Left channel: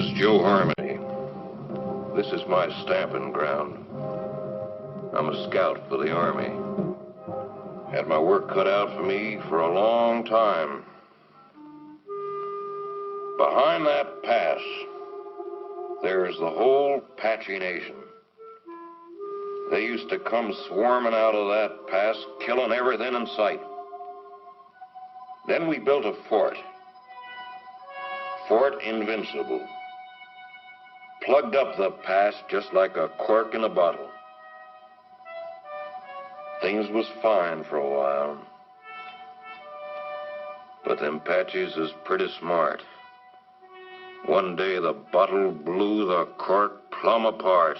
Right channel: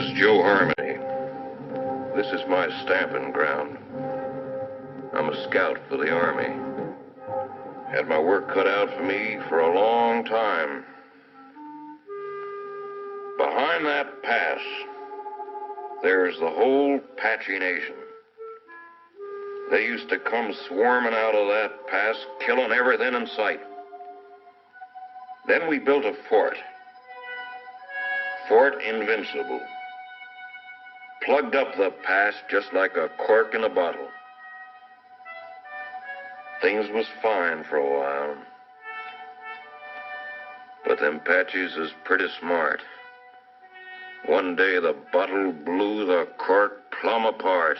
is Joe Harmony. This is my stamping ground. I'm a scout for the Army. Had my work cut out for me for a long time. Behind that pass, there's the whole Apache Nation. They used to come swarming out of that pass, killing everything in sight. Then we built a fort. Fort Invincible. Plugged up the pass just like a cork in a bottle. Things was fine for a while. But them Apaches is pretty smart. One day the bottle blew the cork plumb apart.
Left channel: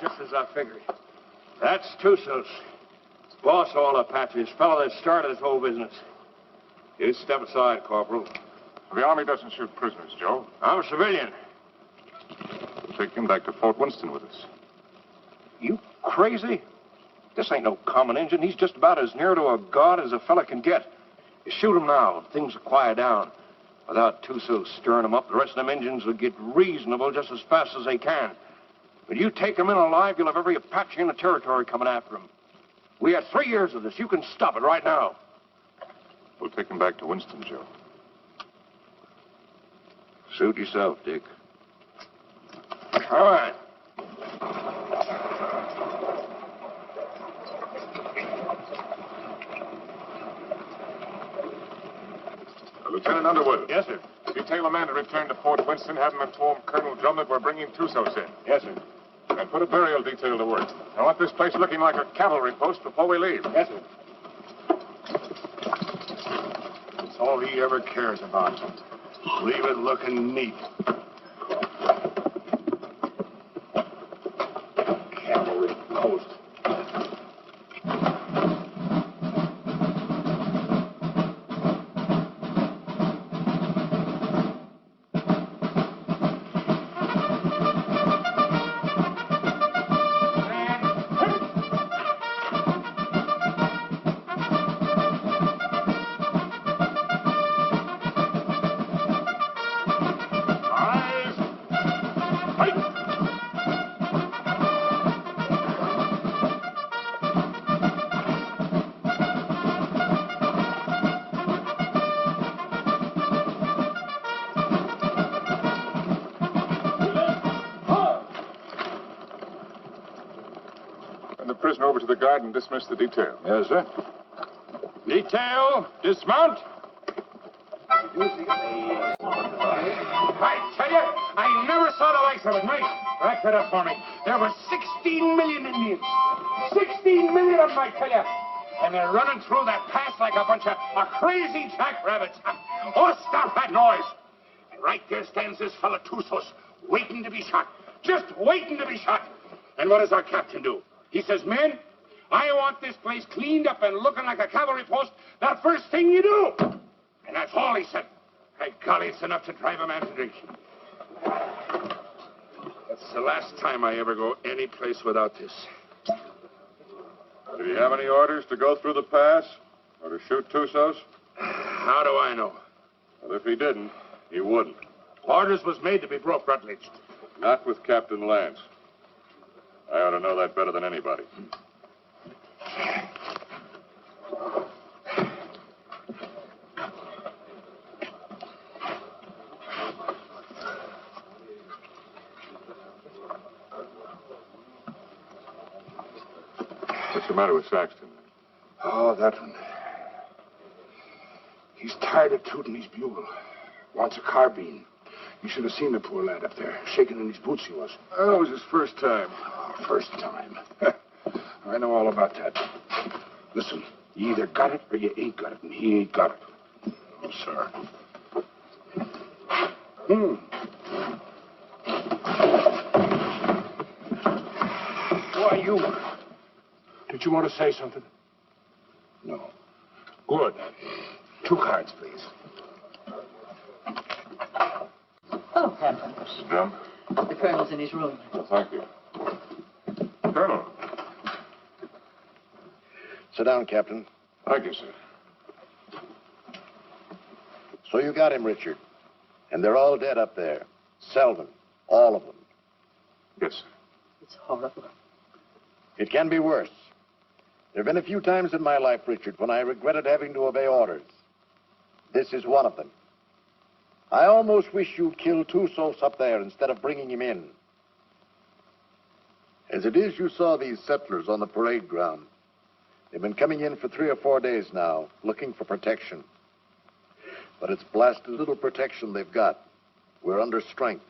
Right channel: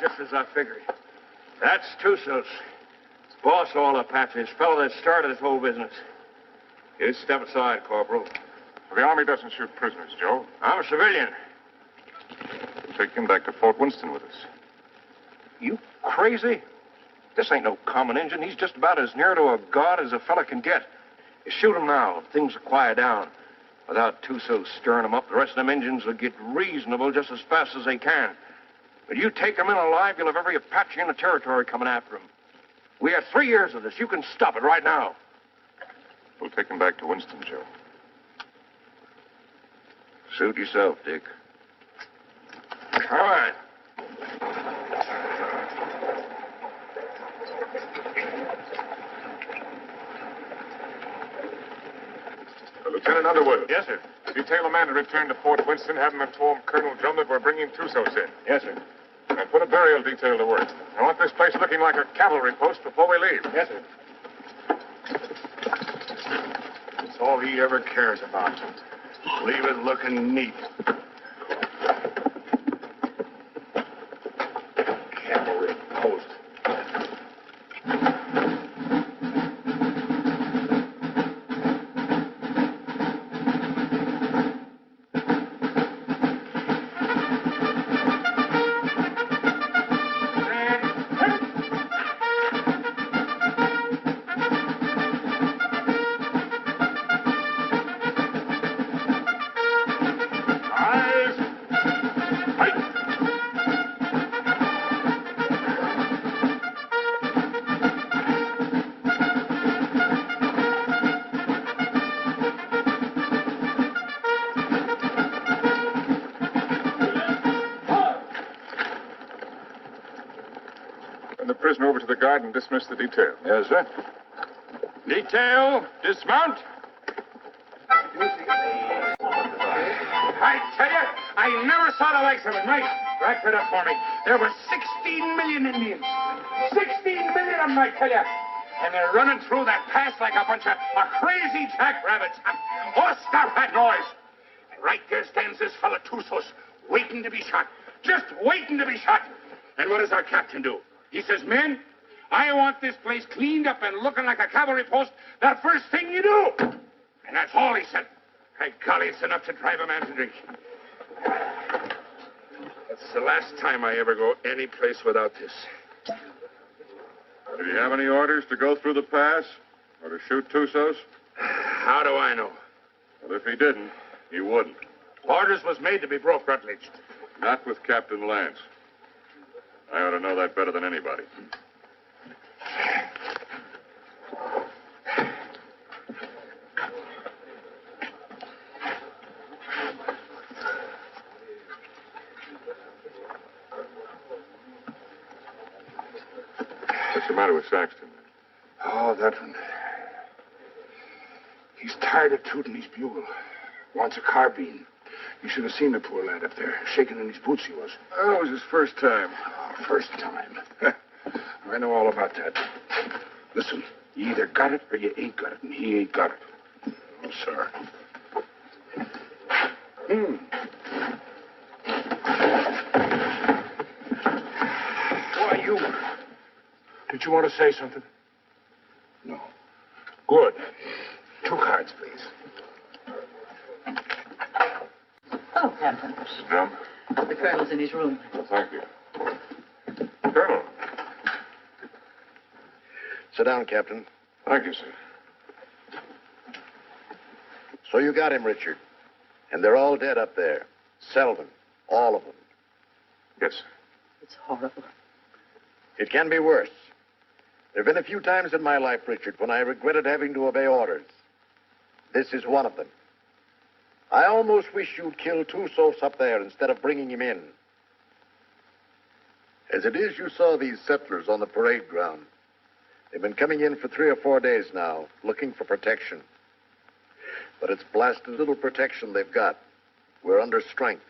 Just as I figured. That's Tussos. Boss of all Apaches, fellow that started this whole business. You step aside, Corporal. The Army doesn't shoot prisoners, Joe. I'm a civilian. We'll take him back to Fort Winston with us. You crazy? This ain't no common Injun. He's just about as near to a god as a fella can get. You shoot him now, things will quiet down. Without Tussos stirring them up, the rest of them Injuns will get reasonable just as fast as they can. But you take him in alive, you'll have every Apache in the territory coming after him. We had 3 years of this. You can stop it right now. We'll take him back to Winston, Joe. Suit yourself, Dick. All right. Lieutenant Underwood. Yes, sir. Detail a man to return to Fort Winston, have him inform Colonel Drum that we're bringing Tussos in. Yes, sir. And put a burial detail to work. I want this place looking like a cavalry post before we leave. Yes, sir. It's all he ever cares about. Leave it looking neat. Cavalry post. Prisoner over to the guard and dismiss the detail. Yes, sir. Detail, dismount. I tell you, I never saw the likes of it. Nice. Rack that up for me. There were 16 million Indians. 16 million of them, I tell you. And they're running through that pass like a bunch of crazy jackrabbits. Oh, stop that noise. Right there stands this fella Tussos, waiting to be shot. Just waiting to be shot. And what does our captain do? He says, men, I want this place cleaned up and looking like a cavalry post the first thing you do. And that's all he said. By golly, it's enough to drive a man to drink. That's the last time I ever go any place without this. Did he have any orders to go through the pass? Or to shoot Tussos? How do I know? Well, if he didn't, he wouldn't. Orders was made to be broke, Rutledge. Not with Captain Lance. I ought to know that better than anybody. What's the matter with Saxton? Oh, that one. He's tired of tooting his bugle. Wants a carbine. You should have seen the poor lad up there. Shaking in his boots he was. Oh, it was his first time. Oh, first time. I know all about that. Listen, you either got it or you ain't got it, and he ain't got it. Oh, sir. Why, you... Did you want to say something? No. Good. 2 cards, please. Oh, Captain. Mrs. Drum? The colonel's in his room. Well, thank you. Colonel. Sit down, Captain. Thank you, sir. So you got him, Richard. And they're all dead up there. Selden. All of them. Yes, sir. It's horrible. It can be worse. There have been a few times in my life, Richard, when I regretted having to obey orders. This is one of them. I almost wish you'd killed Tussos up there instead of bringing him in. As it is, you saw these settlers on the parade ground. They've been coming in for 3 or 4 days now, looking for protection. But it's blasted little protection they've got. We're under strength.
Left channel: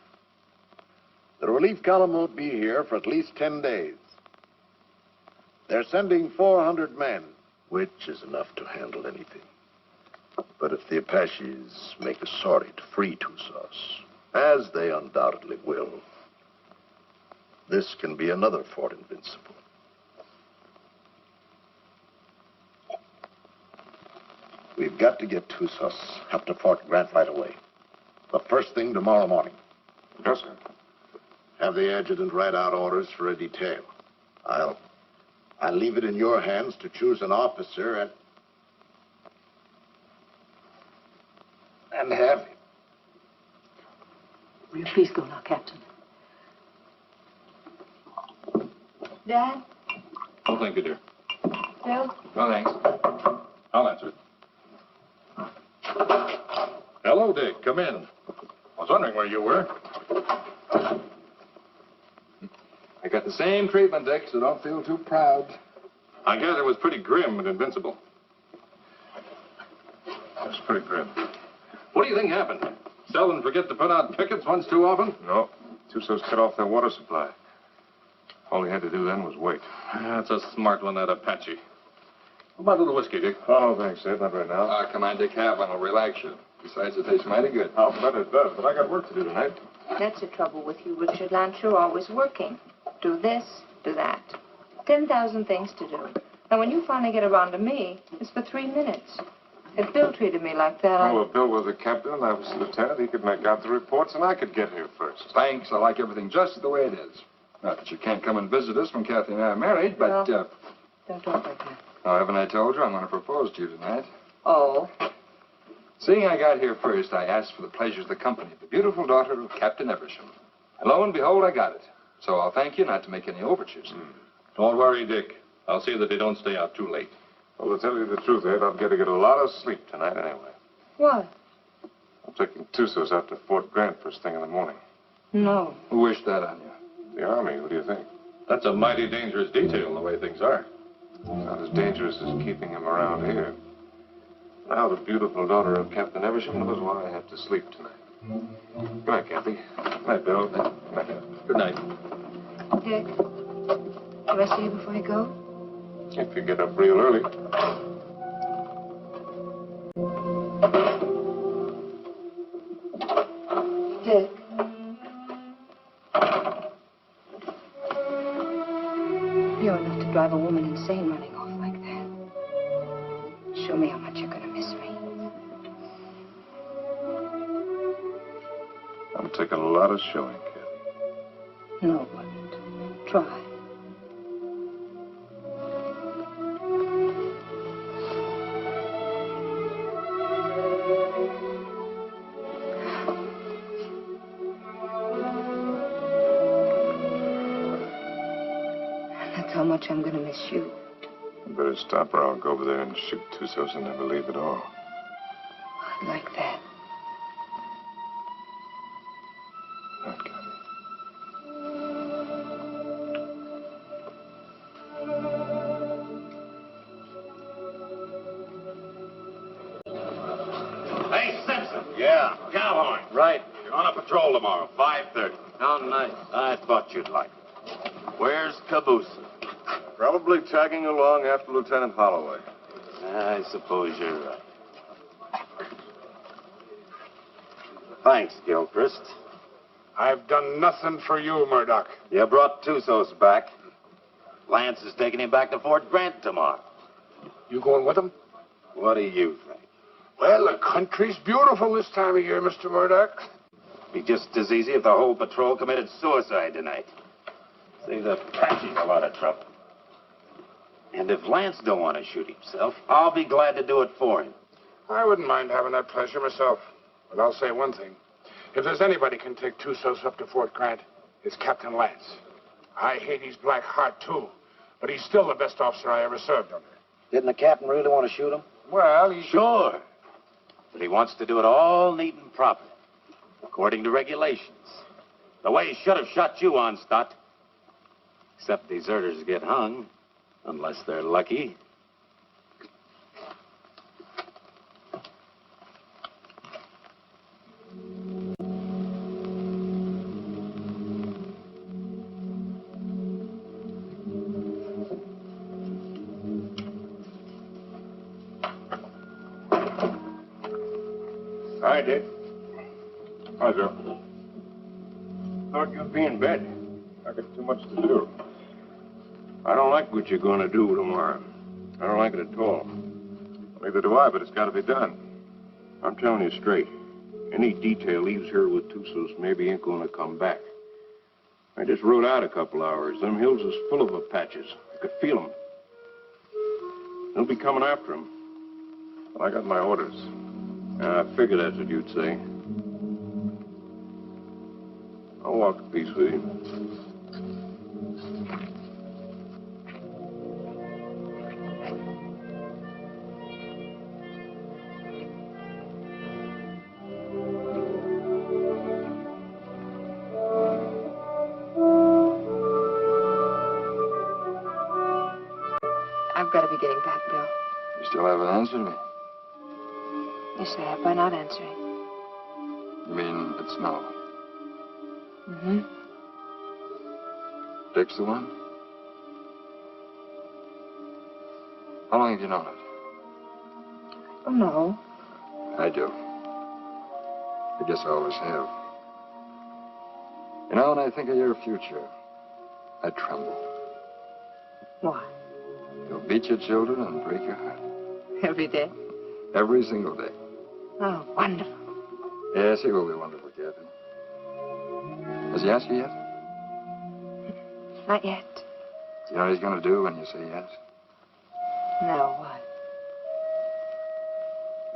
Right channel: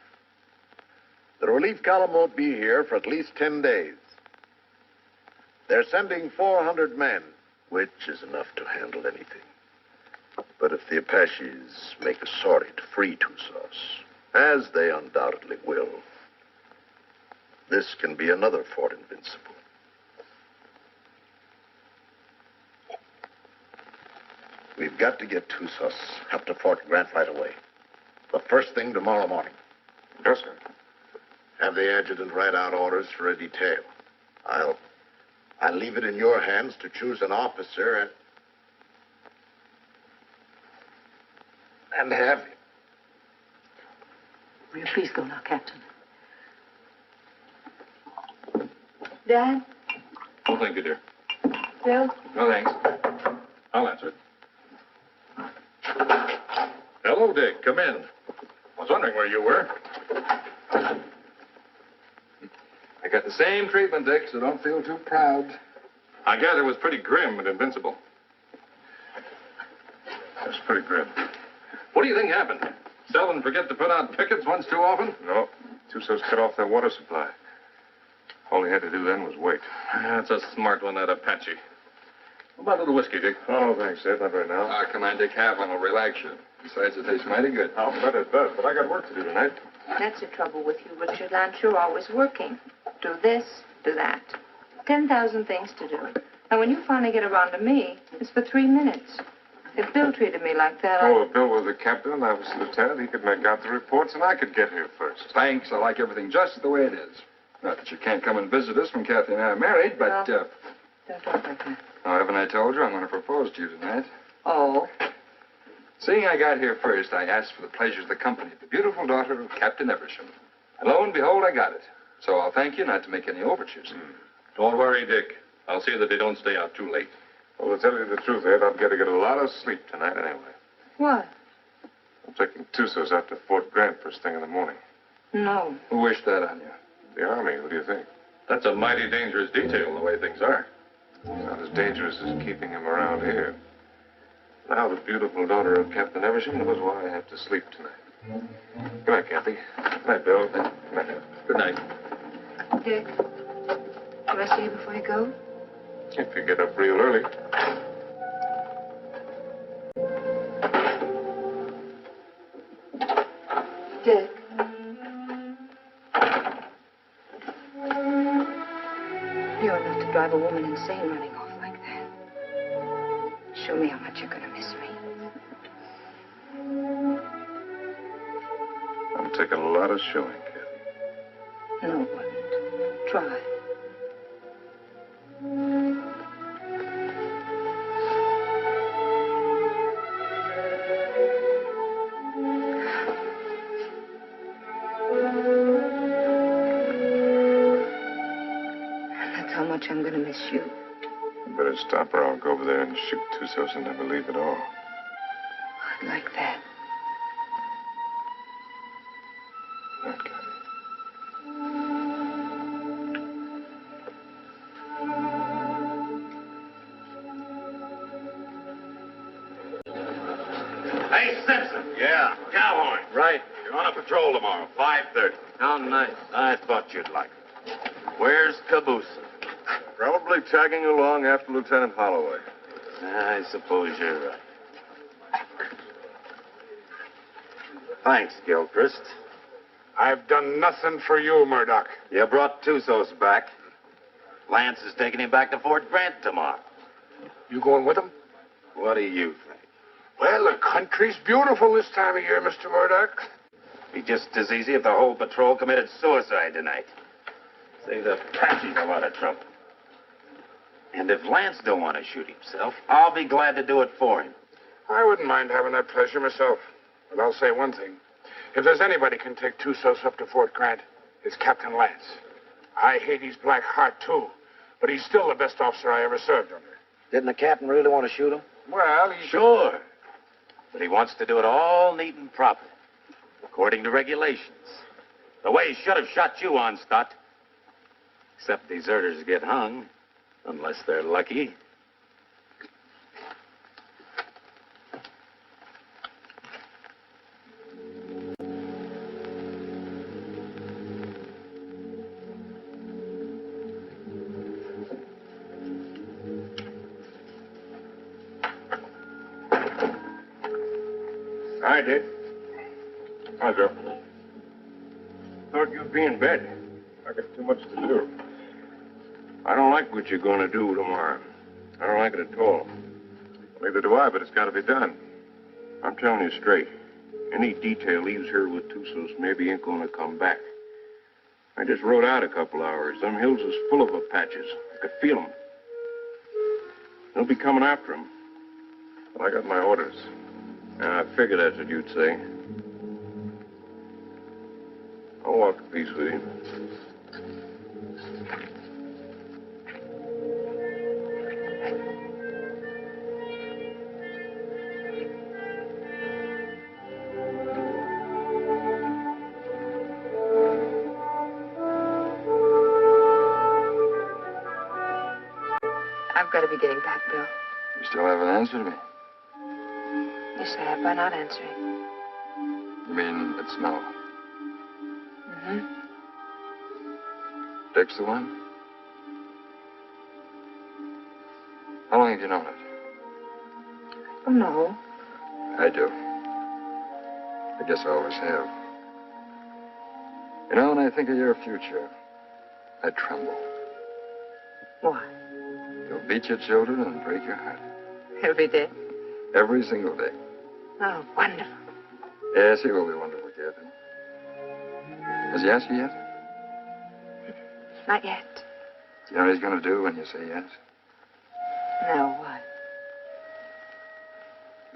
The relief column won't be here for at least 10 days. They're sending 400 men, which is enough to handle anything. But if the Apaches make a sortie to free Tussos, as they undoubtedly will, this can be another Fort Invincible. We've got to get Tussos up to Fort Grant right away. The first thing tomorrow morning. Yes, sir. Have the adjutant write out orders for a detail. I'll leave it in your hands to choose an officer and have him. Will you please go now, Captain? Dad? Oh, thank you, dear. Bill? No, thanks. I'll answer it. Hello, Dick. Come in. I was wondering where you were. I got the same treatment, Dick, so don't feel too proud. I gather it was pretty grim and invincible. That's pretty grim. What do you think happened? Selden forget to put out pickets once too often? No. Tussos cut off their water supply. All he had to do then was wait. That's a smart one, that Apache. What about a little whiskey, Dick? Oh, no, thanks, Ed. Not right now. Come on, Dick. Have one. It'll relax you. Besides, it tastes mighty good. I'll bet it does, but I got work to do tonight. That's the trouble with you, Richard Lance. You're always working. Do this, do that. 10,000 things to do. And when you finally get around to me, it's for 3 minutes. If Bill treated me like that, Oh, if Bill was the captain and I was the lieutenant, he could make out the reports and I could get here first. Thanks. I like everything just the way it is. Not that you can't come and visit us when Kathy and I are married, but, No. Don't talk like that. oh, haven't I told you I'm going to propose to you tonight? Oh. Seeing I got here first, I asked for the pleasures of the company of the beautiful daughter of Captain Eversham. And lo and behold, I got it. So I'll thank you not to make any overtures. Don't worry, Dick. I'll see that they don't stay out too late. Well, to tell you the truth, Ed, I'm going to get a lot of sleep tonight anyway. What? I'm taking Tussos out to Fort Grant first thing in the morning. No. Who wished that on you? The Army, what do you think? That's a mighty dangerous detail, the way things are. Not as dangerous as keeping him around here. Now the beautiful daughter of Captain Eversham knows why I have to sleep tonight. Good night, Kathy. Good night, Bill. Good night. Good night. Dick, do I see you before you go? If you get up real early. Dick. You're enough to drive a woman insane running off like that. Show me how much you're going to miss me. I'm taking a lot of showing, Kathy. No, it wouldn't. Try. much I'm going to miss you. You better stop or I'll go over there and shoot Tussos and never leave at all. I'd like that. Not Kathy. Hey, Simpson. Yeah? Cowhorn. Right. You're on a patrol tomorrow, 5:30. How nice. I thought you'd like it. Where's Caboose? Probably tagging along after Lieutenant Holloway. I suppose you're right. Thanks, Gilchrist. I've done nothing for you, Murdoch. You brought Tussos back. Lance is taking him back to Fort Grant tomorrow. You going with him? What do you think? Well, the country's beautiful this time of year, Mr. Murdoch. Be just as easy if the whole patrol committed suicide tonight. Save the Apaches a lot of trouble. And if Lance don't want to shoot himself, I'll be glad to do it for him. I wouldn't mind having that pleasure myself. But I'll say one thing. If there's anybody can take Tussos up to Fort Grant, it's Captain Lance. I hate his black heart, too. But he's still the best officer I ever served under. Didn't the captain really want to shoot him? Well, he... Sure. But he wants to do it all neat and proper, according to regulations. The way he should have shot you on, Stott. Except deserters get hung, unless they're lucky. Hi, Dick. Hi, Joe. Thought you'd be in bed. I got too much to do. I don't like what you're going to do tomorrow. I don't like it at all. Neither do I, but it's got to be done. I'm telling you straight. Any detail leaves here with Tussos maybe ain't going to come back. I just rode out a couple hours. Them hills is full of Apaches. I could feel them. They'll be coming after him. But I got my orders. I figured that's what you'd say. I'll walk a piece with you. I've got to be getting back, Bill. You still haven't answered me. Yes, I have by not answering. You mean it's no? Mm-hmm. Dick's the one? How long have you known it? Oh, no. I do. I guess I always have. You know, when I think of your future, I tremble. Why? You'll beat your children and break your heart. Every day? Every single day. Oh, wonderful. Yes, he will be wonderful, Kathy. Has he asked you yet? Not yet. Do you know what he's going to do when you say yes? No, what?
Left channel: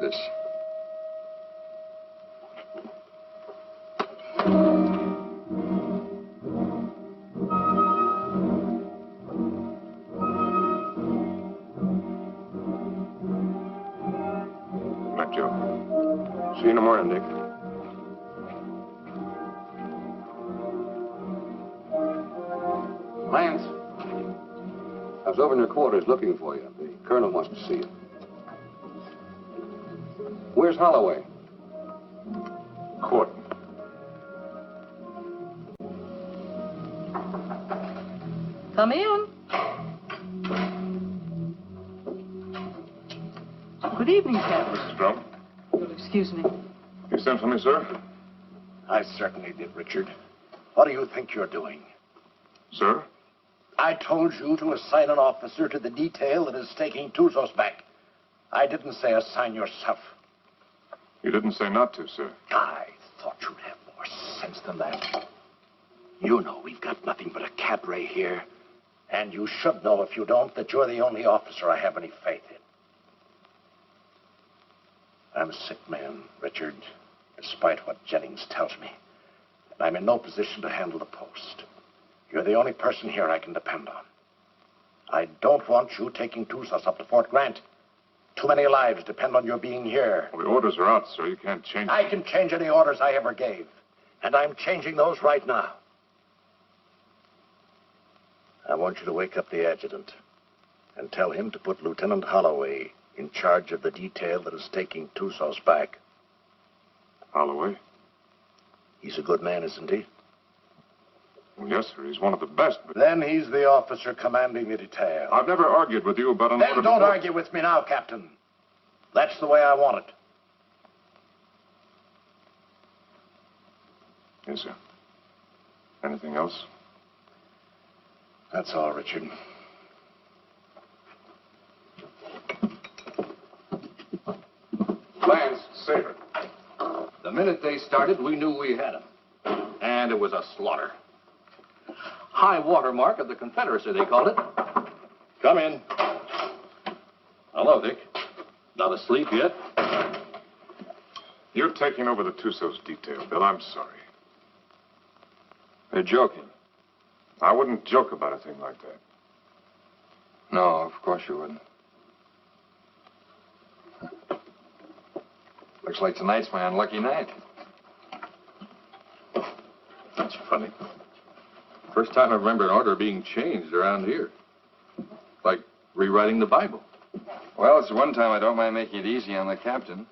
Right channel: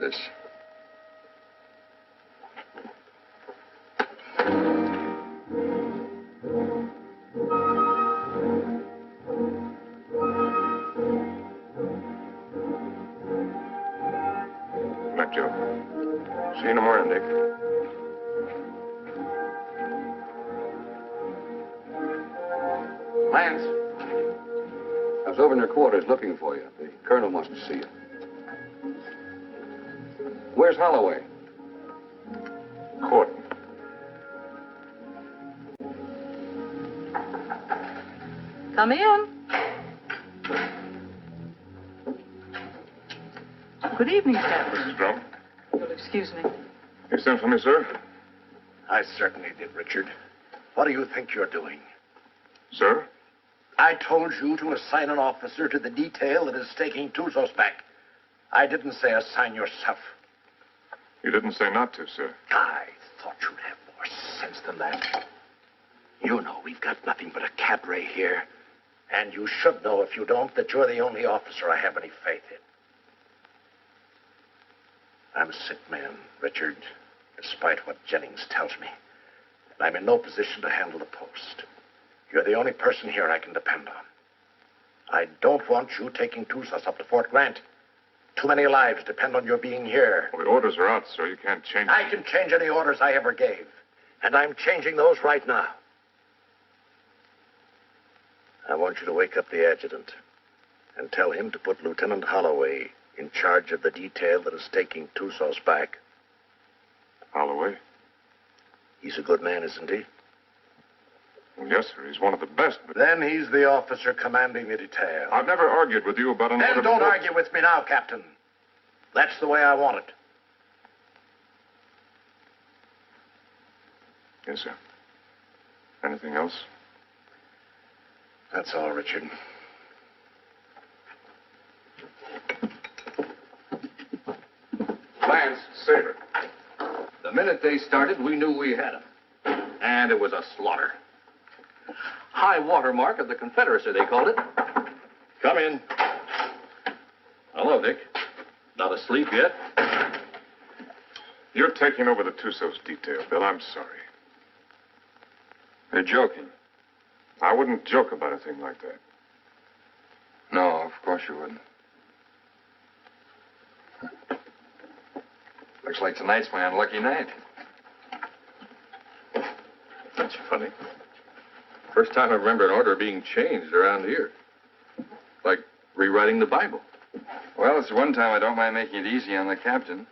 This. Good night, Joe. See you in the morning, Dick. Lance, I was over in your quarters looking for you. The colonel wants to see you. Where's Holloway? Court. Come in. Good evening, Captain. Mrs. Drum. You'll excuse me. You sent for me, sir? I certainly did, Richard. What do you think you're doing? Sir? I told you to assign an officer to the detail that is taking Tussos back. I didn't say assign yourself. You didn't say not to, sir. I thought you'd have more sense than that. You know we've got nothing but a cadre here. And you should know, if you don't, that you're the only officer I have any faith in. I'm a sick man, Richard, despite what Jennings tells me. And I'm in no position to handle the post. You're the only person here I can depend on. I don't want you taking Tusas up to Fort Grant. Too many lives depend on your being here. Well, the orders are out, sir. You can't change them. I can change any orders I ever gave. And I'm changing those right now. I want you to wake up the adjutant and tell him to put Lieutenant Holloway in charge of the detail that is taking Tusas back. Holloway? He's a good man, isn't he? Well, yes, sir. He's one of the best, but... Then he's the officer commanding the detail. I've never argued with you about an Then order don't before. argue with me now, Captain. That's the way I want it. Yes, sir. Anything else? That's all, Richard. Lance, Saber. The minute they started, we knew we had them. And it was a slaughter. High water mark of the Confederacy, they called it. Come in. Hello, Dick. Not asleep yet? You're taking over the Tussos detail, Bill. I'm sorry. You're joking. I wouldn't joke about a thing like that. No, of course you wouldn't. Looks like tonight's my unlucky night. That's funny. First time I remember an order being changed around here. Like rewriting the Bible. Well, it's the one time I don't mind making it easy on the captain.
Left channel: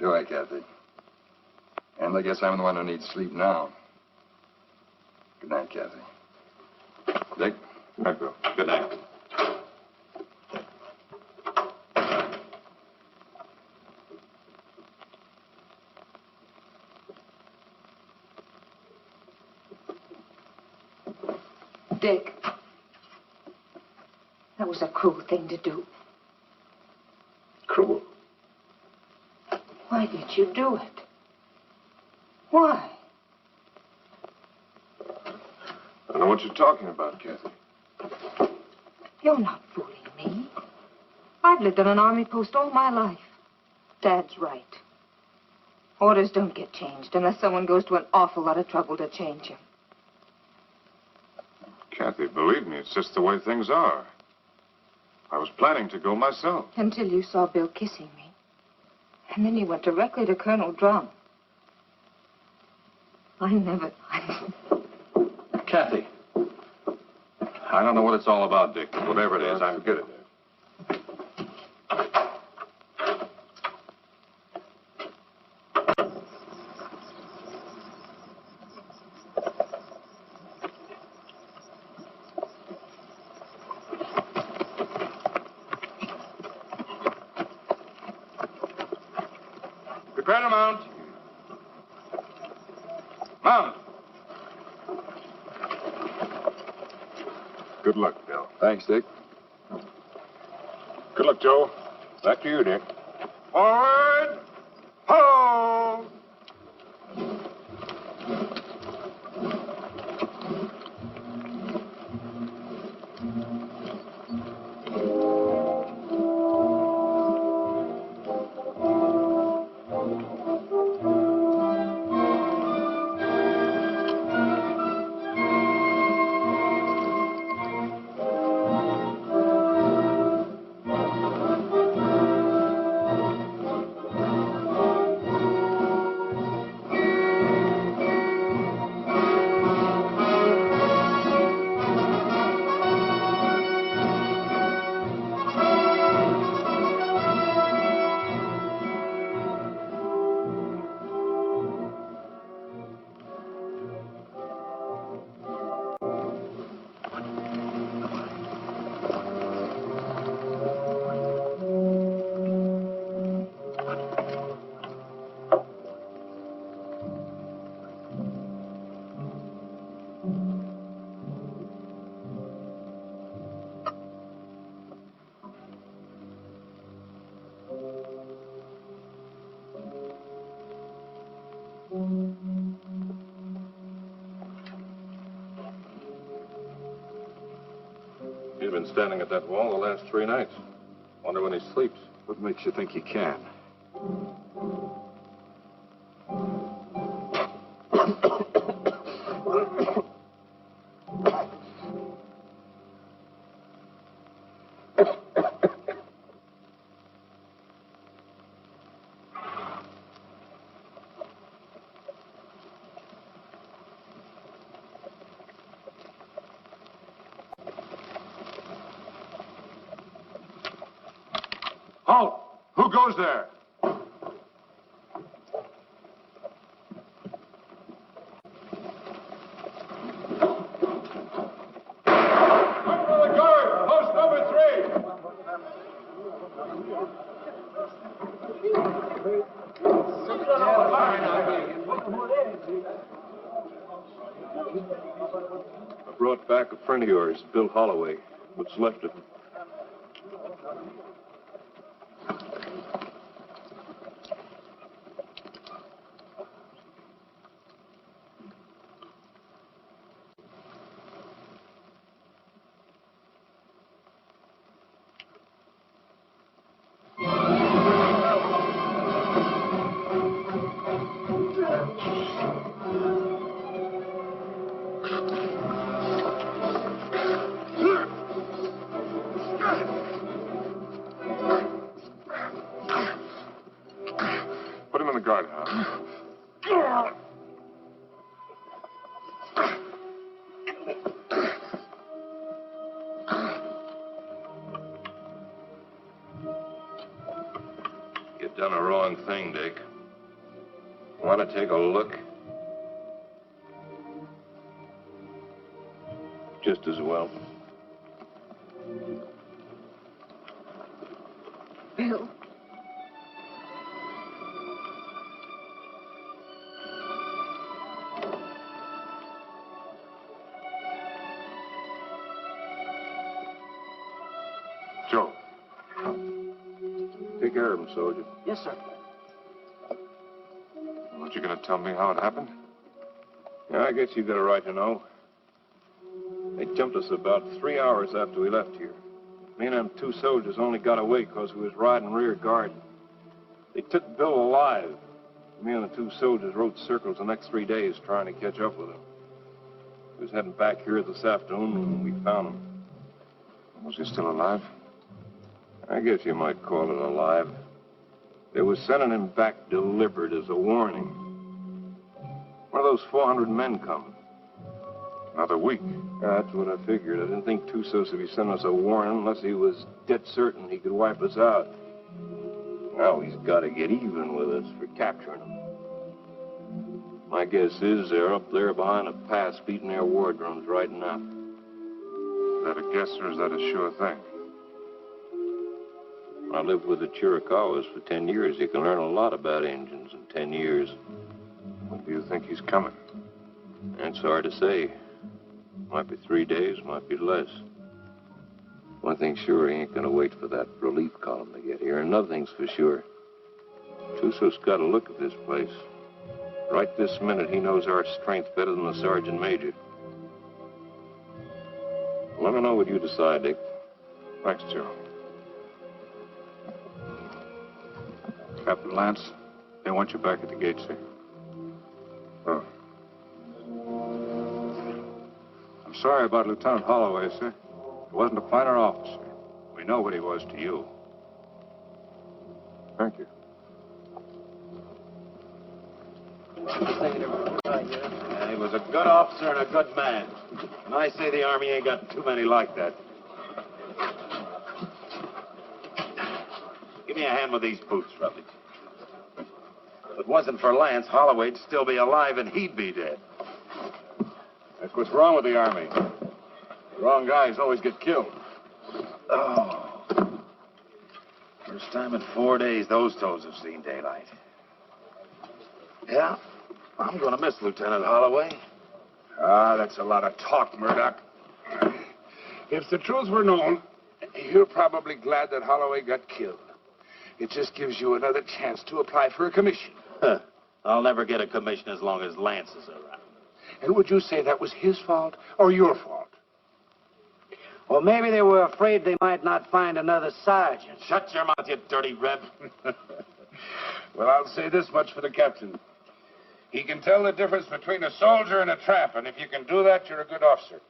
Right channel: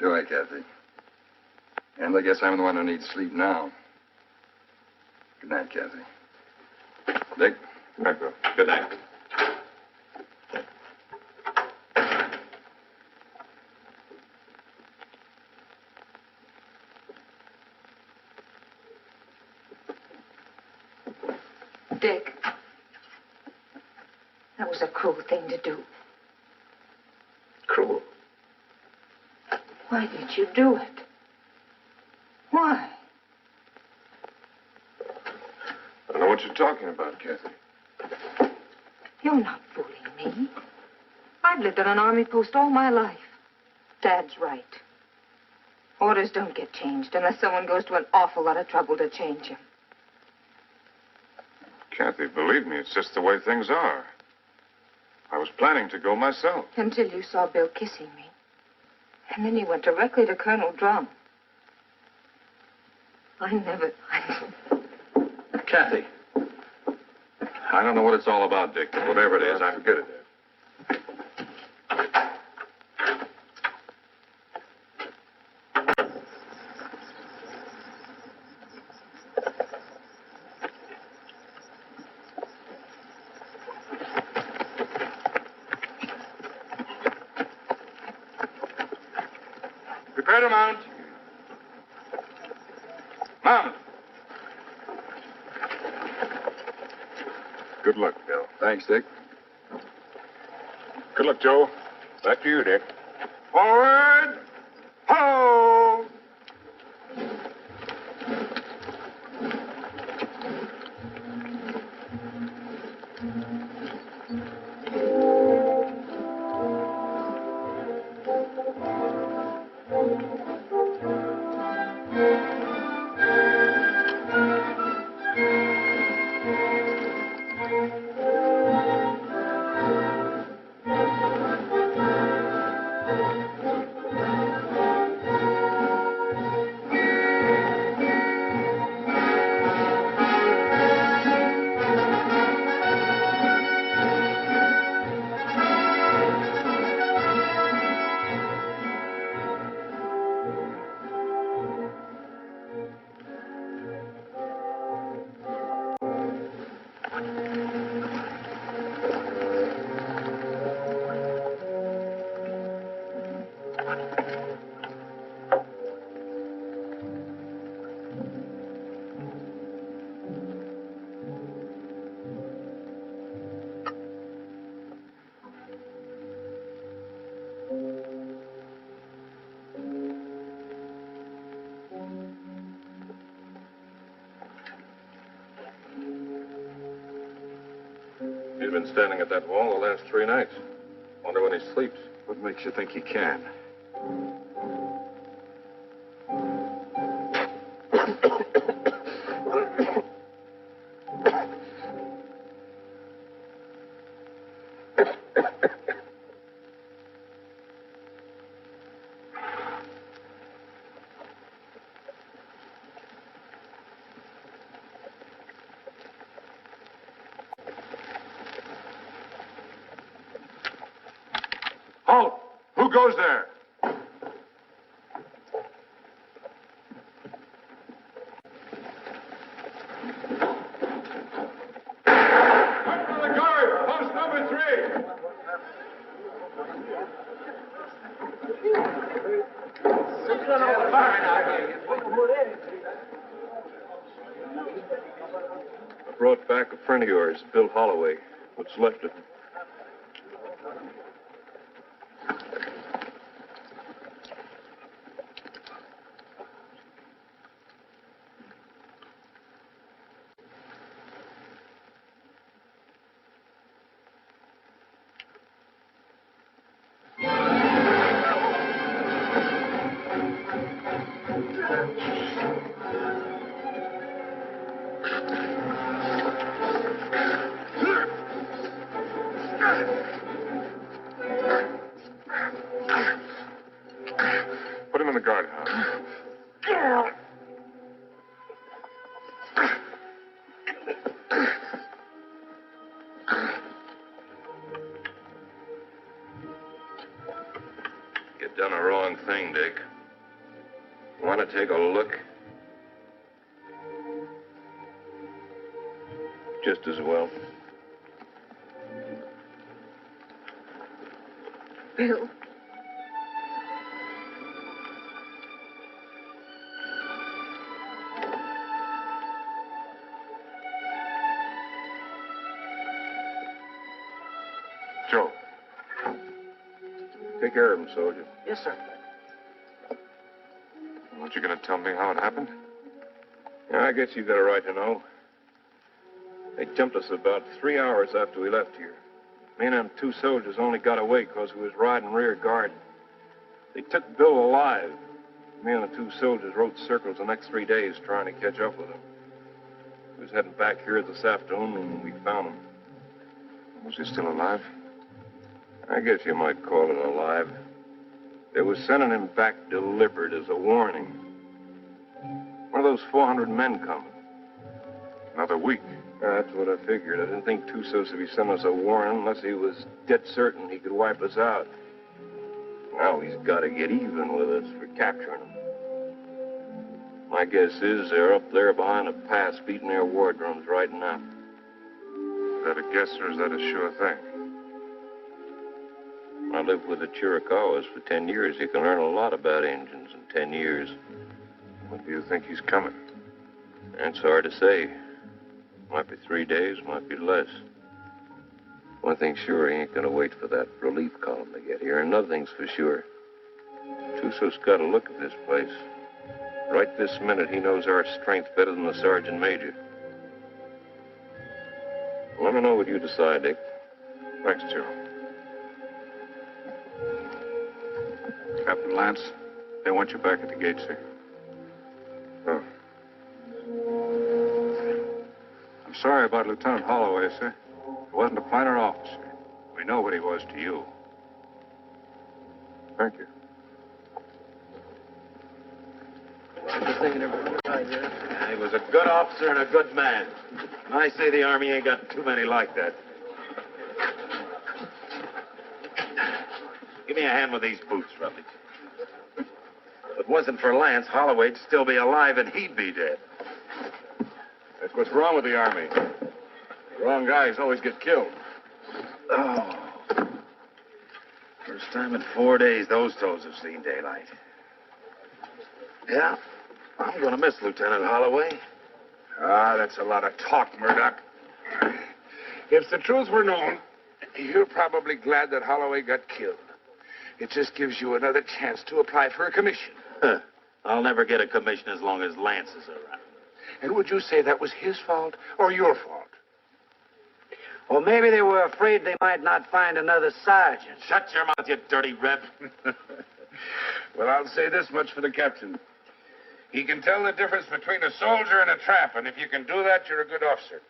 Do I, Kathy? And I guess I'm the one who needs sleep now. Good night, Kathy. Dick? Good night, Bill. Good night. Dick, that was a cruel thing to do. Cruel. Why did you do it? Why? I don't know what you're talking about, Kathy. You're not fooling me. I've lived on an army post all my life. Dad's right. Orders don't get changed unless someone goes to an awful lot of trouble to change them. Kathy, believe me, it's just the way things are. I was planning to go myself. Until you saw Bill kissing me. And then you went directly to Colonel Drum. Kathy. I don't know what it's all about, Dick, but whatever it is, I'm... Forget it, Dad. Prepare to mount. Mount. Good luck, Bill. Thanks, Dick. Good luck, Joe. Back to you, Dick. Forward. Ho! He's been standing at that wall the last 3 nights. Wonder when he sleeps. What makes you think he can? Who goes there? Under the guard, post number 3. I brought back a friend of yours, Bill Holloway. What's left of him. Put him in the guardhouse. You've done a wrong thing, Dick. Want to take a look? Just as well. Bill. Joe. Take care of him, soldier. Yes, sir. Aren't you going to tell me how it happened? Yeah, I guess you've got a right to know. They jumped us about 3 hours after we left here. Me and them 2 soldiers only got away because we was riding rear guard. They took Bill alive. Me and the 2 soldiers rode circles the next 3 days trying to catch up with him. We was heading back here this afternoon when we found him. Was he still alive? I guess you might call it alive. They was sending him back delivered as a warning. One of those 400 men coming. Another week. That's what I figured. I didn't think Tussos would be sending us a warning unless he was dead certain he could wipe us out. Now he's got to get even with us for capturing him. My guess is they're up there behind a pass beating their war drums right now. Is that a guess or is that a sure thing? I lived with the Chiricahuas for 10 years. You can learn a lot about Indians in 10 years. When do you think he's coming? It's hard to say. Might be 3 days, might be less. One thing's sure, he ain't gonna wait for that relief column to get here. Another thing's for sure. Tussos got a look at this place. Right this minute, he knows our strength better than the sergeant major. Let me know what you decide, Dick. Thanks, Joe. Captain Lance, they want you back at the gate, sir. Oh. I'm sorry about Lieutenant Holloway, sir. He wasn't a finer officer. We know what he was to you. Thank you. Yeah, he was a good officer and a good man. And I say the Army ain't got too many like that. Give me a hand with these boots, Rutledge. If it wasn't for Lance, Holloway'd still be alive and he'd be dead. That's what's wrong with the Army. The wrong guys always get killed. Oh. First time in 4 days those toes have seen daylight. Yeah, I'm going to miss Lieutenant Holloway. Ah, that's a lot of talk, Murdoch. If the truth were known, you're probably glad that Holloway got killed. It just gives you another chance to apply for a commission. I'll never get a commission as long as Lance is around. And would you say that was his fault or your fault? Well, maybe they were afraid they might not find another sergeant. Shut your mouth, you dirty reb. Well, I'll say this much for the captain. He can tell the difference between a soldier and a tramp, and if you can do that, you're a good officer.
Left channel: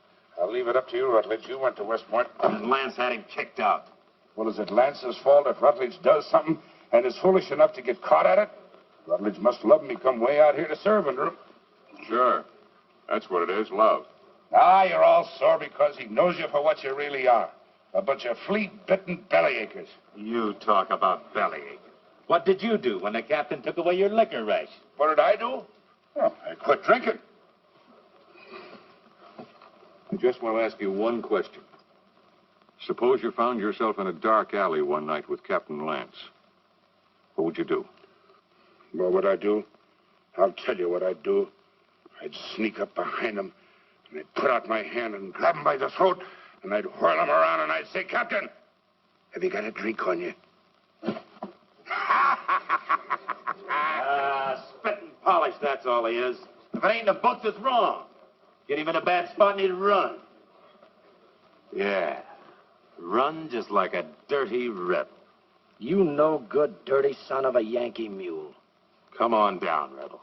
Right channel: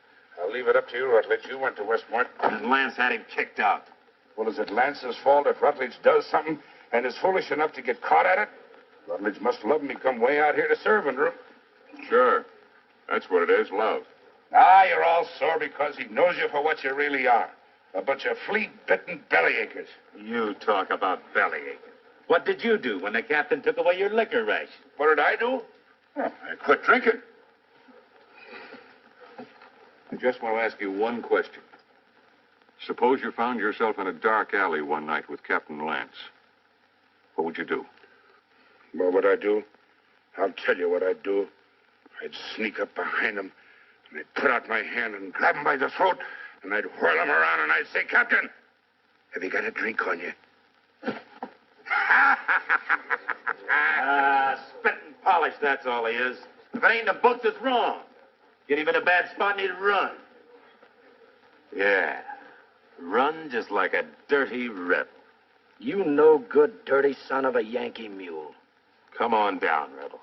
I'll leave it up to you, Rutledge. You went to Westmort. And Lance had him kicked out. Well, is it Lance's fault if Rutledge does something and is foolish enough to get caught at it? Rutledge must love me come way out here to serve under him. Sure. That's what it is, love. Ah, you're all sore because he knows you for what you really are. A bunch of flea-bitten bellyachers. You talk about bellyaching. What did you do when the captain took away your liquor ration? What did I do? Oh, I quit drinking. I just want to ask you one question. Suppose you found yourself in a dark alley one night with Captain Lance. What would you do? What would I do? I'll tell you what I'd do. I'd sneak up behind him, and I'd put out my hand and grab him by the throat, and I'd whirl him around, and I'd say, Captain, have you got a drink on you? Spit and polish, that's all he is. If it ain't in the books, it's wrong. Get him in a bad spot and he'd run. Yeah, run just like a dirty rebel. You no good, dirty son of a Yankee mule. Come on down, rebel.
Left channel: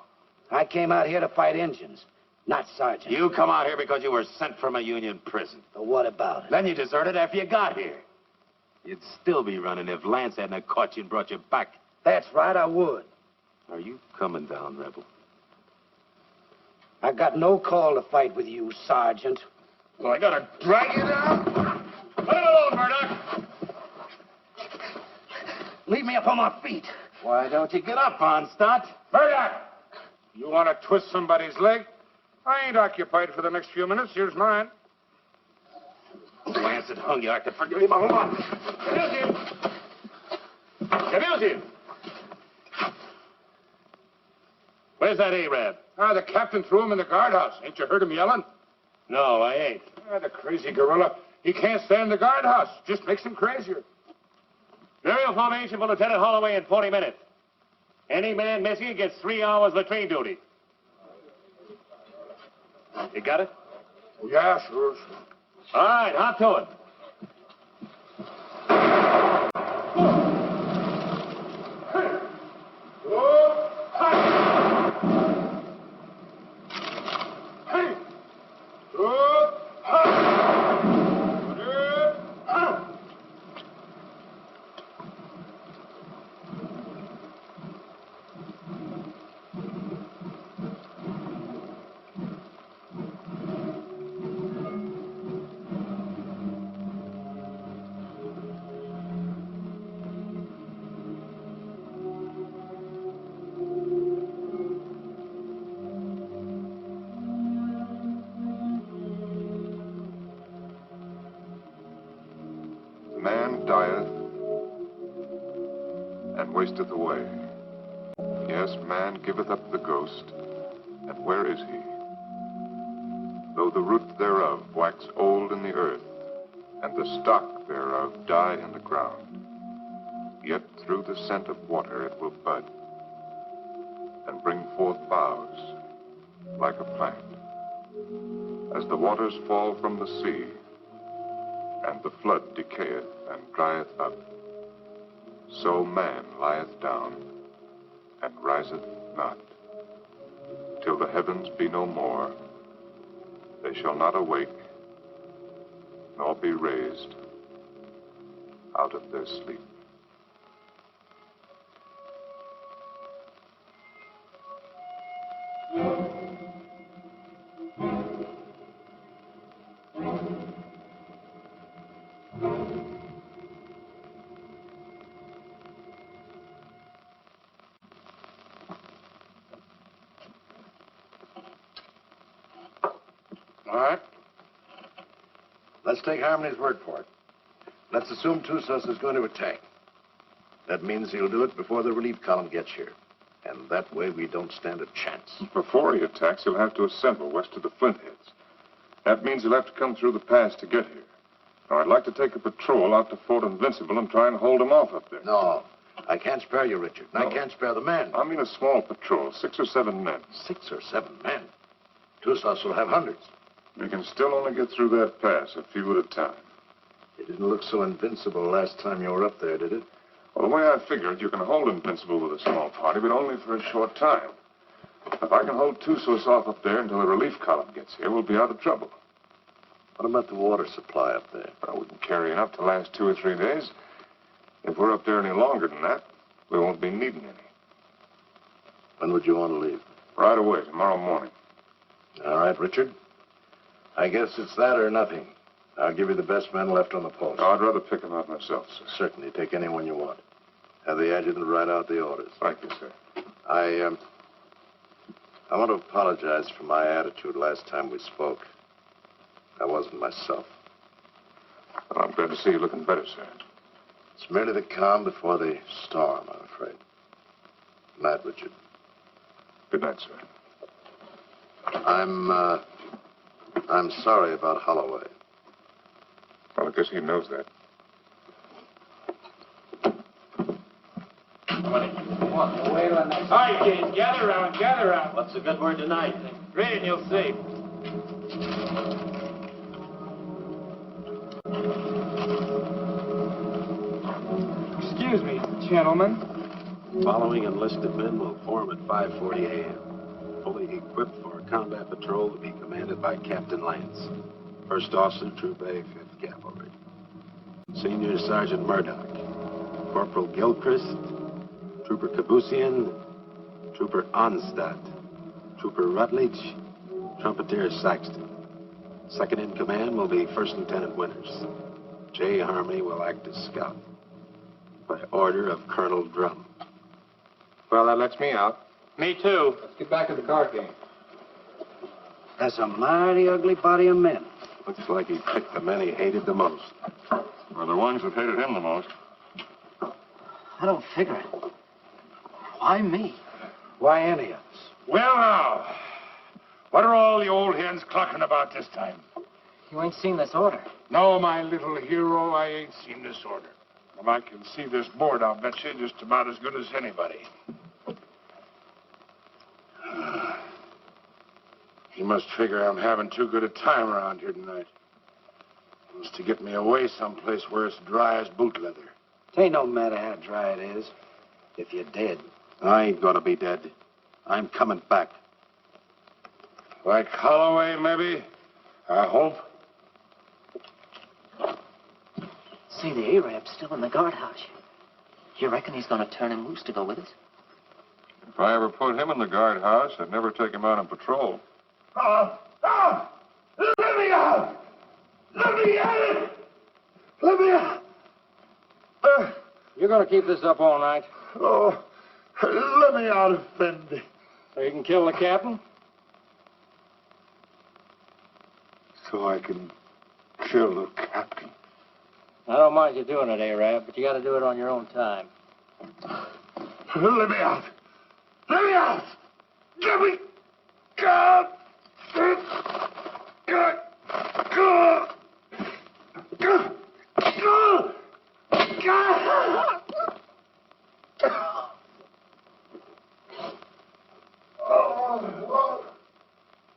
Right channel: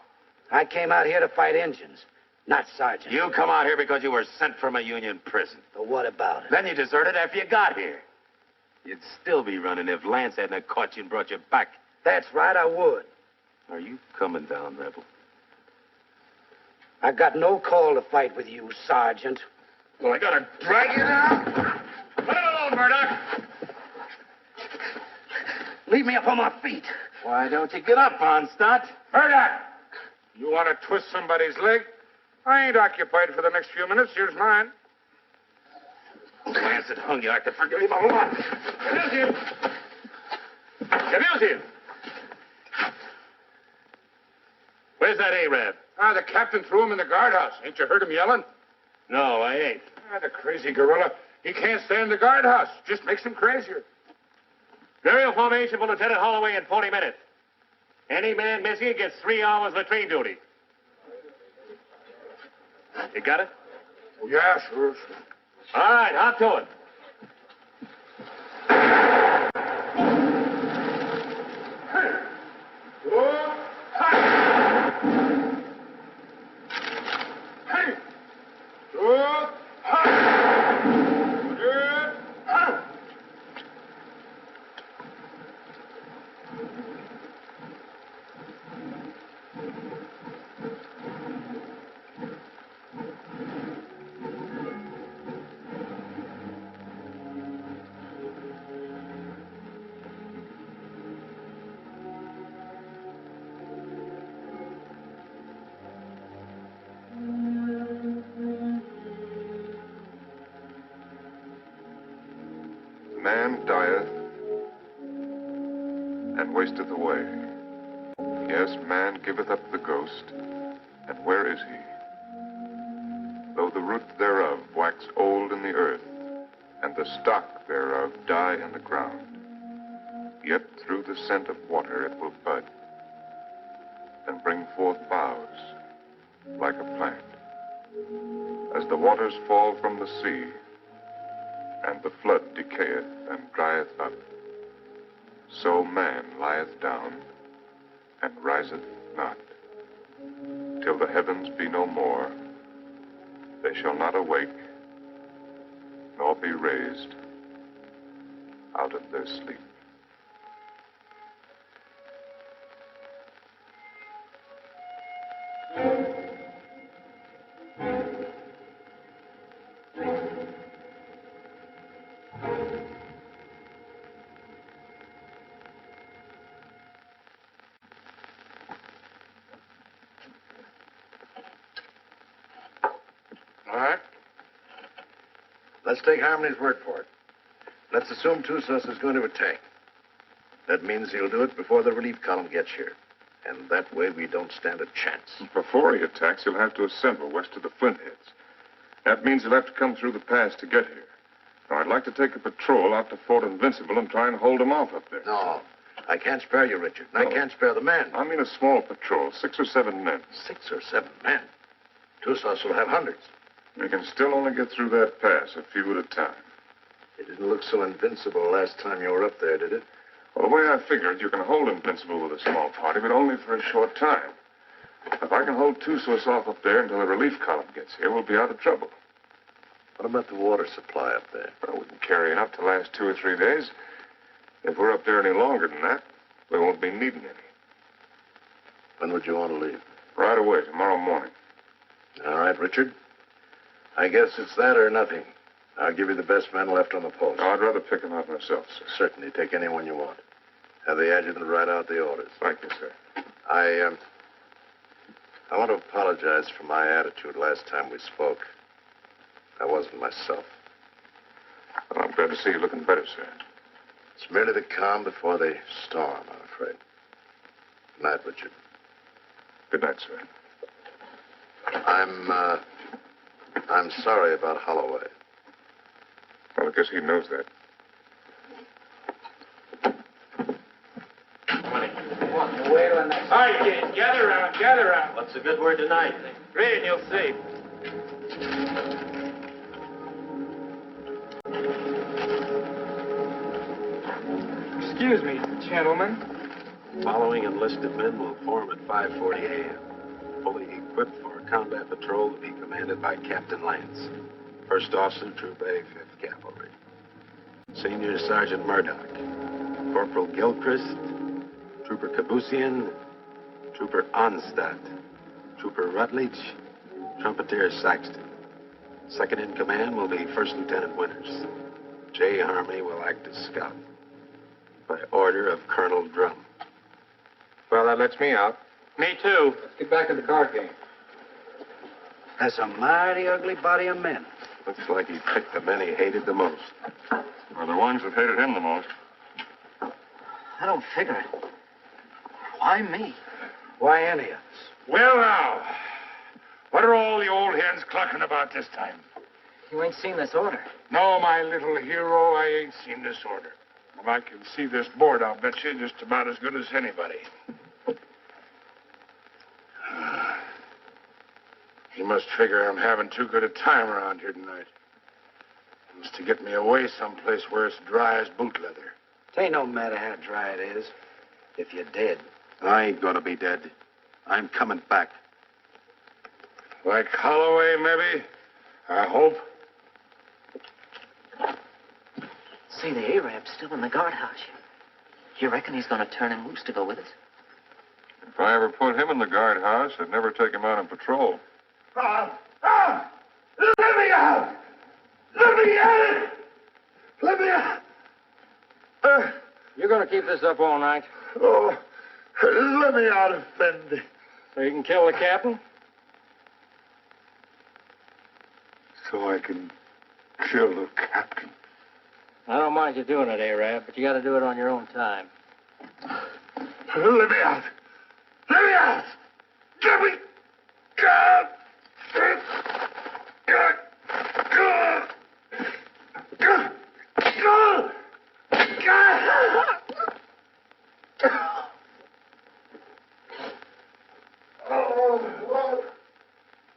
I came out here to fight Injuns, not sergeant. You come out here because you were sent from a Union prison. So what about it? Then you deserted after you got here. You'd still be running if Lance hadn't caught you and brought you back. That's right, I would. Are you coming down, rebel? I got no call to fight with you, Sergeant. Well, I gotta drag you down? Let him alone, Murdoch. Leave me up on my feet. Why don't you get up, Onstott? Murdoch! You want to twist somebody's leg? I ain't occupied for the next few minutes. Here's mine. Lance had hung you. I could forgive him a whole lot. Abuse him. Abuse him. Where's that Arab? The captain threw him in the guardhouse. Ain't you heard him yelling? No, I ain't. The crazy gorilla. He can't stay in the guardhouse. Just makes him crazier. Burial formation for Lieutenant Holloway in 40 minutes. Any man missing gets 3 hours latrine duty. You got it? Oh, yeah, sure. All right, hop to it. Man dieth and wasteth away. Yes, man giveth up the ghost, and where is he? Though the root thereof wax old in the earth, and the stock thereof die in the ground, yet through the scent of water it will bud, and bring forth boughs like a plant. As the waters fall from the sea, and the flood decayeth and drieth up, so man lieth down and riseth not. Till the heavens be no more, they shall not awake, nor be raised out of their sleep. All right. Let's take Harmony's word for it. Let's assume Tussos is going to attack. That means he'll do it before the relief column gets here. And that way we don't stand a chance. Before he attacks, he'll have to assemble west of the Flintheads. That means he'll have to come through the pass to get here. Now, I'd like to take a patrol out to Fort Invincible and try and hold him off up there. No, I can't spare you, Richard. And No. I can't spare the men. I mean a small patrol, 6 or 7 men. 6 or 7 men. Tussos will have hundreds. We can still only get through that pass, a few at a time. It didn't look so invincible last time you were up there, did it? Well, the way I figured, you can hold Invincible with a small party, but only for a short time. If I can hold Tussos off up there until the relief column gets here, we'll be out of trouble. What about the water supply up there? Well, we can carry enough to last 2 or 3 days. If we're up there any longer than that, we won't be needing any. When would you want to leave? Right away, tomorrow morning. All right, Richard. I guess it's that or nothing. I'll give you the best men left on the post. No, I'd rather pick them out myself, sir. Certainly, take anyone you want. Have the adjutant write out the orders. Thank you, sir. I want to apologize for my attitude last time we spoke. I wasn't myself. Well, I'm glad to see you looking better, sir. It's merely the calm before the storm, I'm afraid. Good night, Richard. Good night, sir. I'm sorry about Holloway. Well, I guess he knows that. Wait till next. All right, kids, gather around, gather around. What's the good word tonight? Read and you'll see. Excuse me, gentlemen. Following enlisted men will form at 5:40 a.m., fully equipped for a combat patrol to be commanded by Captain Lance, First Officer, Troop A, 5th Cavalry. Senior Sergeant Murdoch, Corporal Gilchrist, Trooper Kabusian, Trooper Onstadt, Trooper Rutledge, Trumpeter Saxton. Second in command will be First Lieutenant Winters. J. Harmony will act as scout. By order of Colonel Drum. Well, that lets me out. Me too. Let's get back to the card game. That's a mighty ugly body of men. Looks like he picked the men he hated the most. Or the ones that hated him the most. I don't figure it. Why me? Why any of us? Well, now, what are all the old hens clucking about this time? You ain't seen this order. No, my little hero, I ain't seen this order. And I can see this board, I'll bet you, just about as good as anybody. He must figure I'm having too good a time around here tonight. He wants to get me away someplace where it's dry as boot leather. It ain't no matter how dry it is. If you're dead. I ain't gonna be dead. I'm coming back. Like Holloway, maybe? I hope. See, the Arab's still in the guardhouse. You reckon he's gonna turn him loose to go with us? If I ever put him in the guardhouse, I'd never take him out on patrol. Let me out! Let me out! Let me out! You're going to keep this up all night? Oh, let me out, Effendi. So you can kill the captain? So I can kill the captain. I don't mind you doing it, Arab, but you got to do it on your own time. Let me out! Let me out! Get me! God! God! God! God! God!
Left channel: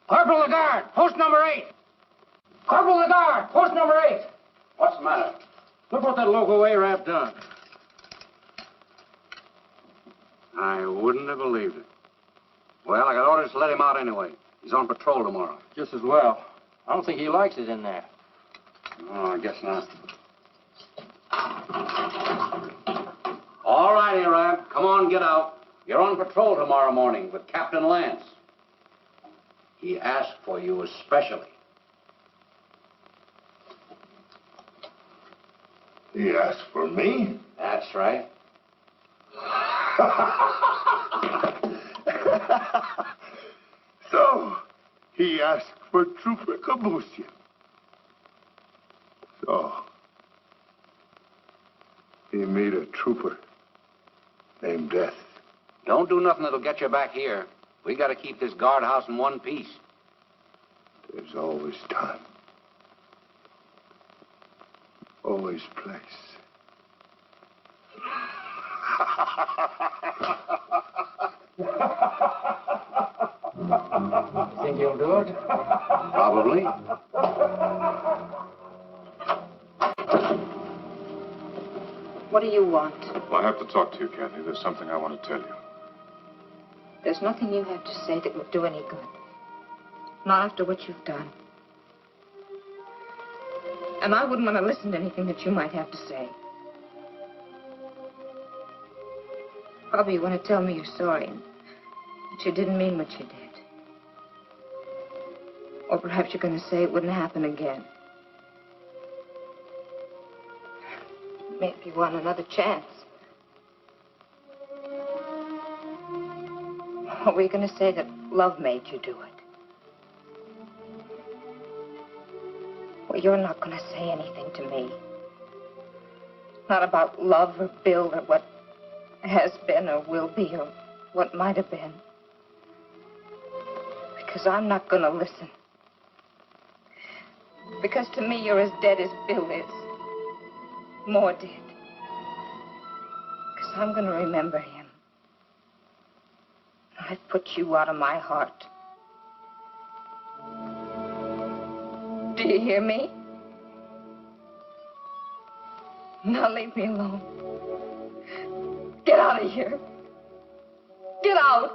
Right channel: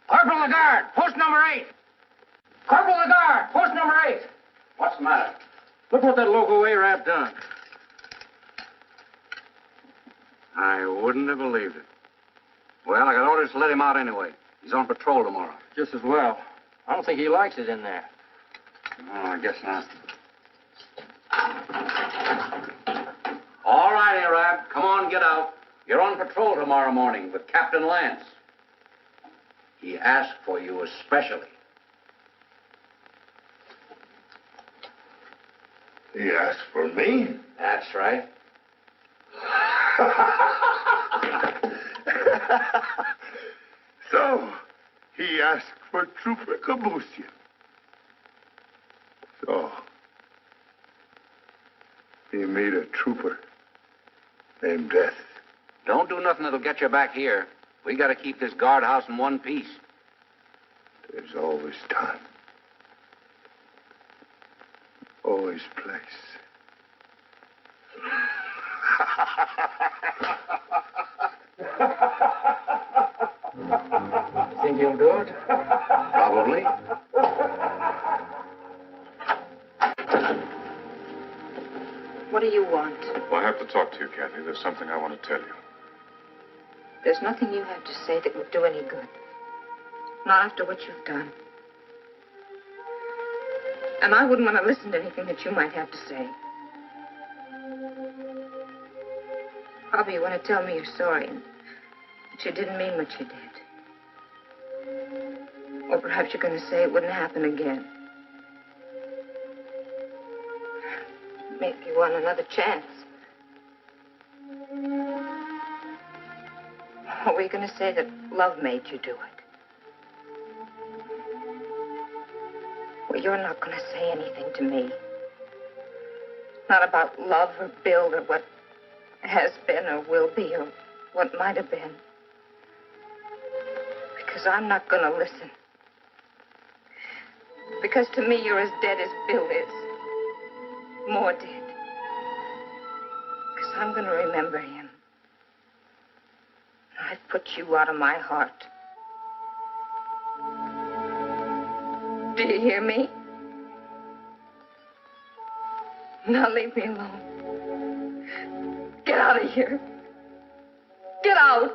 Corporal Lagarde, post number 8. Corporal Lagarde, post number 8. What's the matter? Look what that local Arab done. I wouldn't have believed it. Well, I got orders to let him out anyway. He's on patrol tomorrow. Just as well. I don't think he likes it in there. Oh, I guess not. All right, Arab. Come on, get out. You're on patrol tomorrow morning with Captain Lance. He asked for you especially. He asked for me? That's right. So, he asked for Trooper Kabusian. So, he made a trooper named Death. Don't do nothing that'll get you back here. We got to keep this guardhouse in one piece. There's always time. Always place. Think he'll do it? Probably. What do you want? Well, I have to talk to you, Kathy. There's something I want to tell you. There's nothing you have to say that would do any good. Not after what you've done. And I wouldn't want to listen to anything that you might have to say. Probably you want to tell me you're sorry and that you didn't mean what you did. Or perhaps you're going to say it wouldn't happen again. Maybe you want another chance. Or were you going to say that love made you do it? Well, you're not going to say anything to me. Not about love or Bill or what has been or will be or what might have been. Because I'm not going to listen. Because to me, you're as dead as Bill is. More dead. Because I'm going to remember him. I've put you out of my heart. Do you hear me? Now leave me alone. Get out of here. Get out.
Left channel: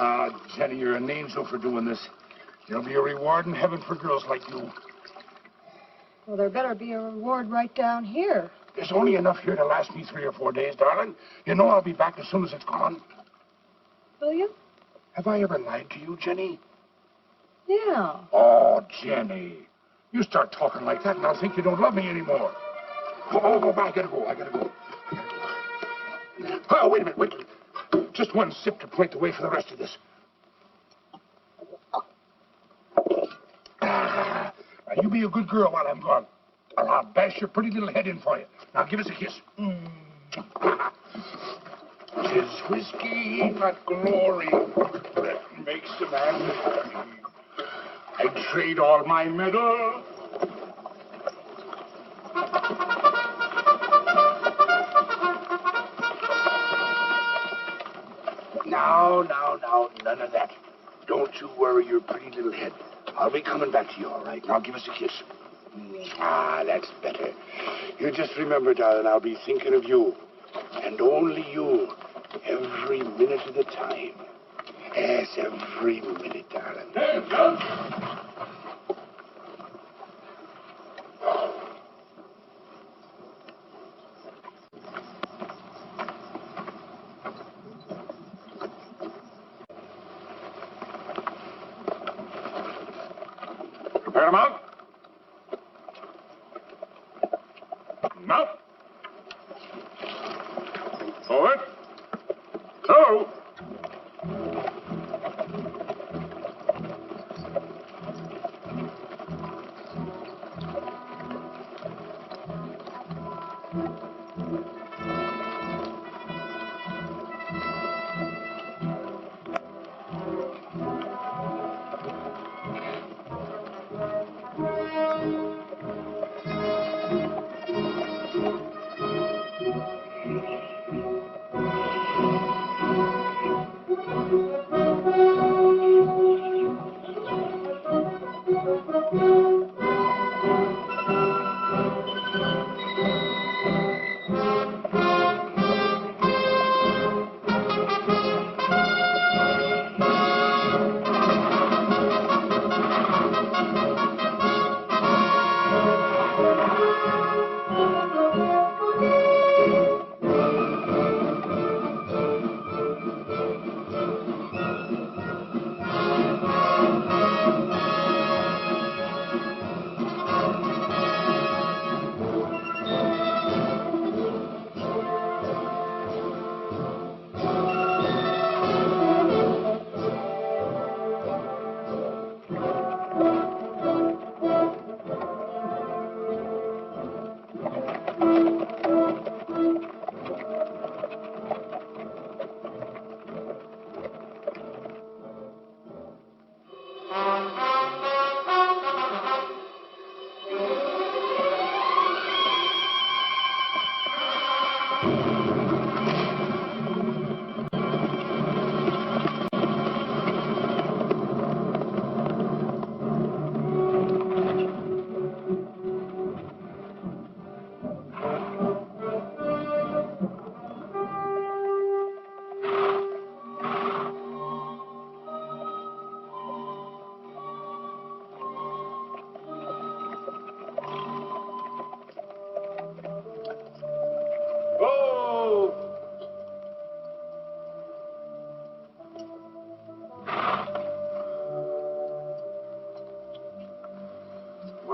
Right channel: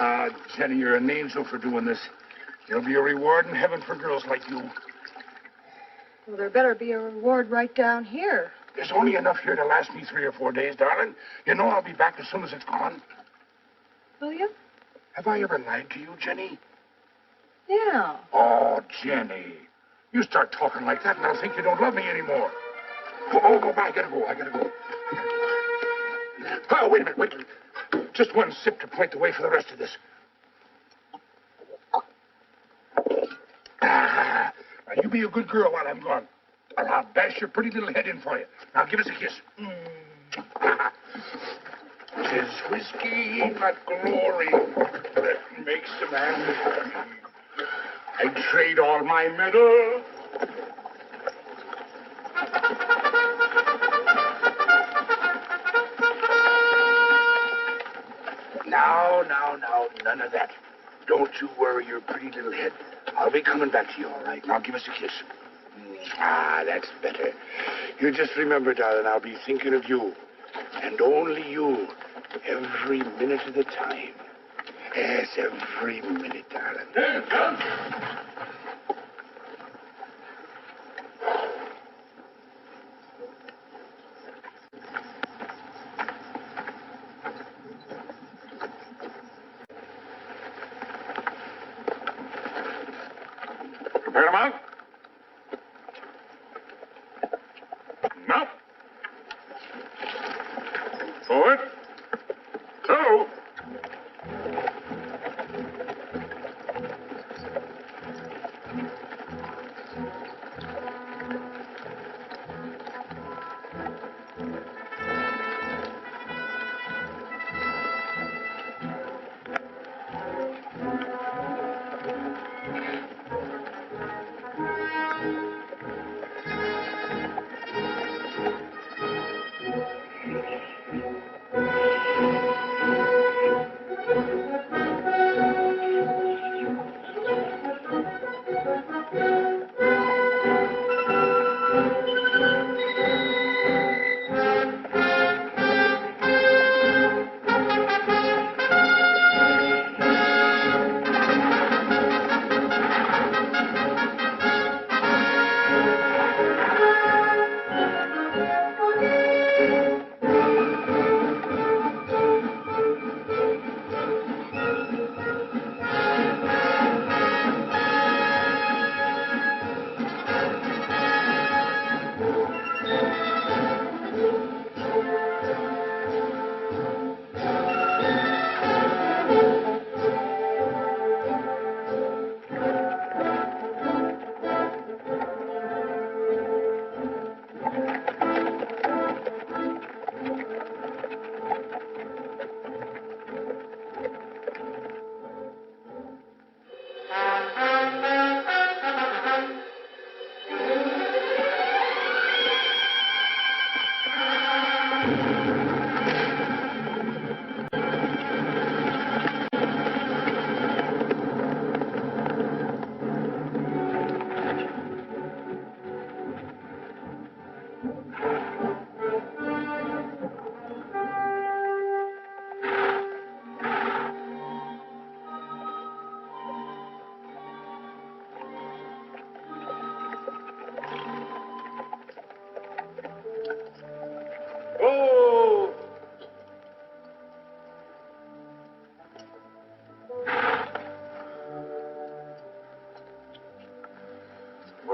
Ah, Jenny, you're an angel for doing this. There'll be a reward in heaven for girls like you. Well, there better be a reward right down here. There's only enough here to last me 3 or 4 days, darling. You know I'll be back as soon as it's gone. Will you? Have I ever lied to you, Jenny? Yeah. Oh, Jenny. You start talking like that and I'll think you don't love me anymore. Oh, I gotta go. Oh, wait a minute. Just one sip to point the way for the rest of this. Now, you be a good girl while I'm gone. Or I'll bash your pretty little head in for you. Now, give us a kiss. 'Tis whiskey, not glory, that makes a man happy. I'd trade all my medals. Now, none of that. Don't you worry your pretty little head. I'll be coming back to you, all right? Now, give us a kiss. Ah, that's better. You just remember, darling, I'll be thinking of you. And only you. Every minute of the time. Yes, every minute, darling. Hey, John. Prepare to mount. Mount. Forward. Two.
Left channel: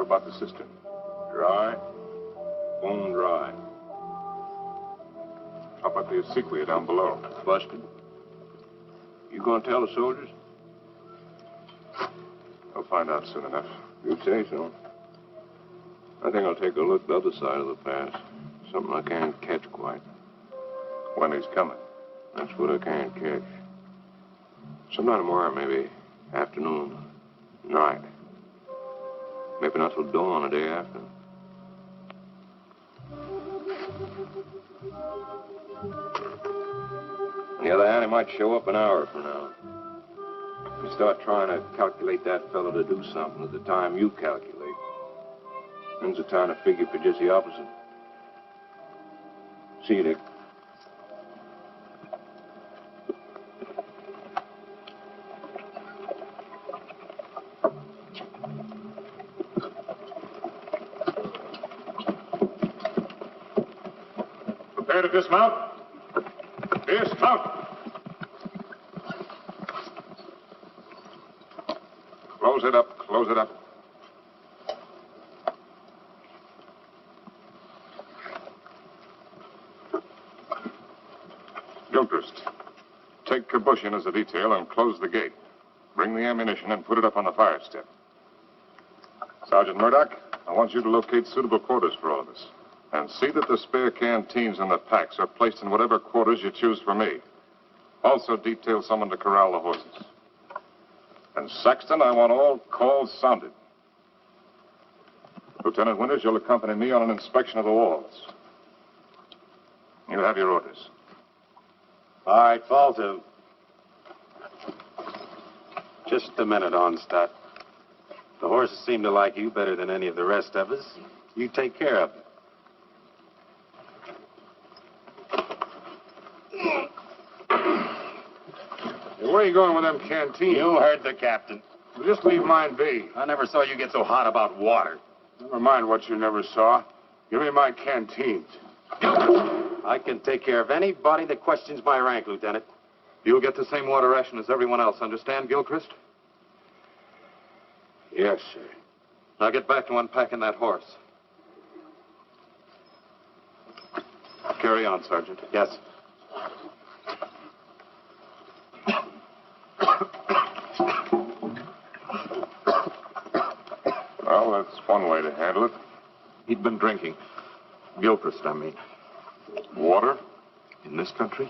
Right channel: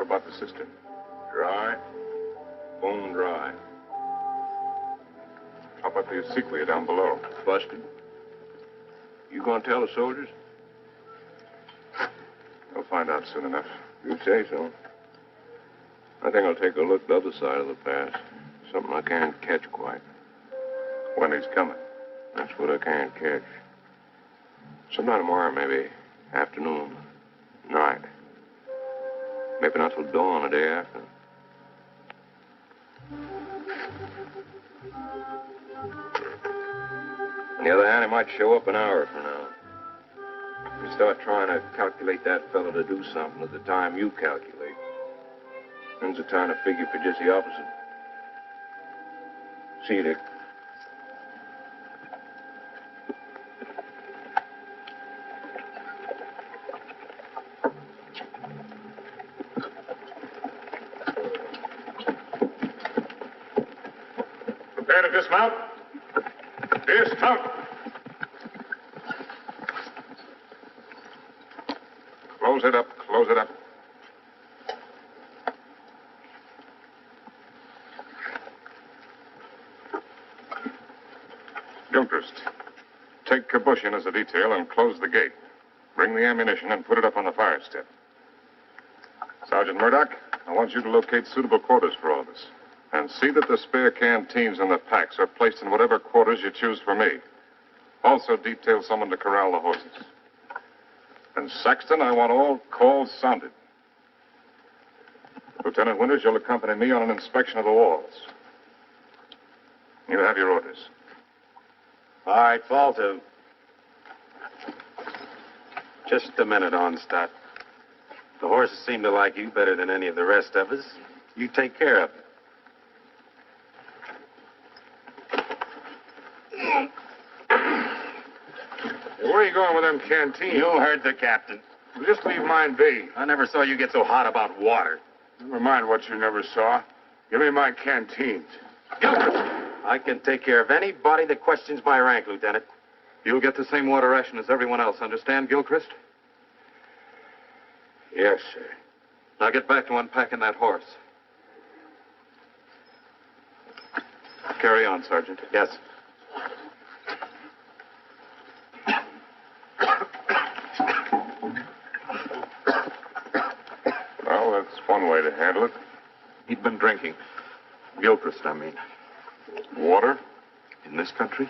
about the cistern? Dry. Bone dry. How about the acequia down below? Busted. You gonna tell the soldiers? They'll find out soon enough. You say so. I think I'll take a look the other side of the pass. Something I can't catch quite. When he's coming. That's what I can't catch. Sometime tomorrow, maybe. Afternoon. Night. Maybe not till dawn the day after. On the other hand, he might show up an hour from now. If you start trying to calculate that fellow to do something at the time you calculate, then's the time to figure for just the opposite. See you, Dick. Prepare to dismount. Dismount. Close it up. Close it up. Gilchrist, take Kabush in as a detail and close the gate. Bring the ammunition and put it up on the fire step. Sergeant Murdoch, I want you to locate suitable quarters for all of us. And see that the spare canteens and the packs are placed in whatever quarters you choose for me. Also detail someone to corral the horses. And Saxton, I want all calls sounded. Lieutenant Winters, you'll accompany me on an inspection of the walls. You have your orders. All right, fall to. Just a minute, Onstadt. The horses seem to like you better than any of the rest of us. You take care of them. Hey, where are you going with them canteens? You heard the captain. Well, just leave mine be. I never saw you get so hot about water. Never mind what you never saw. Give me my canteens. I can take care of anybody that questions my rank, Lieutenant. You'll get the same water ration as everyone else, understand, Gilchrist? Yes, sir. Now get back to unpacking that horse. Carry on, Sergeant. Yes. Well, that's one way to handle it. He'd been drinking. Gilchrist, I mean. Water? In this country?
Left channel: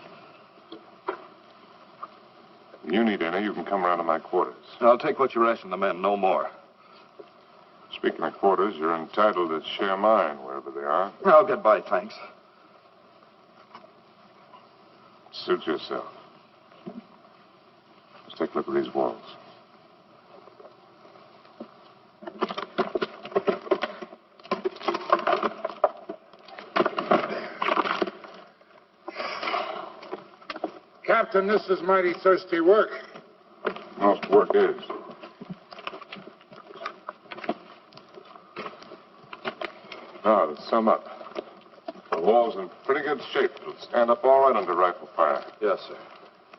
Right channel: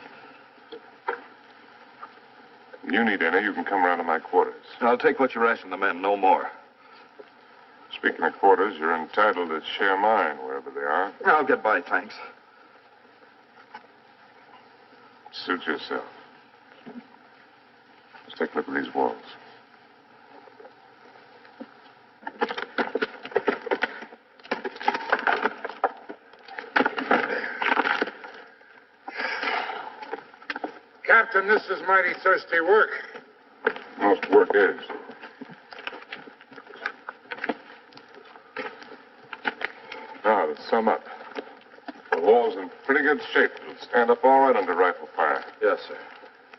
You need any, you can come around to my quarters. I'll take what you ration the men, no more. Speaking of quarters, you're entitled to share mine wherever they are. I'll get by, thanks. Suit yourself. Let's take a look at these walls. Captain, this is mighty thirsty work. Most work is. Now, to sum up, the wall's in pretty good shape. It'll stand up all right under rifle fire. Yes, sir.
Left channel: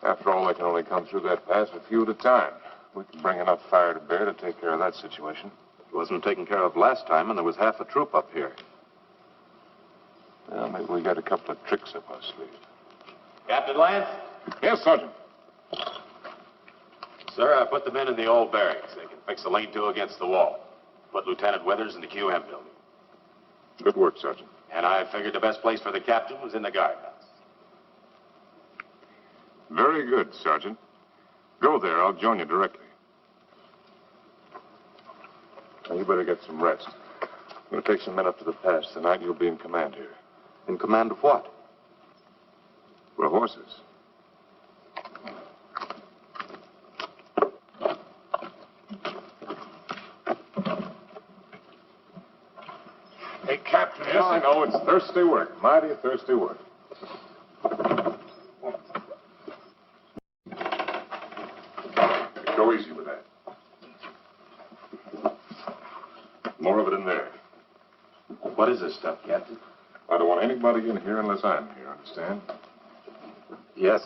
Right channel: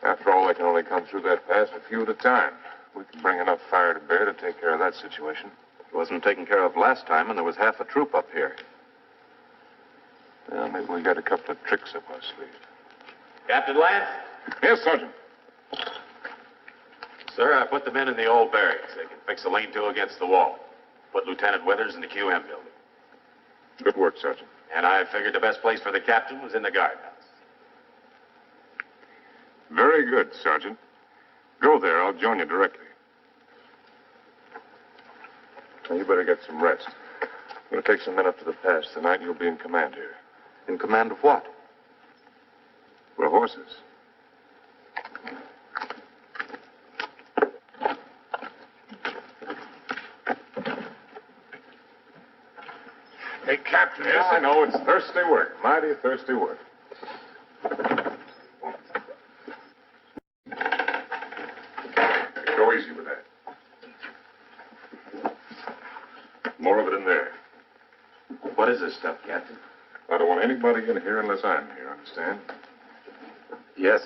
After all, they can only come through that pass a few at a time. We can bring enough fire to bear to take care of that situation. It wasn't taken care of last time, and there was half a troop up here. Well, maybe we got a couple of tricks up our sleeve. Captain Lance? Yes, Sergeant. Sir, I put the men in the old barracks. They can fix a lean-to against the wall. Put Lieutenant Withers in the QM building. Good work, Sergeant. And I figured the best place for the captain was in the guardhouse. Very good, Sergeant. Go there. I'll join you directly. Now, you better get some rest. I'm going to take some men up to the pass tonight. You'll be in command here. In command of what? We're horses. Hey, Captain. Yes, I know. It's thirsty work. Mighty thirsty work. Go easy with that. More of it in there. What is this stuff, Captain? I don't want anybody in here unless I'm here, understand? Yes.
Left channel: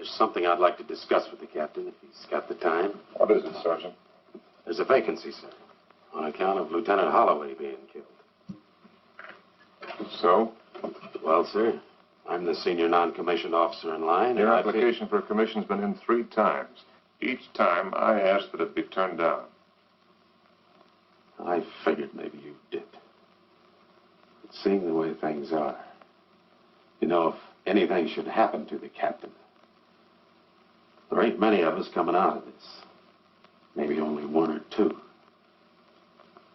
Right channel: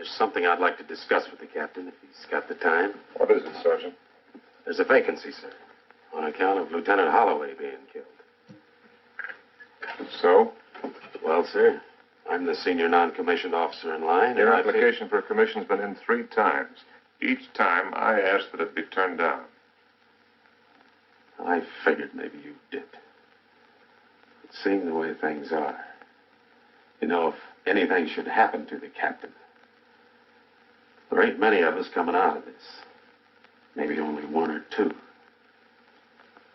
There's something I'd like to discuss with the captain, if he's got the time. What is it, Sergeant? There's a vacancy, sir, on account of Lieutenant Holloway being killed. So? Well, sir, I'm the senior non-commissioned officer in line. Your application for a commission's been in 3 times. Each time, I asked that it be turned down. I figured maybe you did. But seeing the way things are, you know, if anything should happen to the captain, there ain't many of us coming out of this. Maybe only 1 or 2.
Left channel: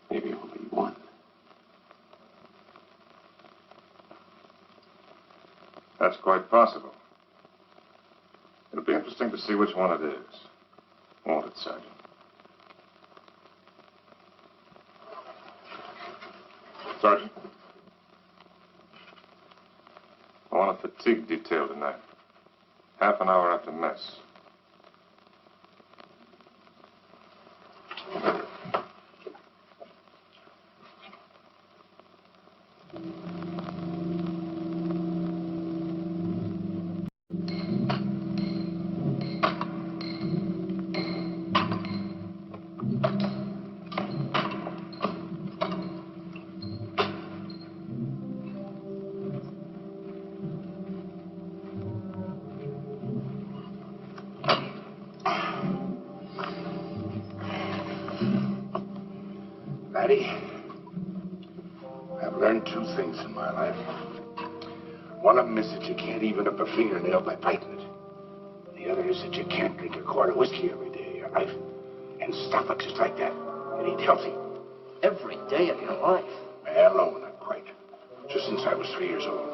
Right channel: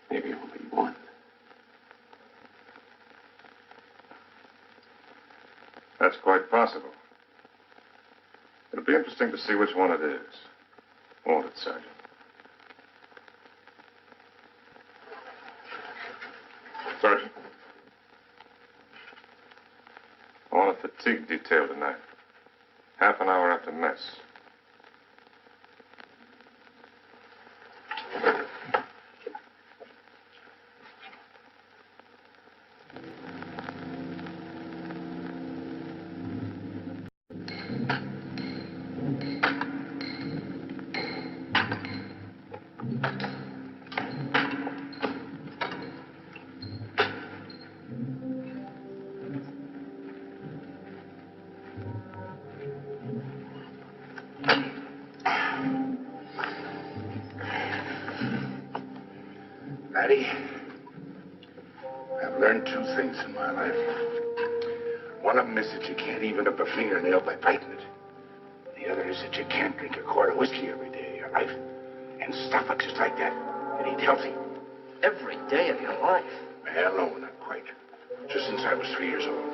Maybe only 1. That's quite possible. It'll be interesting to see which one it is. Won't it, Sergeant? Sergeant. I want a fatigue detail tonight. Half an hour after mess. Laddie, I've learned 2 things in my life. One of them is that you can't even up a fingernail by biting it. The other is that you can't drink a quart of whiskey every day of your life and stuff it just like that and eat healthy. Every day of your life? Well, no, not quite. Just since I was 3 years old.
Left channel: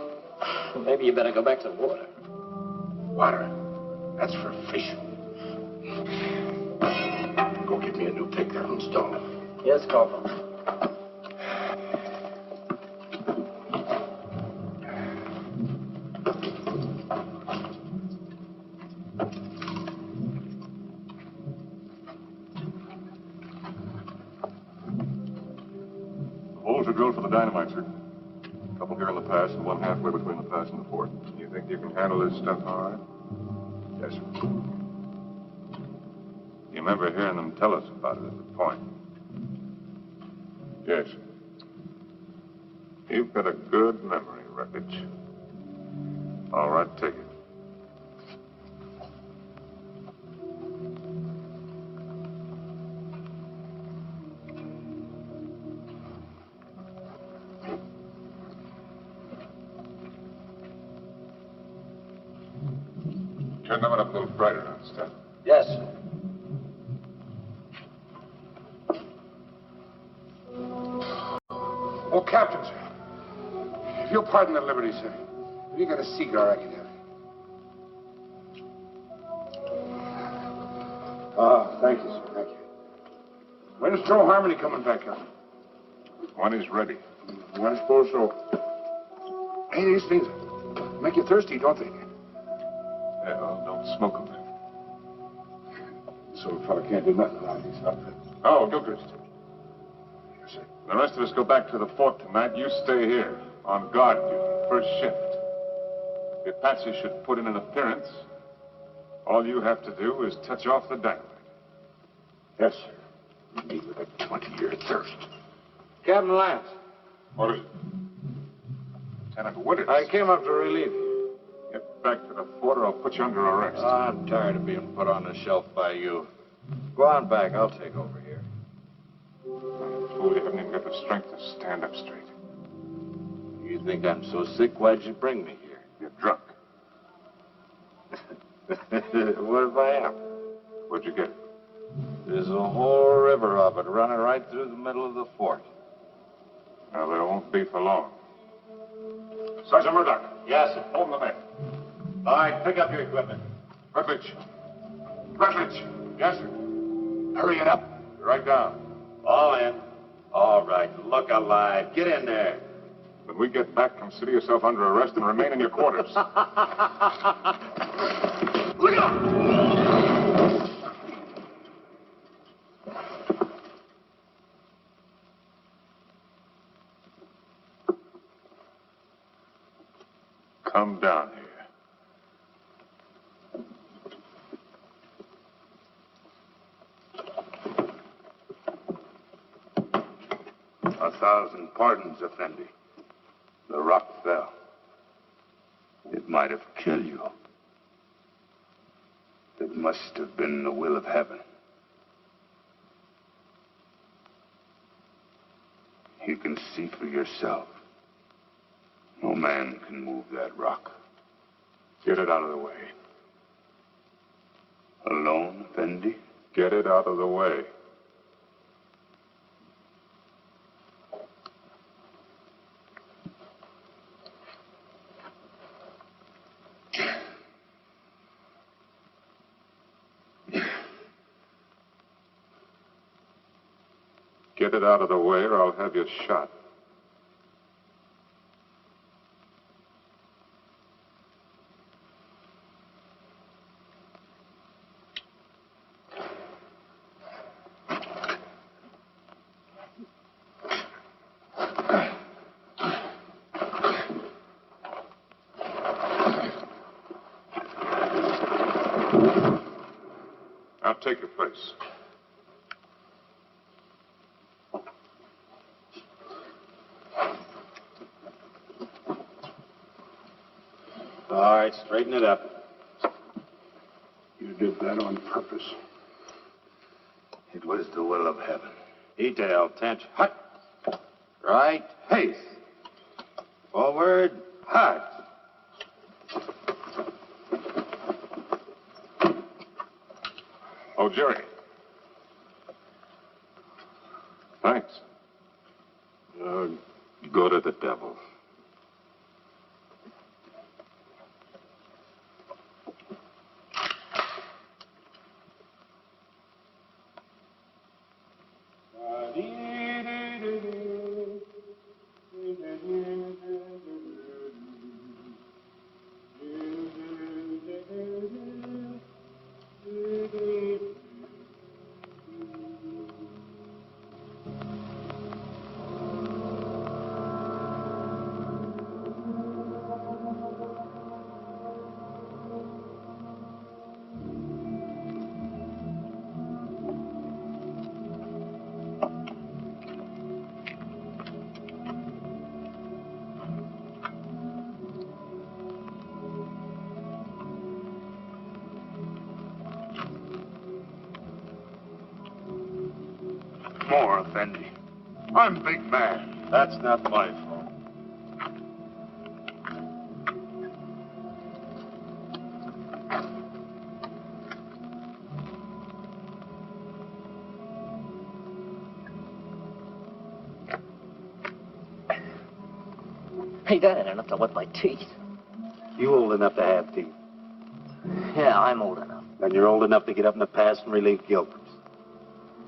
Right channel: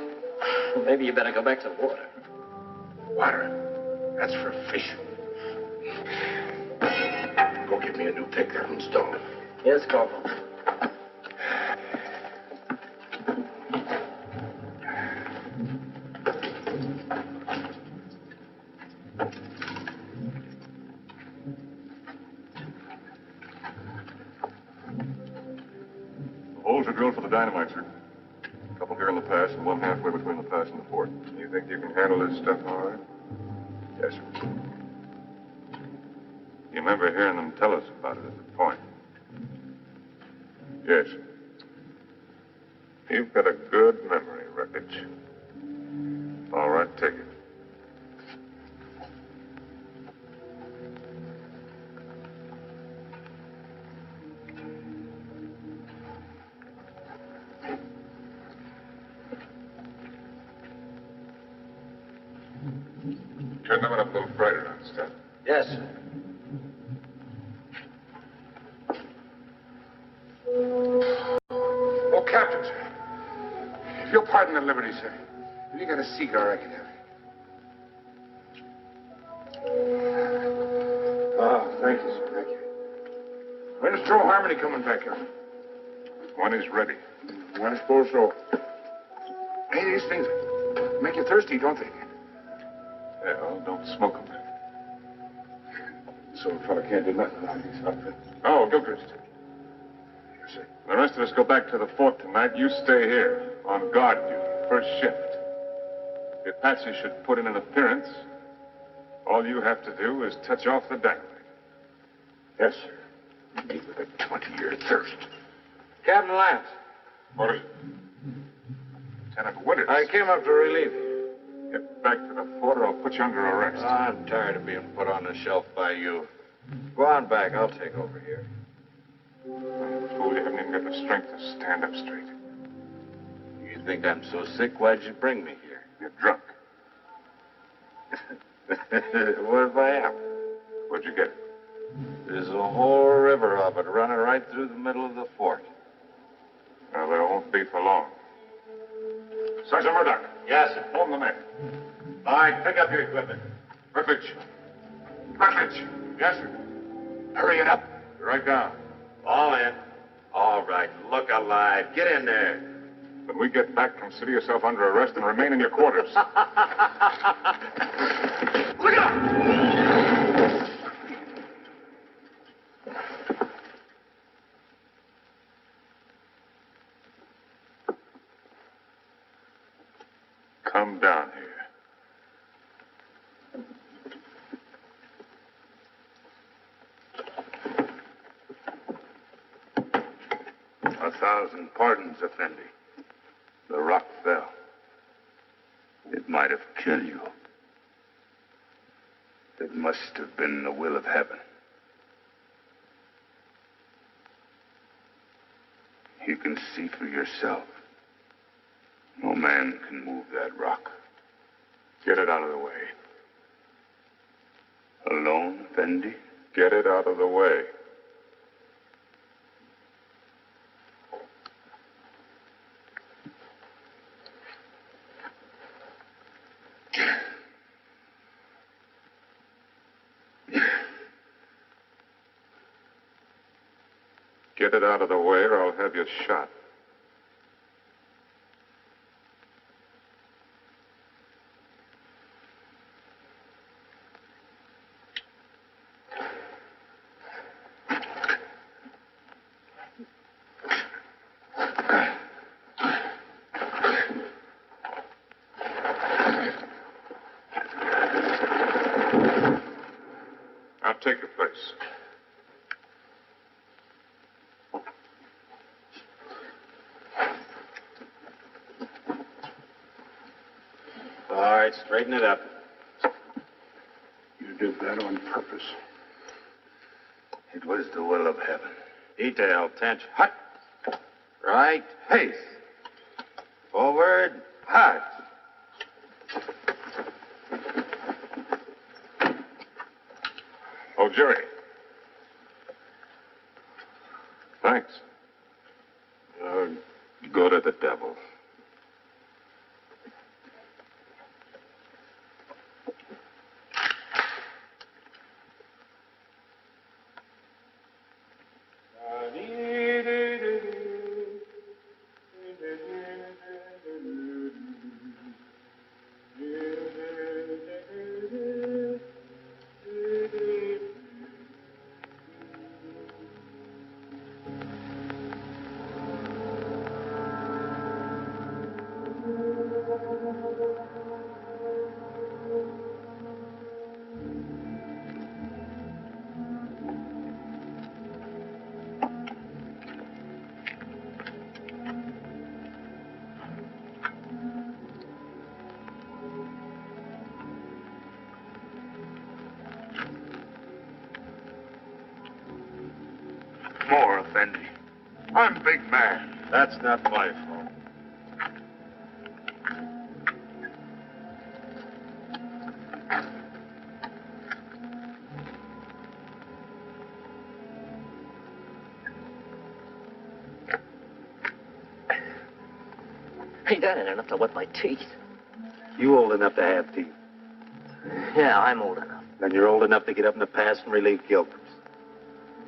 Well, maybe you better go back to the water. Water? That's for fish. Go get me a new pick. That one's dull. Yes, Corporal. The holes are drilled for the dynamite, sir. A couple here in the pass and one halfway between the pass and the fort. You think you can handle this stuff all right? Yes, sir. You remember hearing them tell us about it at the point? Yes. You've got a good memory, Wreckage. All right, take it. Turn that one up a little brighter, understand? Yes, sir. Oh, Captain, sir. If you'll pardon the liberty, sir. Have you got a cigar I can have? Ah, thank you, sir. Thank you. When's Joe Harmony coming back, Captain? When he's ready. I suppose so. Hey, these things make you thirsty, don't they? Yeah, well, don't smoke them. So a fella can't do nothing without these outfits. Oh, Gilchrist. Yes, sir. The rest of us go back to the fort tonight. You stay here on guard duty, first shift. If Patsy should put in an appearance, all you have to do is touch off the dynamite. Yes, sir. Me with a 20-year thirst. Captain Lance. What is it? Lieutenant Winters. I came up to relieve you. Get back to the fort or I'll put you under arrest. I'm tired of being put on the shelf by you. Go on back. I'll take over here. Fool, you haven't even got the strength to stand up straight. You think I'm so sick? Why'd you bring me here? You're drunk. What if I am? Where'd you get it? There's a whole river of it running right through the middle of the fort. Now, there won't be for long. Sergeant Murdoch. Yes, sir. Hold the neck. All right, pick up your equipment. Rutledge. Yes, sir. Hurry it up. You're right down. All in. All right, look alive. Get in there. When we get back, consider yourself under arrest and remain in your quarters. Look out! Come down here. 1,000 pardons, Effendi. The rock fell. It might have killed you. It must have been the will of heaven. You can see for yourself. No man can move that rock. Get it out of the way. Alone, Effendi? Get it out of the way. Get it out of the way or I'll have you shot. I'll take your place. All right, straighten it up. You did that on purpose. It was the will of heaven. Detail, tension. Hut. Right. Pace. Forward. Hut. Oh, Jerry. Thanks. Go to the devil. More, Effendi. I'm big man. That's not my fault. Hey, that ain't enough to wet my teeth. You old enough to have teeth. Yeah, I'm old enough. Then you're old enough to get up in the past and relieve Gilchrist.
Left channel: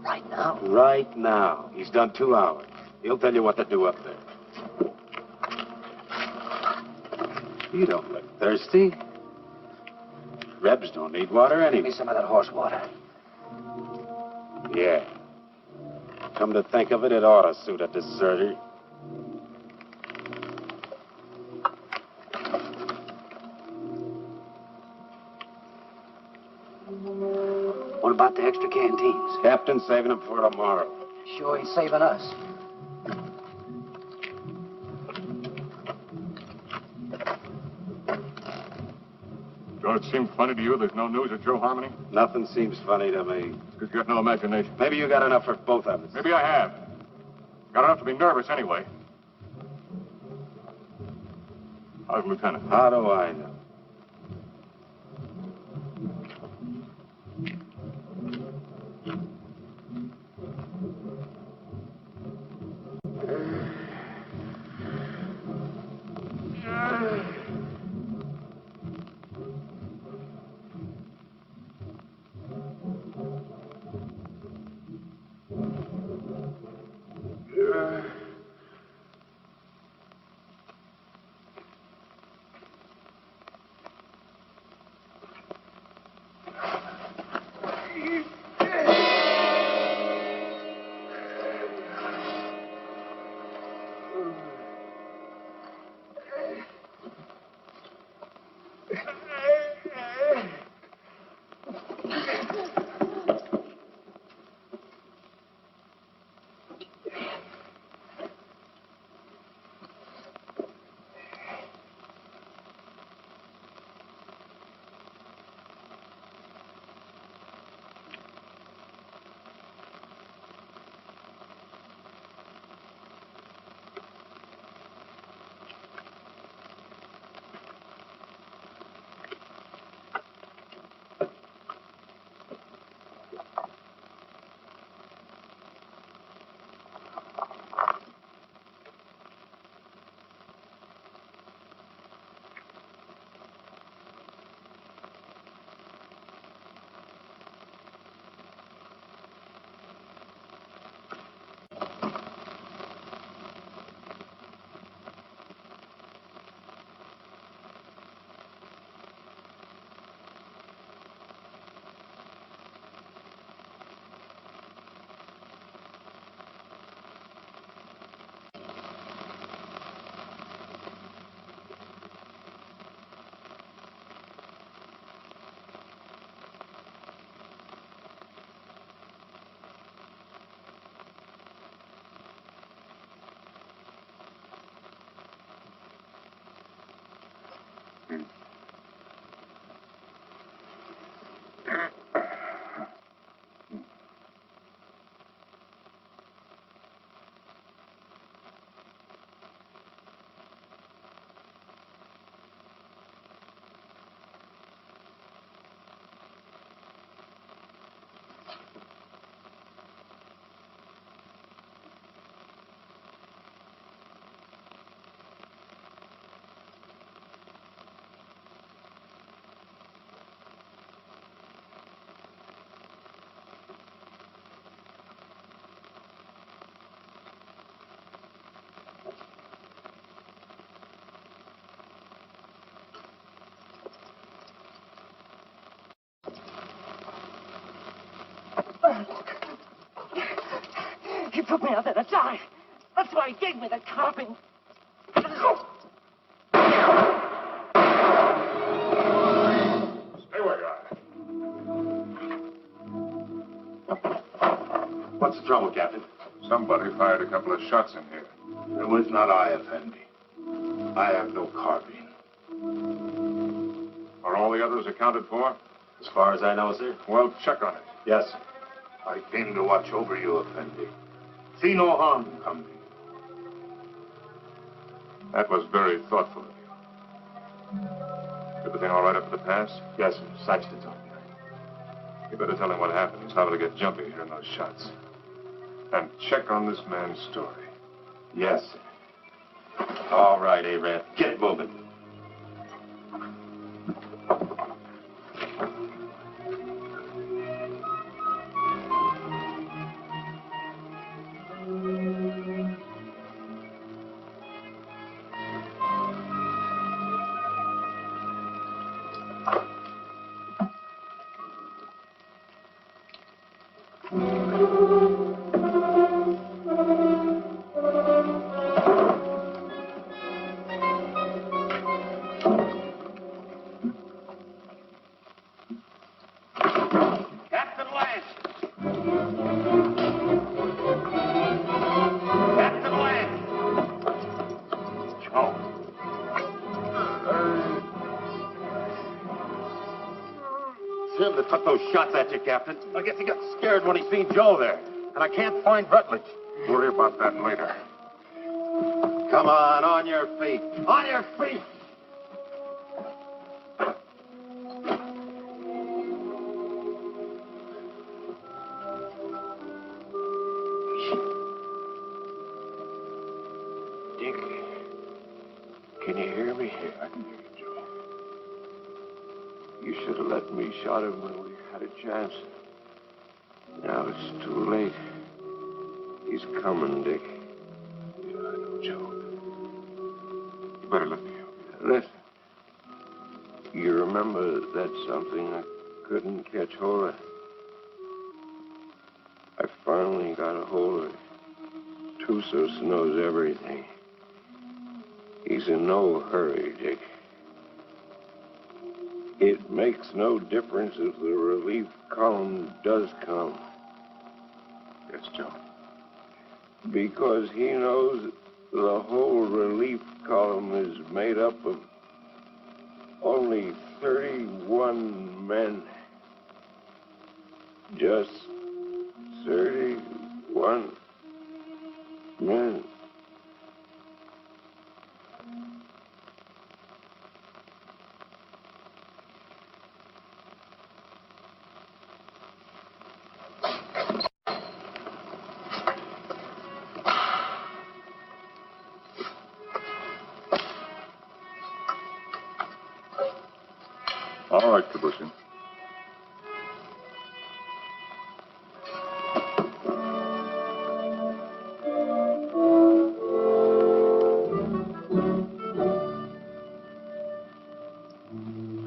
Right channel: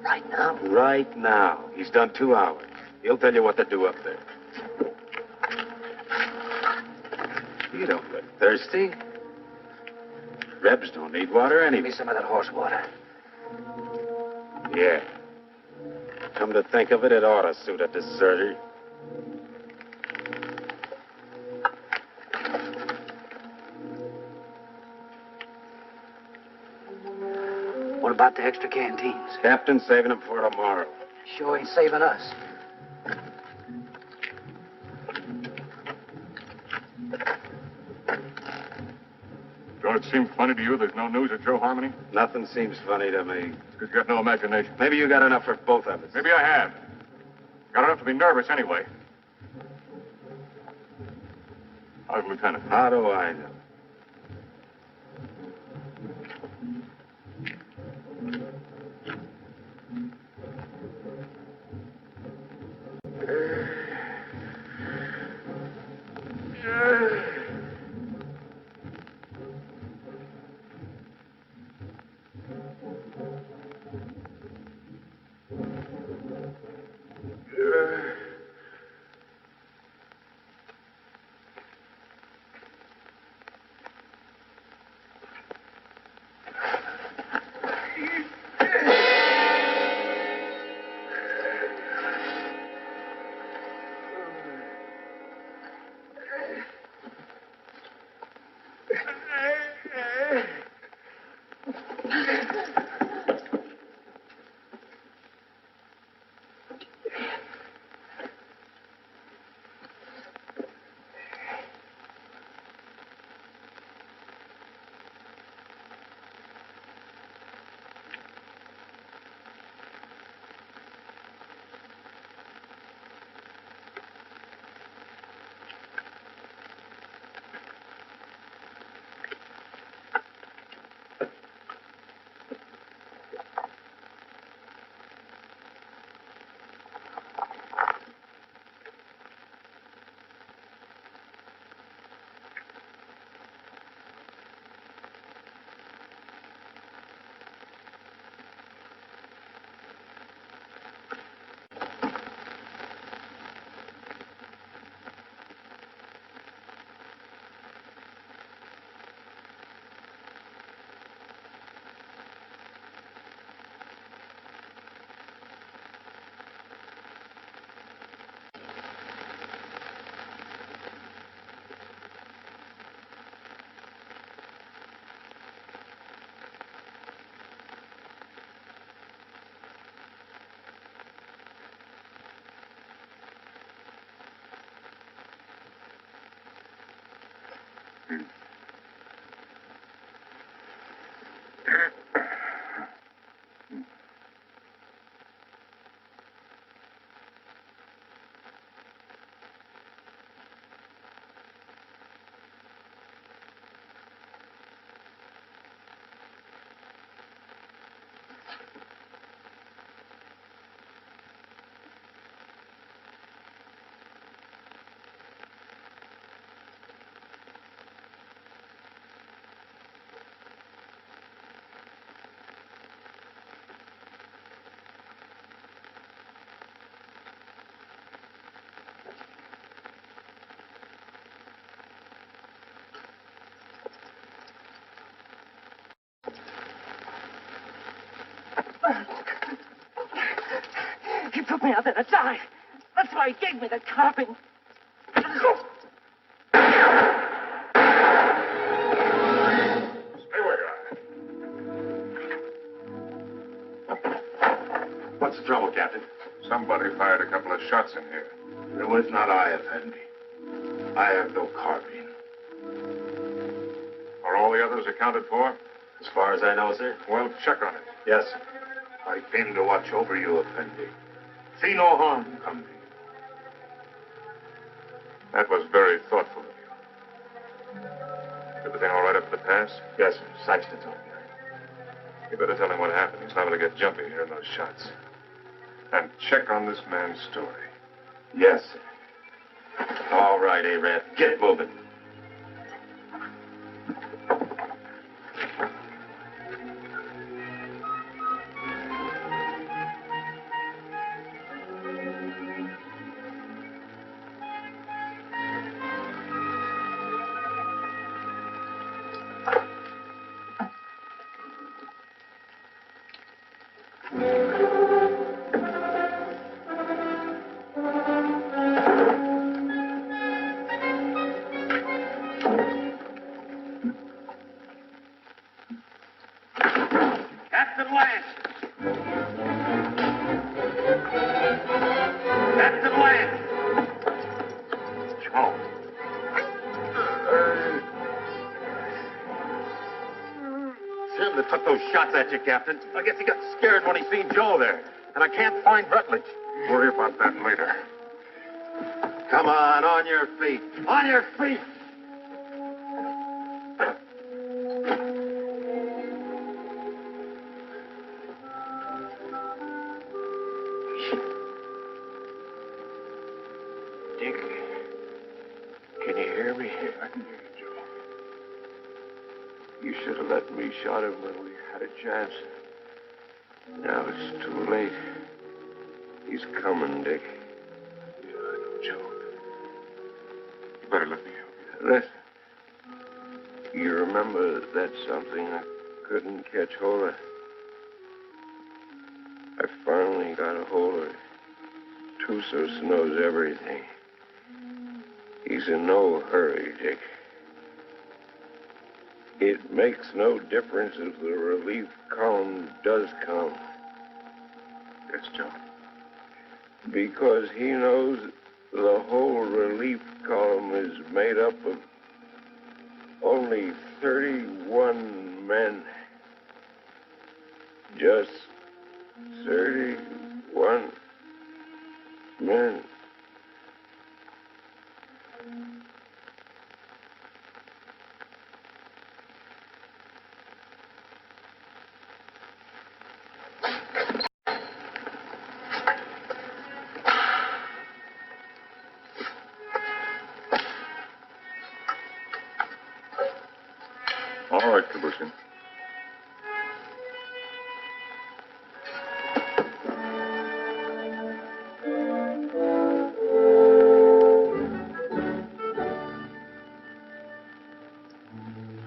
Right now? Right now. He's done 2 hours. He'll tell you what to do up there. You don't look thirsty. Rebs don't need water Give anyway. me some of that horse water. Yeah. Come to think of it, it ought to suit a deserter. What about the extra canteens? Captain's saving them for tomorrow. Sure ain't saving us. Don't it seem funny to you there's no news of Joe Harmony? Nothing seems funny to me. It's because you got no imagination. Maybe you got enough for both of us. Maybe I have. Got enough to be nervous anyway. How's Lieutenant? How do I know? He put me out there to die. That's why he gave me the carping. Stay where you are. What's the trouble, Captain? Somebody fired a couple of shots in here. It was not I, Effendi. I have no carbine. Are all the others accounted for? As far as I know, sir. Well, check on it. Yes. I came to watch over you, Effendi. See no harm come to you. That was very thoughtful of you. Everything all right up at the pass? Yes, sir. Saxton's on here. You better tell him what happened. He's liable to get jumpy hearing those shots. And check on this man's story. Yes, sir. All right, Arab. Get moving. Captain Lance! Captain Lance! Joe. Him that took those shots at you, Captain. I guess he got scared when he seen Joe there. And I can't find Rutledge. Worry about that later. Come on your feet. On your feet! Dick, can you hear me? I can hear you, Joe. You should have let me shot him when we had a chance. Now it's too late. He's coming, Dick. Yeah, I know, Joe. You better let me help you. Listen. You remember that something I couldn't catch hold of? I finally got a hold of it. Tussos knows everything. He's in no hurry, Dick. It makes no difference if the relief column does come. Yes, Joe. Because he knows the whole relief column is made up of only 31 men. Just 31 men. All right, Kabushin.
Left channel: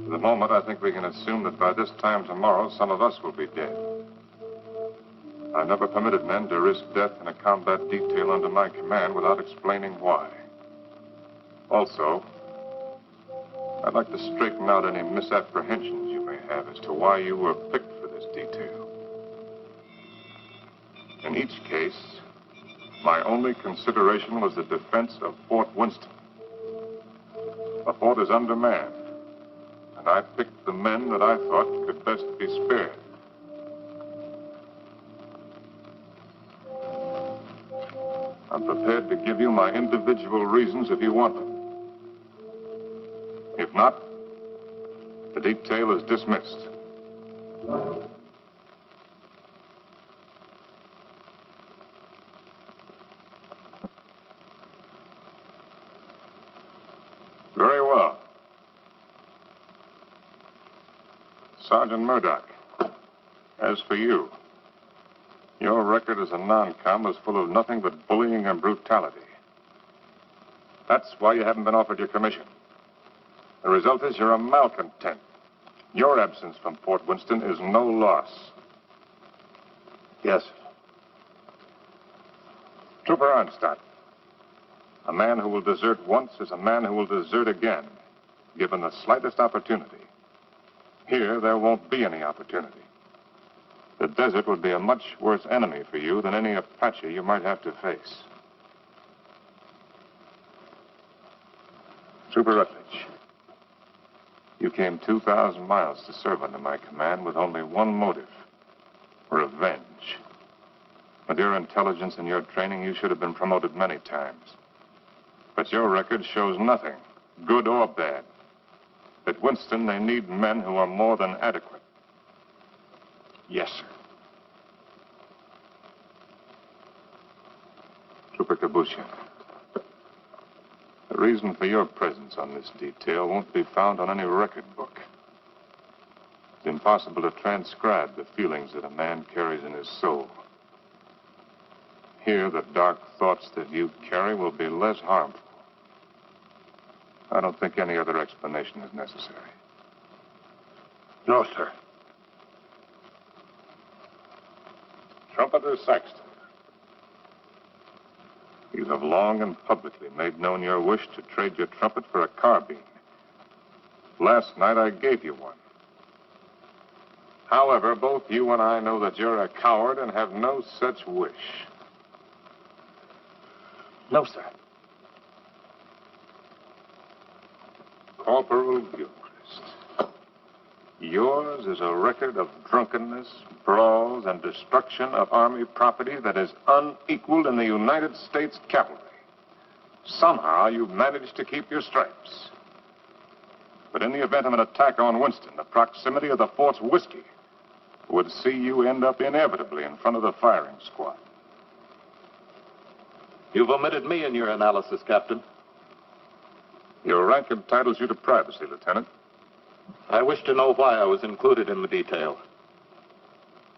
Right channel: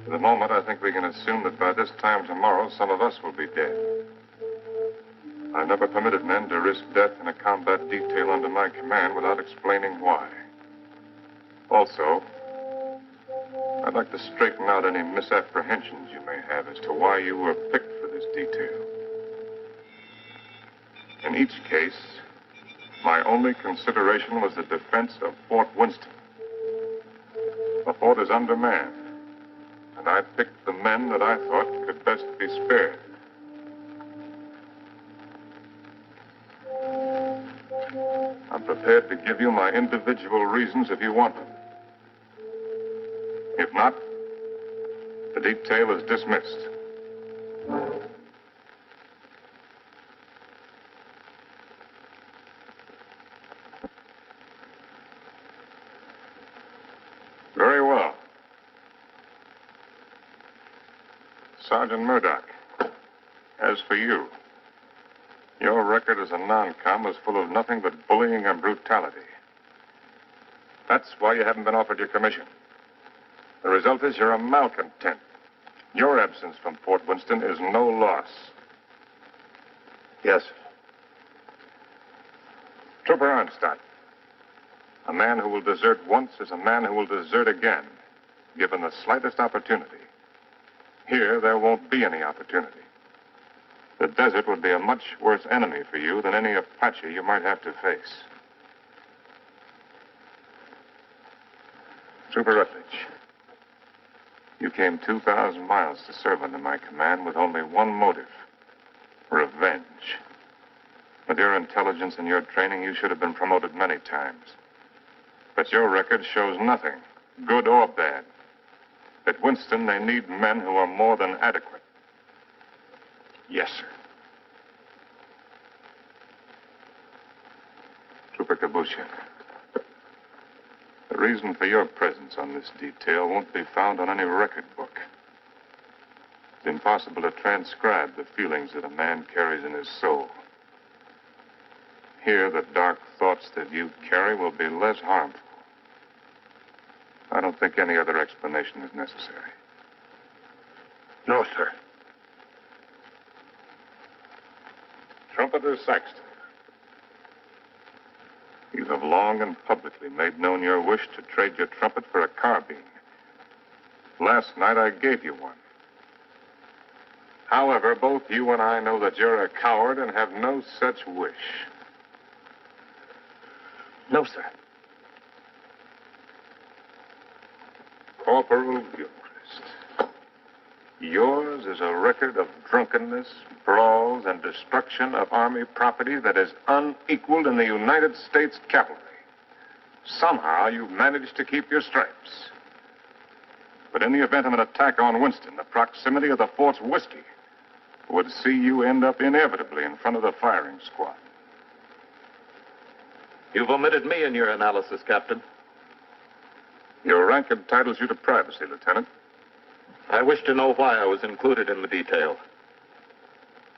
For the moment, I think we can assume that by this time tomorrow, some of us will be dead. I've never permitted men to risk death in a combat detail under my command without explaining why. Also, I'd like to straighten out any misapprehensions you may have as to why you were picked for this detail. In each case, my only consideration was the defense of Fort Winston. The fort is undermanned, And I picked the men that I thought could best be spared. I'm prepared to give you my individual reasons if you want them. If not, the detail is dismissed. Very well. Sergeant Murdoch, as for you, your record as a non-com is full of nothing but bullying and brutality. That's why you haven't been offered your commission. The result is you're a malcontent. Your absence from Fort Winston is no loss. Yes, sir. Trooper Arnstadt, a man who will desert once is a man who will desert again, given the slightest opportunity. Here, there won't be any opportunity. The desert would be a much worse enemy for you than any Apache you might have to face. Trooper Rutledge, you came 2,000 miles to serve under my command with only one motive: revenge. With your intelligence and your training, you should have been promoted many times. But your record shows nothing, good or bad. At Winston, they need men who are more than adequate. Yes, sir. Trooper Kabusha, the reason for your presence on this detail won't be found on any record book. It's impossible to transcribe the feelings that a man carries in his soul. Here, the dark thoughts that you carry will be less harmful. I don't think any other explanation is necessary. No, sir. Trumpeter Saxton, you have long and publicly made known your wish to trade your trumpet for a carbine. Last night, I gave you one. However, both you and I know that you're a coward and have no such wish. No, sir. Corporal Gilchrist, yours is a record of drunkenness, brawls, and destruction of Army property that is unequaled in the United States cavalry. Somehow, you've managed to keep your stripes. But in the event of an attack on Winston, the proximity of the fort's whiskey would see you end up inevitably in front of the firing squad. You've omitted me in your analysis, Captain. Your rank entitles you to privacy, Lieutenant. I wish to know why I was included in the detail.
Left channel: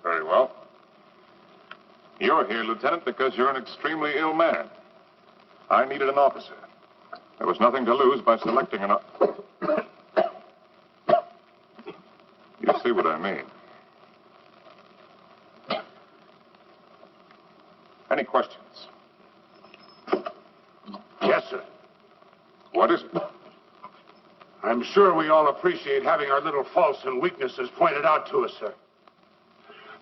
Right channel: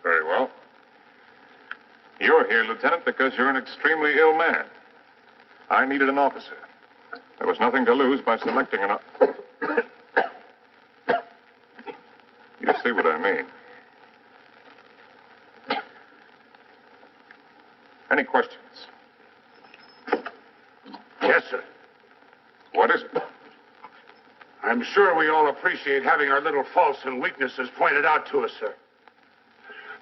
Very well. You're here, Lieutenant, because you're an extremely ill man. I needed an officer. There was nothing to lose by selecting an... You see what I mean. Any questions? Yes, sir. What is it? I'm sure we all appreciate having our little faults and weaknesses pointed out to us, sir.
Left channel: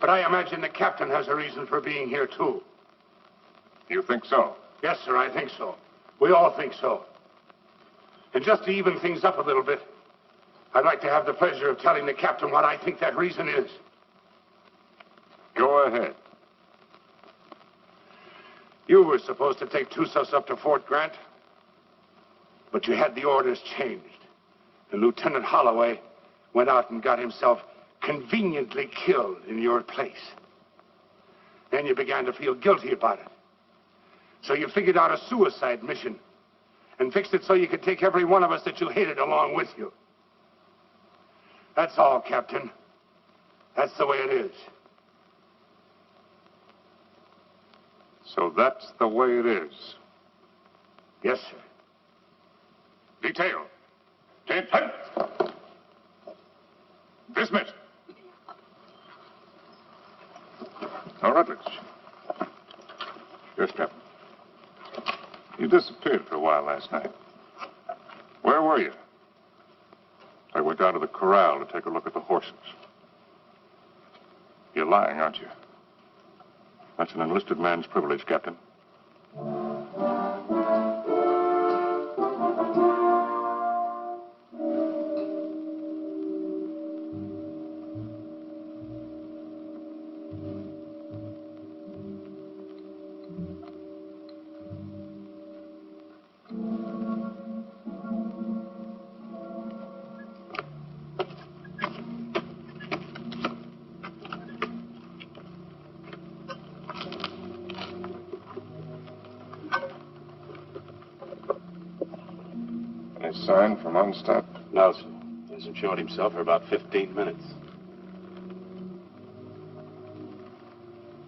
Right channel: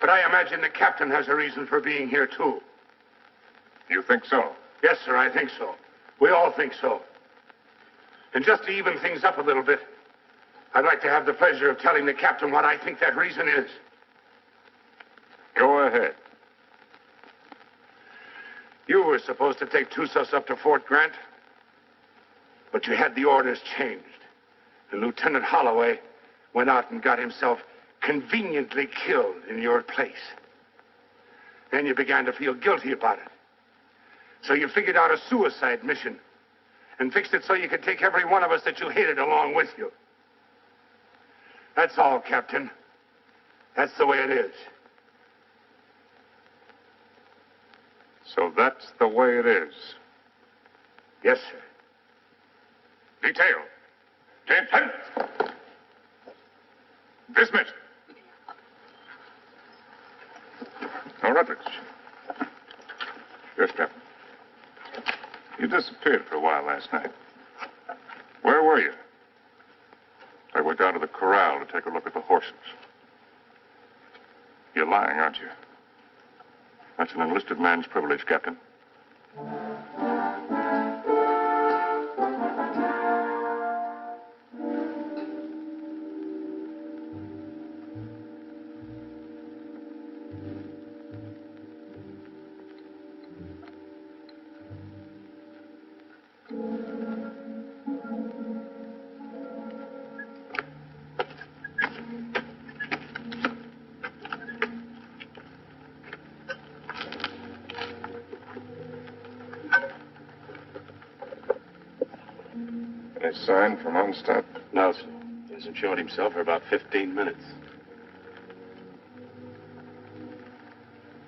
But I imagine the captain has a reason for being here, too. You think so? Yes, sir, I think so. We all think so. And just to even things up a little bit, I'd like to have the pleasure of telling the captain what I think that reason is. Go ahead. You were supposed to take Tussos up to Fort Grant, but you had the orders changed. And Lieutenant Holloway went out and got himself conveniently killed in your place. Then you began to feel guilty about it. So you figured out a suicide mission and fixed it so you could take every one of us that you hated along with you. That's all, Captain. That's the way it is. So that's the way it is. Yes, sir. Detail. Attention. Dismissed. Now, Rutledge. Yes, Captain. You disappeared for a while last night. Where were you? I went down to the corral to take a look at the horses. You're lying, aren't you? That's an enlisted man's privilege, Captain. sign from Onstadt? No, sir. He hasn't showed himself for about 15 minutes.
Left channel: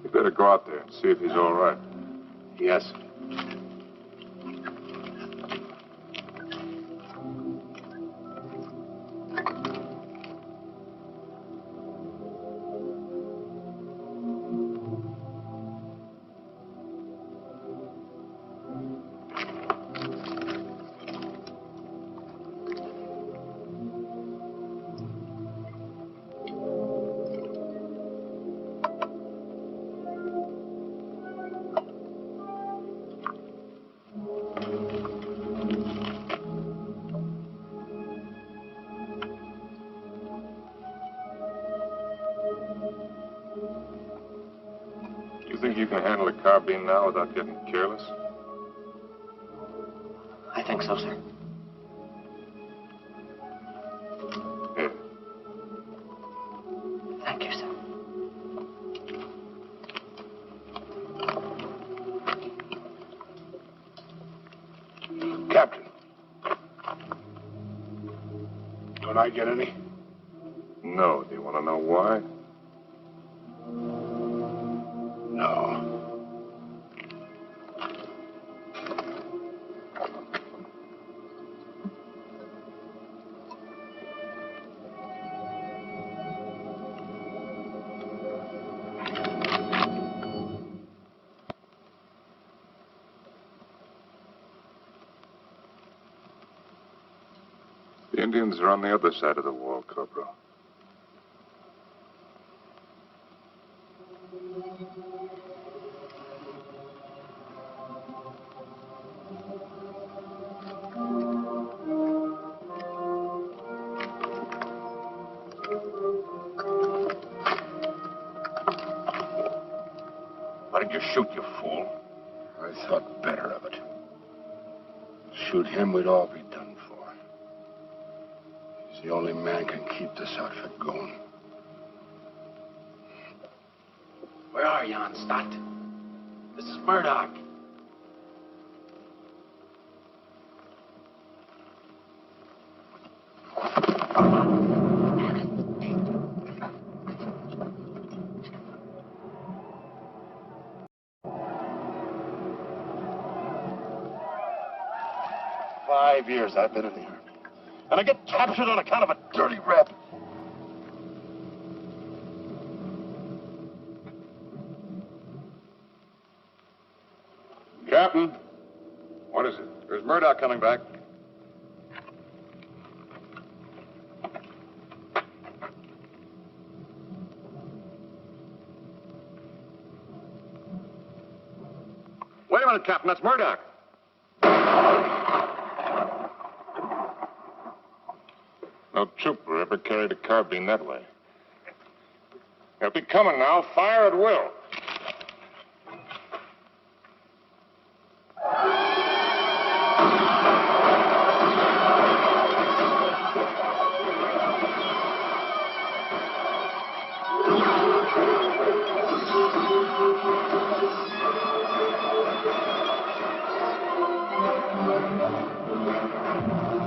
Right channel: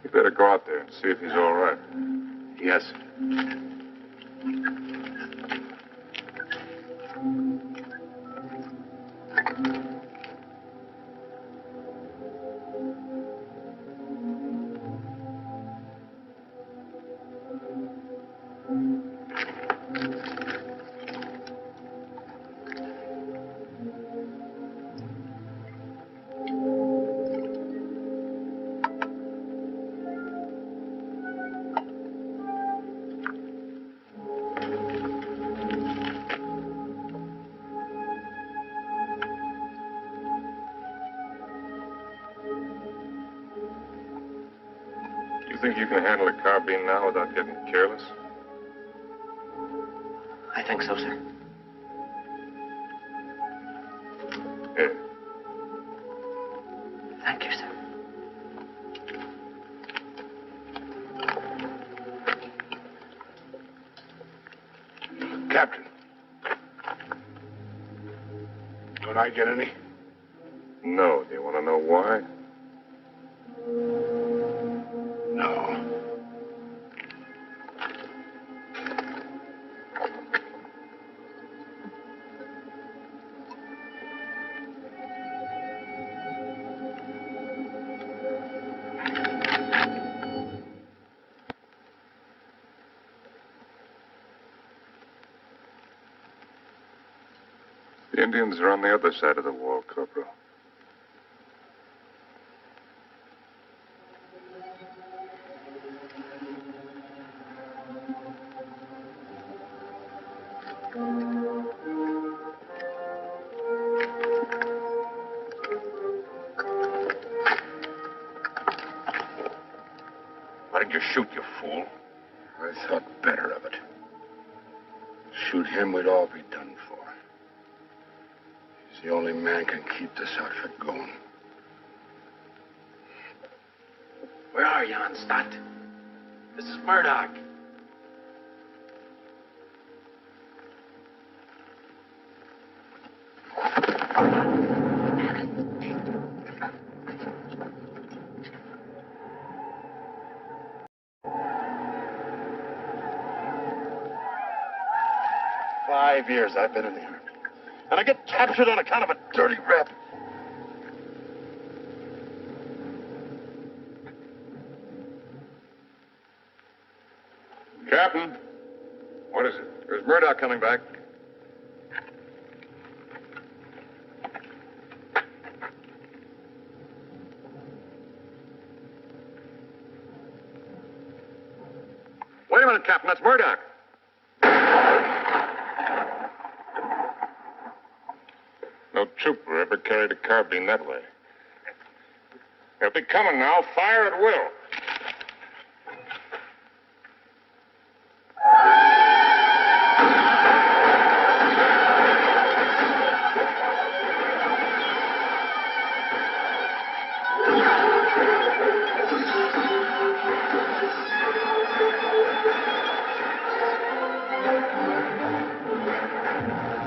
You better go out there and see if he's all right. Yes, sir. You think you can handle a carbine now without getting careless? I think so, sir. Here. Thank you, sir. Captain. Don't I get any? No. Do you want to know why? No. The Indians are on the other side of the wall, Corporal. Why did you shoot, you fool? I thought better of it. Shoot him, we'd all be done for. He's the only man can keep this outfit going. Where are you, Onstadt? This is Murdoch. "5 years I've been in the Army. And I get captured on account of a dirty rep. Captain, what is it? There's Murdoch coming back. Wait a minute, Captain. That's Murdoch. No trooper ever carried a carbine that way. They'll be coming now. Fire at will.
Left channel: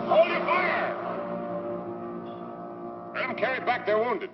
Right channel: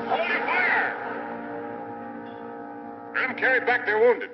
Hold your fire! Let them carry back their wounded.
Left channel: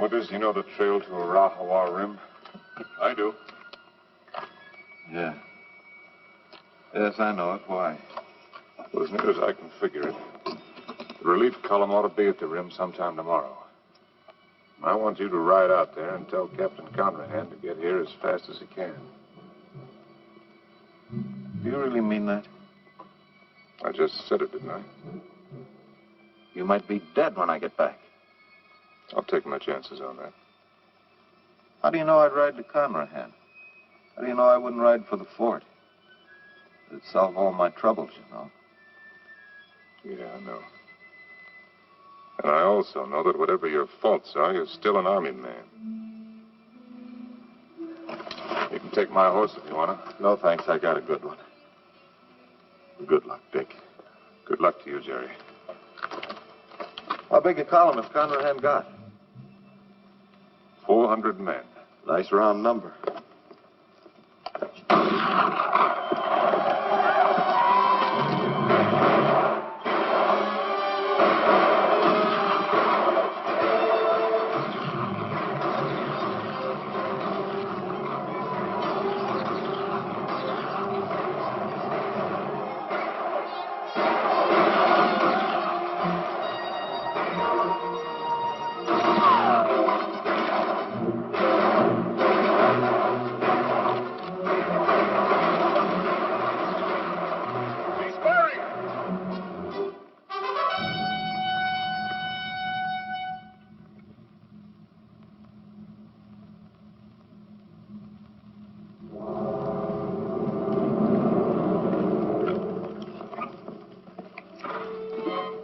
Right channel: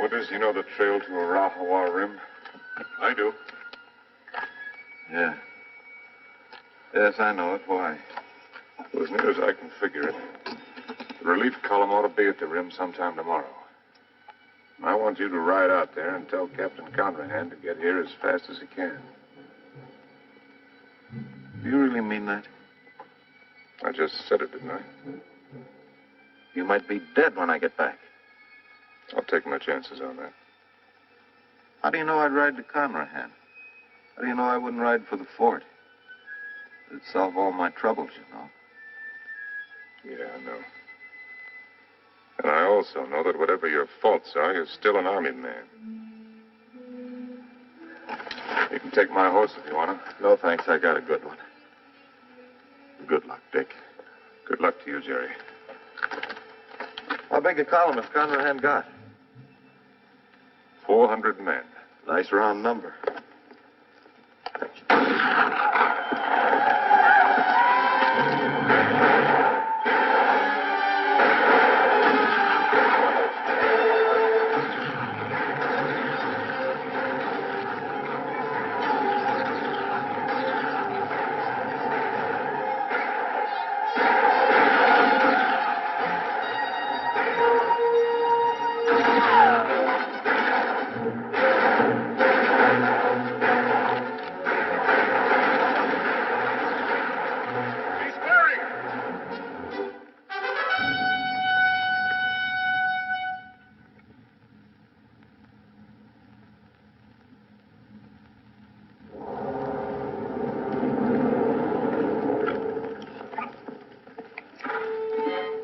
Winters, you know the trail to Arahawa Rim? I do. Yeah. Yes, I know it. Why? Well, as near as I can figure it, the relief column ought to be at the rim sometime tomorrow. I want you to ride out there and tell Captain Conrahan to get here as fast as he can. really mean that? I just said it, didn't I? You might be dead when I get back. I'll take my chances on that. How do you know I'd ride to Conrahan? How do you know I wouldn't ride for the fort? It'd solve all my troubles, you know. Yeah, I know. And I also know that whatever your faults are, you're still an army man. You can take my horse if you want to. No, thanks. I got a good one. Good luck, Dick. Good luck to you, Jerry. How big a column has Conrahan got? 400 men. Nice round number.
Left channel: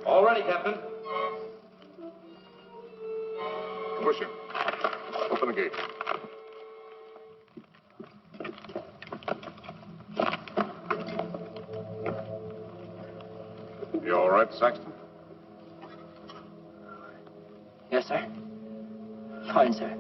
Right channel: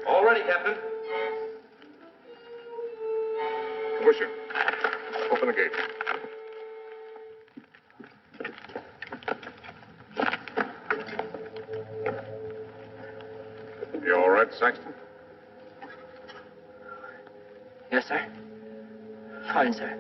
All ready, Captain. Pusher, open the gate. You all right, Saxton? Yes, sir. Fine, sir.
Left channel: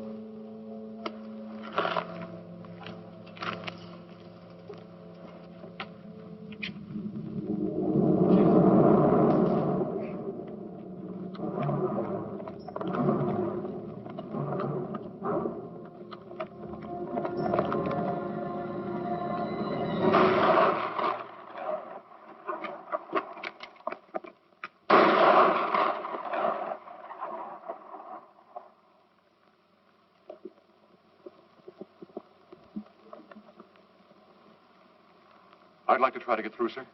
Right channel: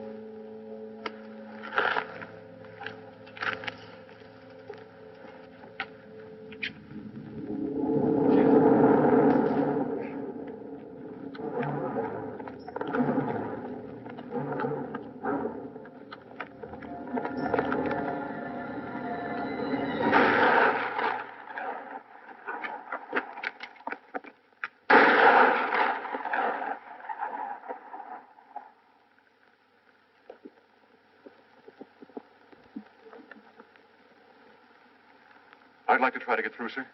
I'd like to try to get through, sir.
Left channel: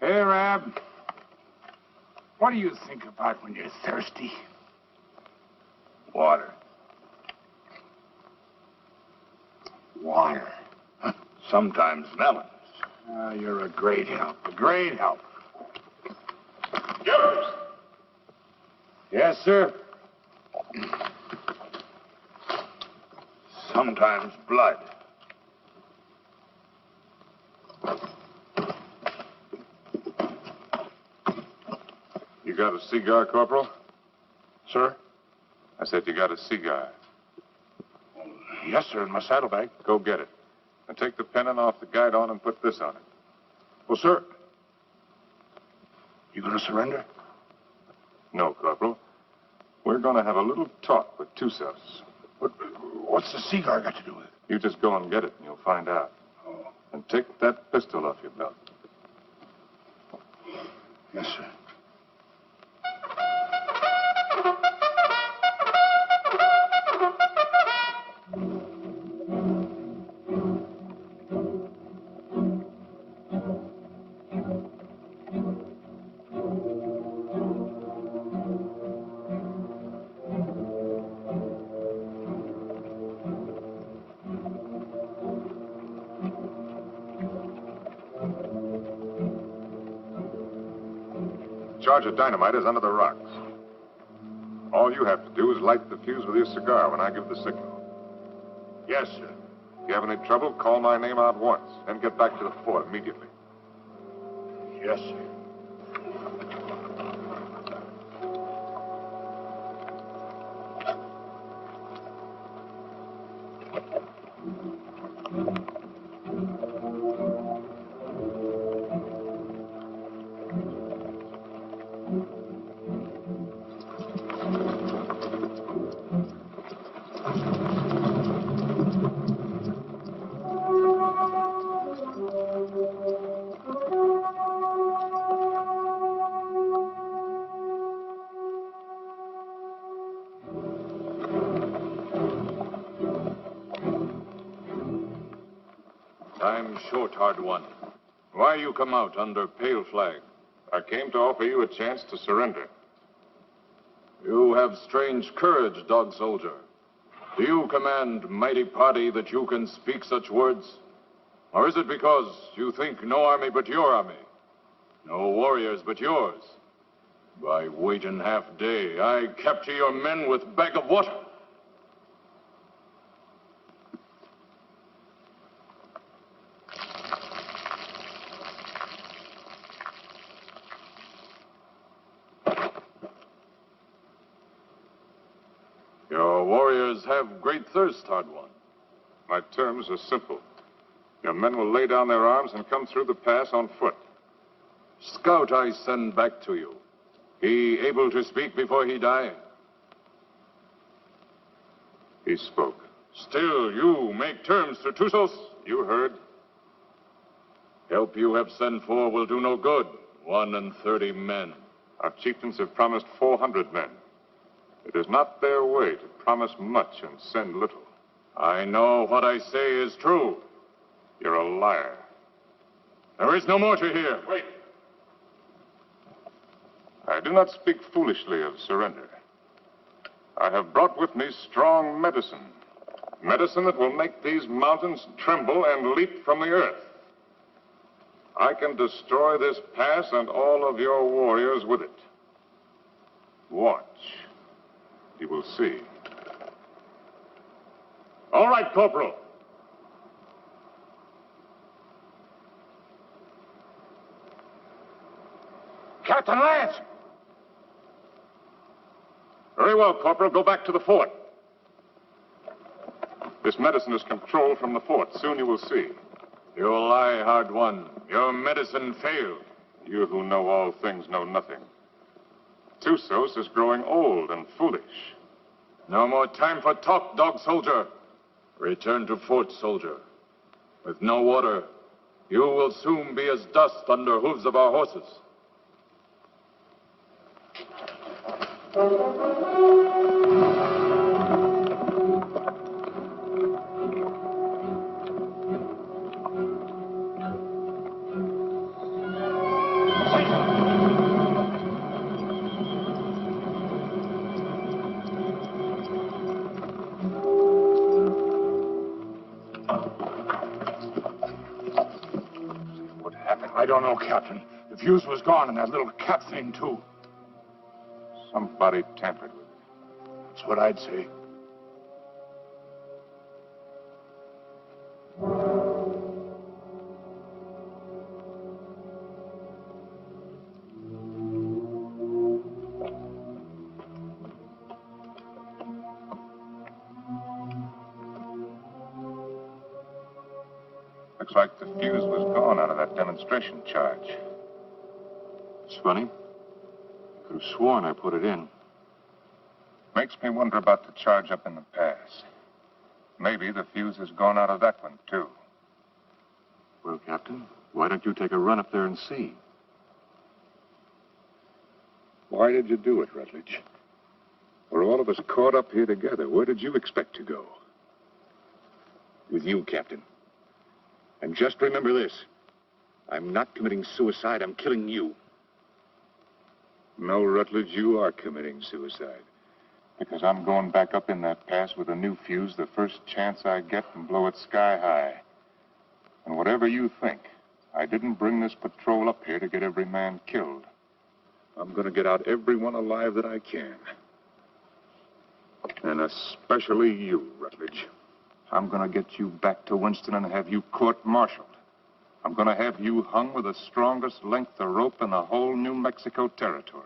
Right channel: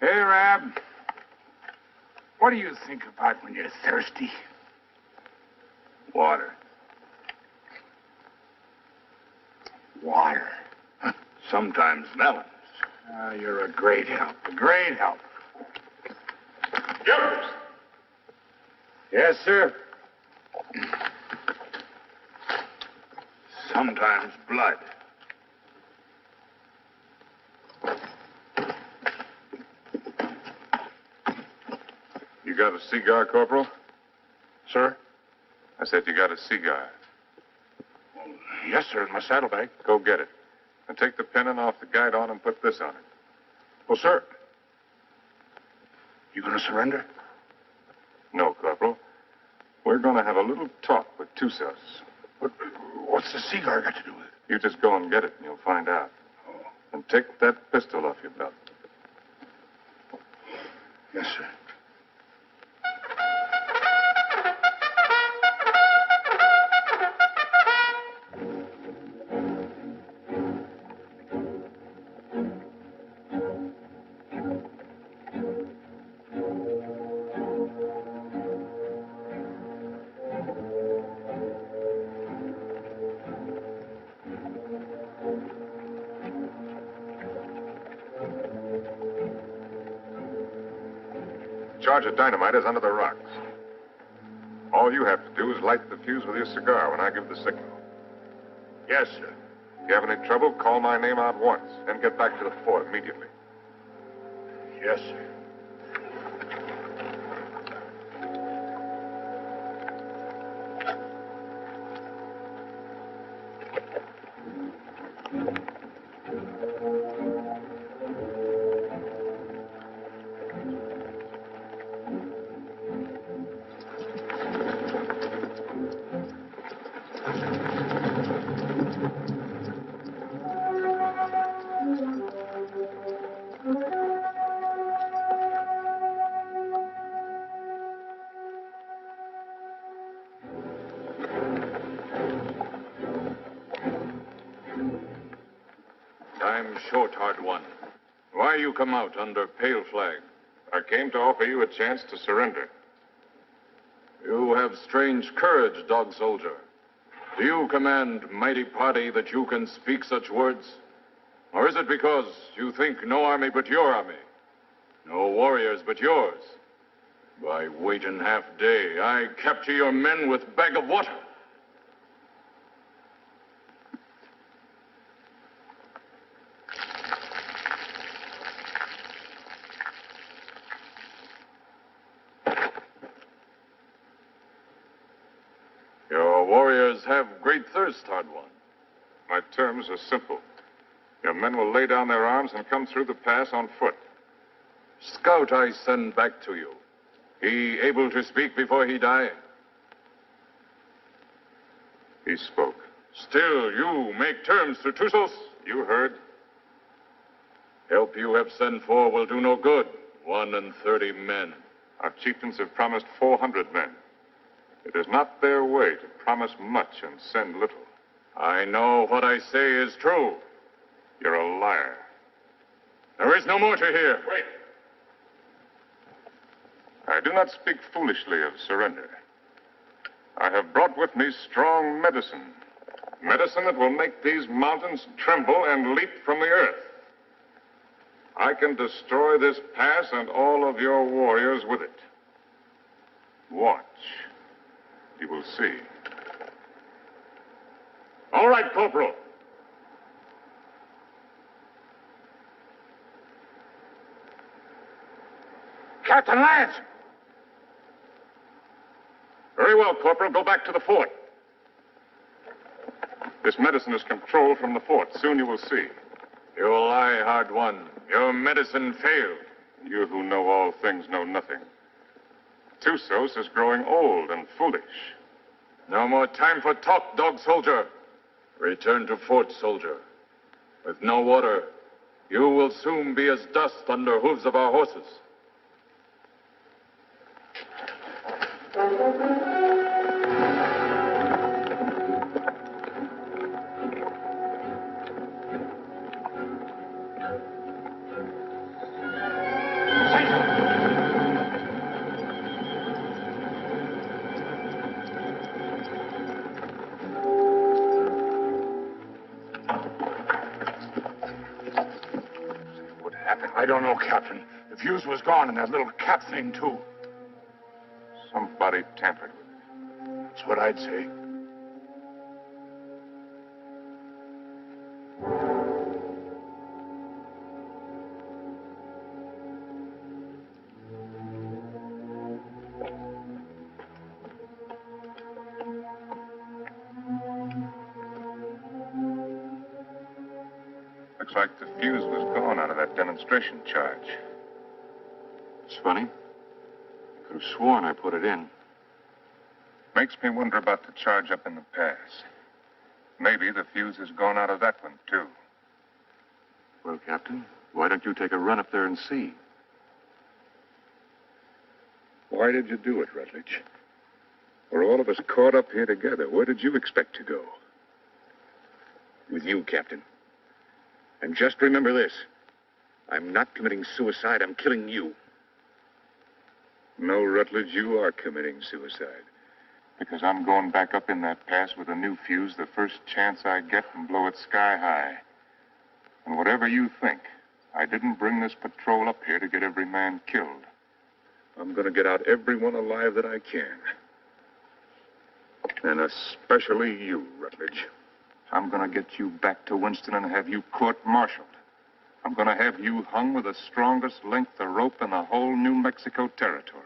Hey, Rab. What do you think about when you're thirsty? Water. Water. Sometimes melons. Ah, you're a great help. A great help. Yours. Yes, sir. Sometimes blood. You got a cigar, Corporal? Sir? I said you got a cigar. Yes, sir, in my saddlebag. Go get it. And take the pennon off the guidon and put this on it. Well, sir. You gonna surrender? No, Corporal. We're going to have a little talk with Tussos. What's the cigar got to do with it? You just go and get it, and you'll find out. Oh. And take that pistol off your belt. Yes, sir. Charge of dynamite is under the rocks. All you have to do is light the fuse with your cigar when I give the signal. Yes, sir. If you have any trouble, call my name out once, then get back to the fort immediately. Yes, sir. Time's short, hard one. Why you come out under pale flag? I came to offer you a chance to surrender. You have strange courage, dog soldier. Do you command mighty party that you can speak such words? Or is it because you think no army but your army? No warriors but yours? By waiting half day, I capture your men with bag of water. Your warriors have great thirst, hard one. My terms are simple. Your men will lay down their arms and come through the pass on foot. Scout I send back to you. He able to speak before he die? He spoke. Still, you make terms to Tusos? You heard. Help you have sent for will do no good. 31 men. Our chieftains have promised 400 men. It is not their way to promise much and send little. I know what I say is true. You're a liar. There is no more to hear. Wait. I do not speak foolishly of surrender. I have brought with me strong medicine. Medicine that will make these mountains tremble and leap from the earth. I can destroy this pass and all of your warriors with it. Watch. You will see. All right, Corporal. Captain Lance! Very well, Corporal. Go back to the fort. This medicine is controlled from the fort. Soon you will see. You lie, hard one. Your medicine failed. You who know all things know nothing. Tusos is growing old and foolish. No more time for talk, dog soldier. Return to fort, soldier. With no water, you will soon be as dust under hooves of our horses. I don't know, Captain. The fuse was gone and that little cap thing, too. Somebody tampered with it. That's what I'd say. Looks like the fuse was gone out of that demonstration charge. It's funny. I could have sworn I put it in. Makes me wonder about the charge up in the pass. Maybe the fuse has gone out of that one, too. Well, Captain, why don't you take a run up there and see? Why did you do it, Rutledge? We're all of us caught up here together. Where did you expect to go? With you, Captain. And just remember this. I'm not committing suicide. I'm killing you. No, Rutledge, you are committing suicide. Because I'm going back up in that pass with a new fuse the first chance I get and blow it sky high. And whatever you think, I didn't bring this patrol up here to get every man killed. I'm going to get out everyone alive that I can. And especially you, Rutledge. I'm going to get you back to Winston and have you court-martialed. I'm going to have you hung with the strongest length of rope in the whole New Mexico territory.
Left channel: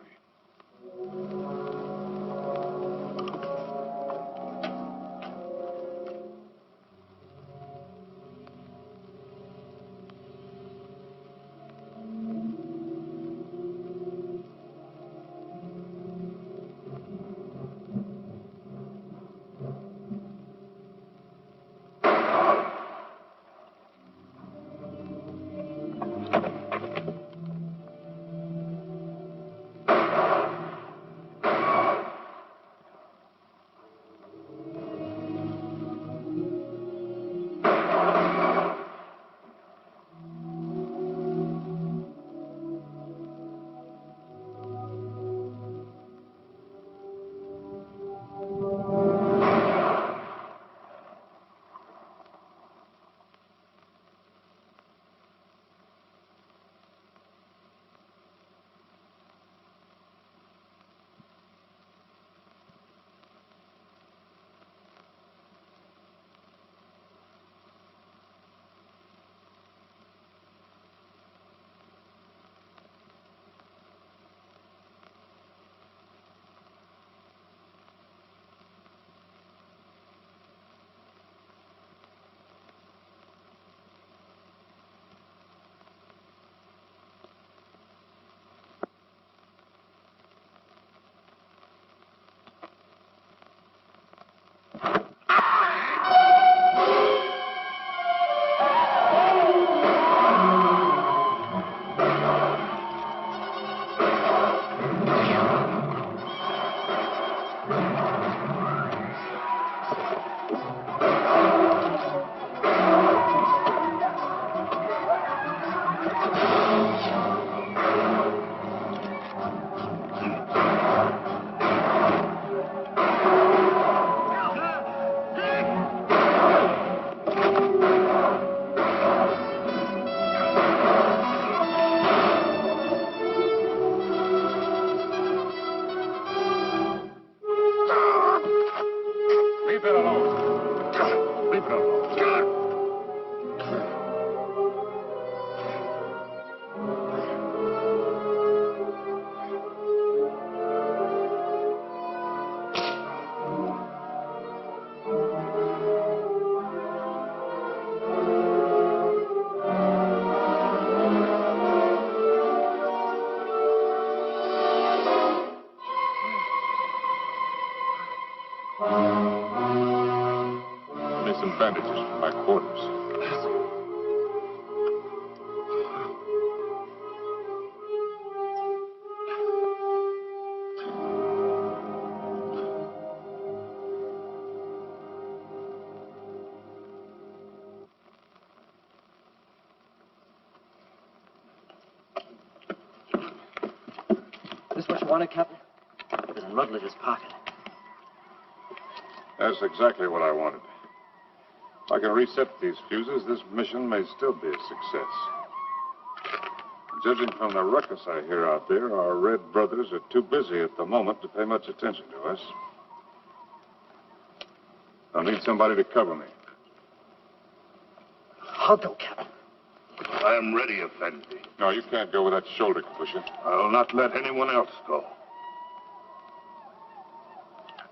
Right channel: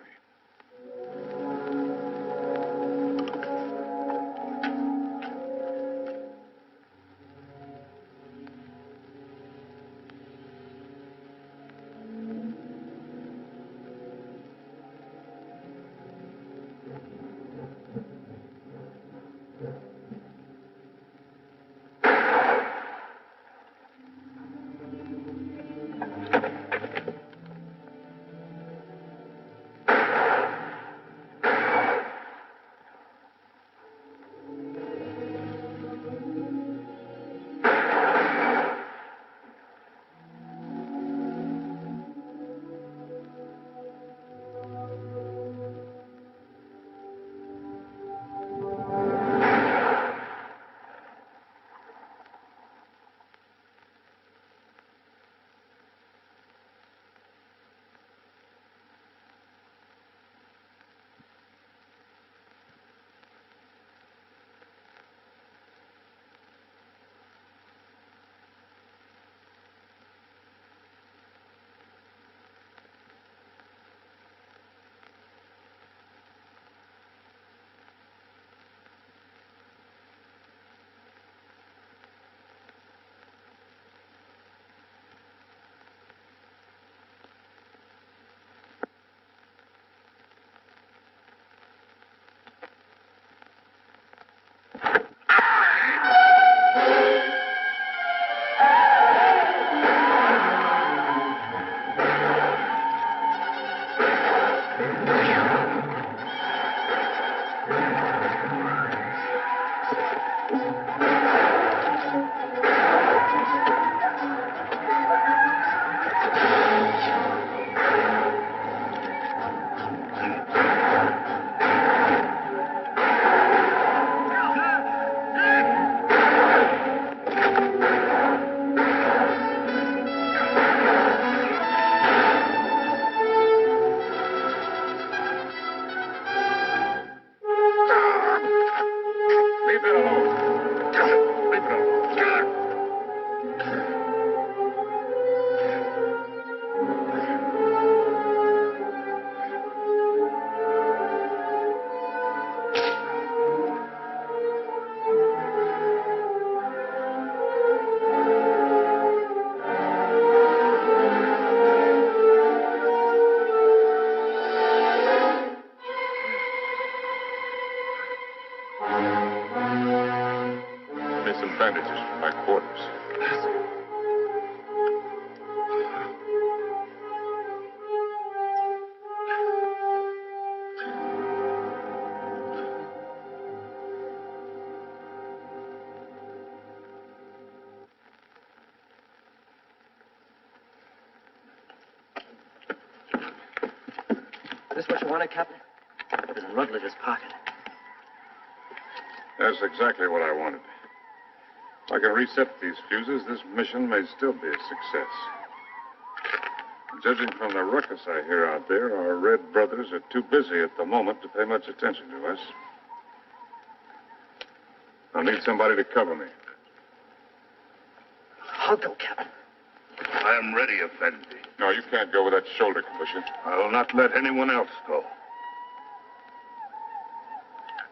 Give me some bandages from my quarters. This what you wanted, Captain? There's a Rutledge's pocket. That's exactly what I wanted. If I can reset these fuses, this mission may still be a success. Judging from the ruckus I hear out there, our Red brothers are too busy at the moment to pay much attention to us. I'll need somebody to cover me. I'll go, Captain. I am ready, Effendi. No, you can't go with that shoulder concussion. I will not let anyone else go.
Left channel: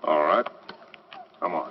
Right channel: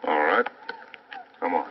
All right. Come on.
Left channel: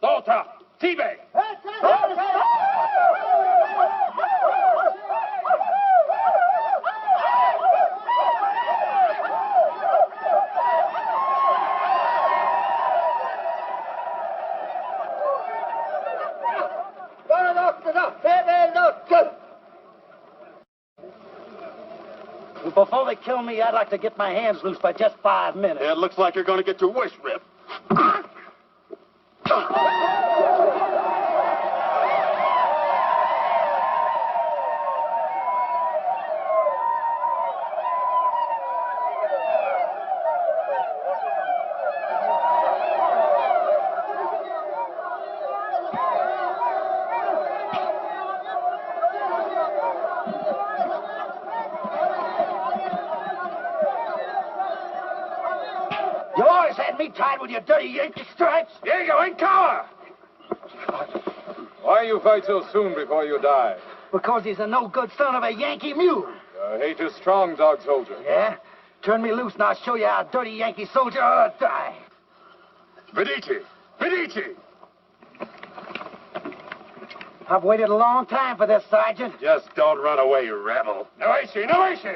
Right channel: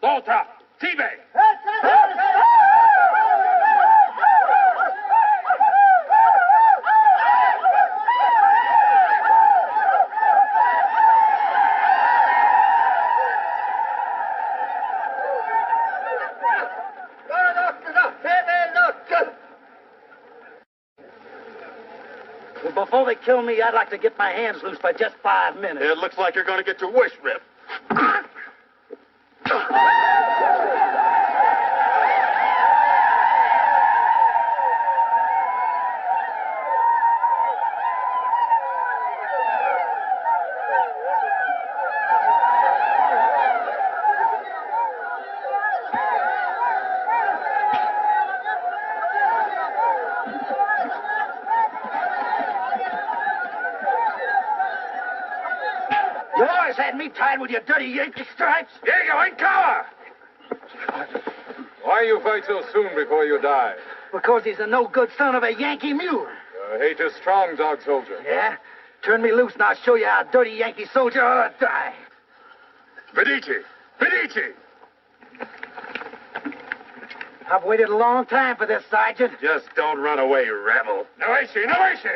Volta! T-Bay! Well, before they kill me, I'd like to get my hands loose for just 5 minutes. It looks like you're going to get your wish ripped. You always had me tied with your dirty Yankee stripes. Here you go, in cover! Why you fight so soon before you die? Because he's a no-good son of a Yankee mule. Your hate is strong, dog soldier. Yeah? Turn me loose and I'll show you how a dirty Yankee soldier ought to die. Medici! Medici! I've waited a long time for this, Sergeant. Just don't run away, you rebel. Noesci! Noesci!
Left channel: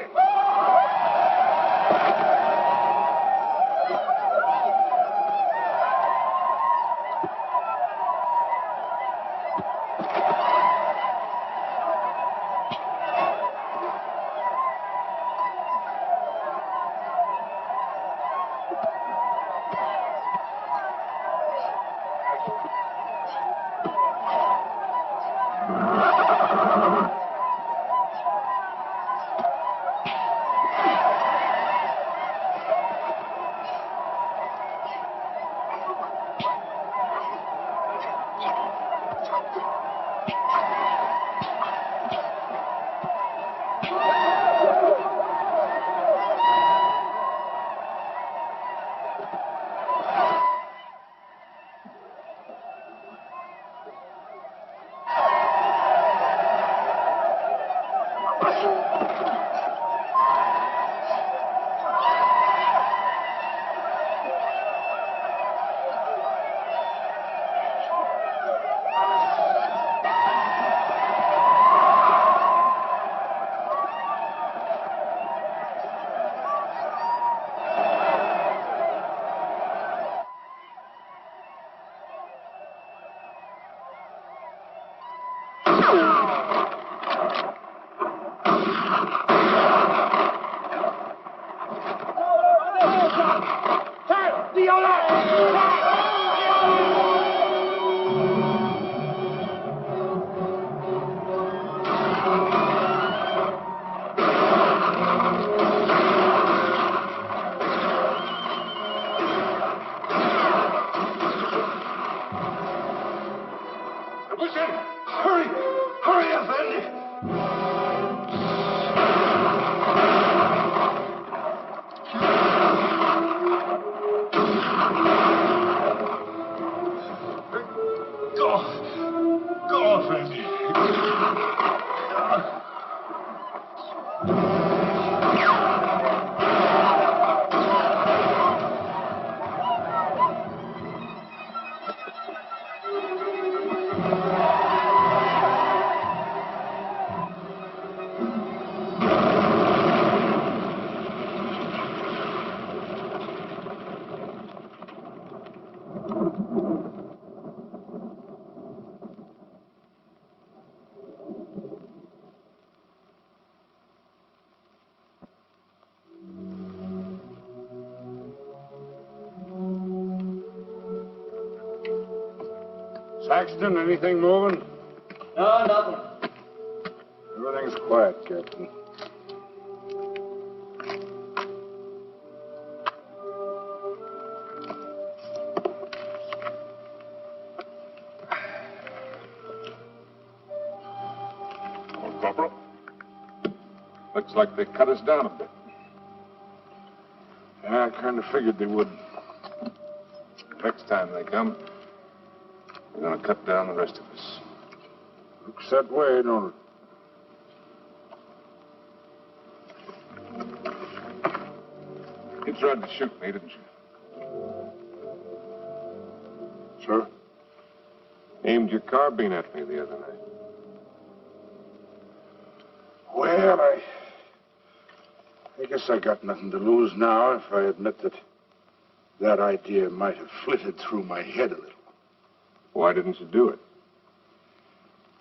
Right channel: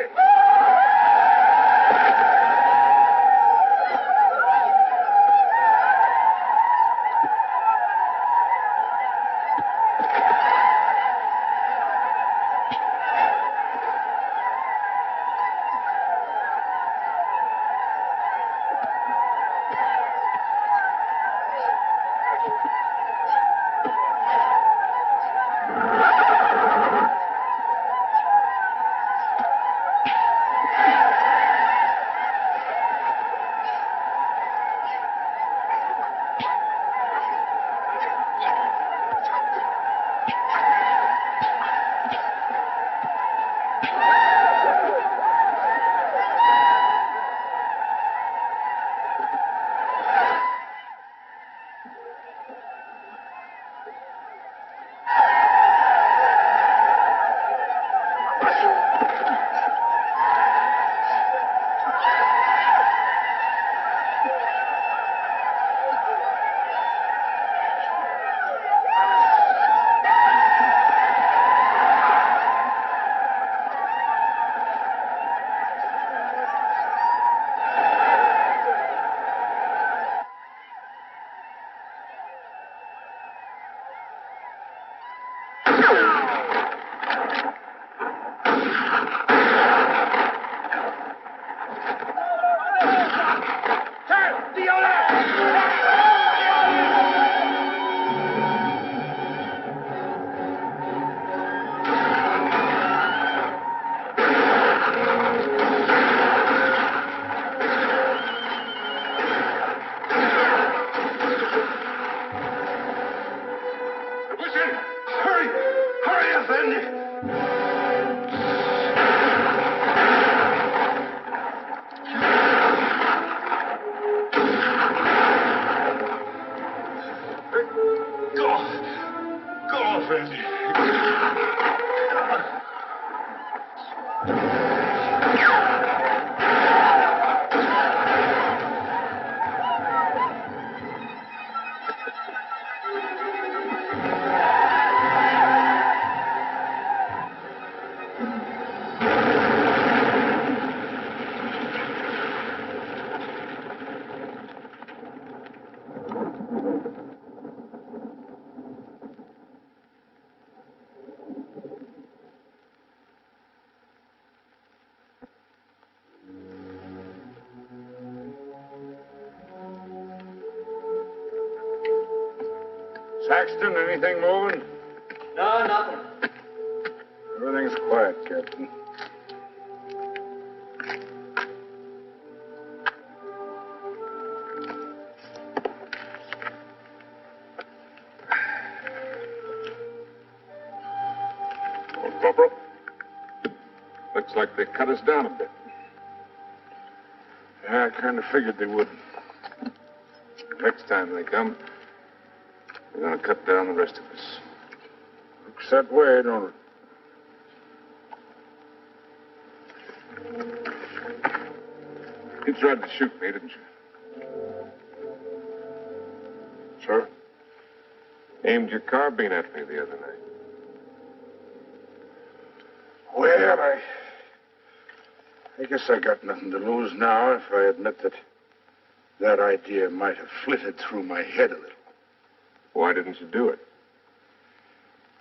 friend. Saxton, anything moving? No, nothing. Everything's quiet, Captain. Well, Corporal, looks like they cut us down a bit. Yeah, I kind of figured they would. Next time they come, they're going to cut down the rest of us. Looks that way, don't it? You tried to shoot me, didn't you? Sir? Aimed your carbine at me the other night. Well, I guess I got nothing to lose now if I admit that idea might have flitted through my head a little. Why didn't you do it?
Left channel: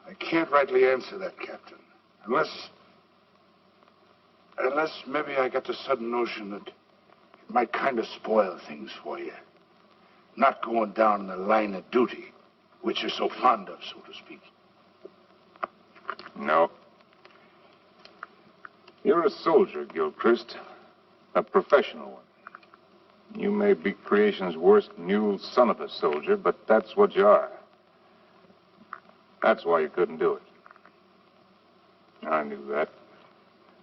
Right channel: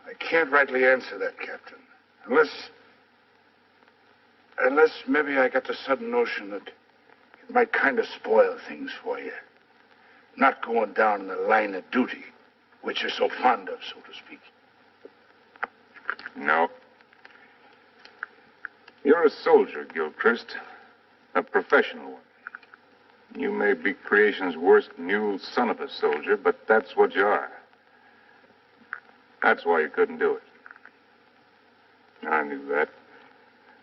I can't rightly answer that, Captain. Unless maybe I got the sudden notion that it might kind of spoil things for you. Not going down in the line of duty, which you're so fond of, so to speak. No. You're a soldier, Gilchrist. A professional one. You may be creation's worst mule son of a soldier, but that's what you are. That's why you couldn't do it. I knew that.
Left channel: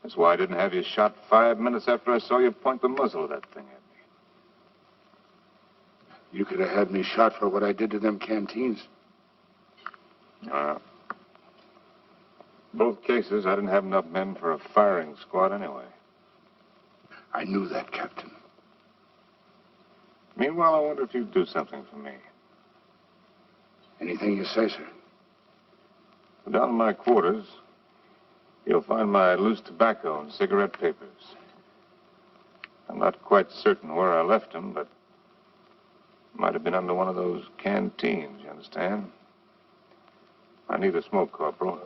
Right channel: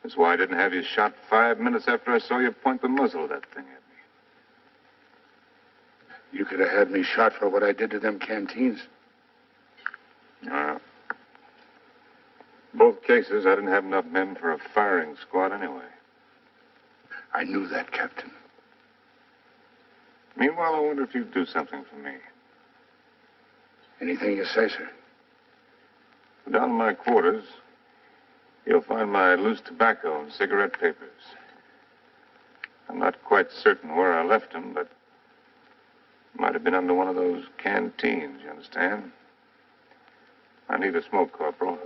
That's why I didn't have you shot 5 minutes after I saw you point the muzzle of that thing at me. You could have had me shot for what I did to them canteens. Both cases, I didn't have enough men for a firing squad anyway. I knew that, Captain. Meanwhile, I wonder if you'd do something for me. Anything you say, sir. Down in my quarters, you'll find my loose tobacco and cigarette papers. I'm not quite certain where I left them, but might have been under one of those canteens, you understand? I need a smoke, Corporal.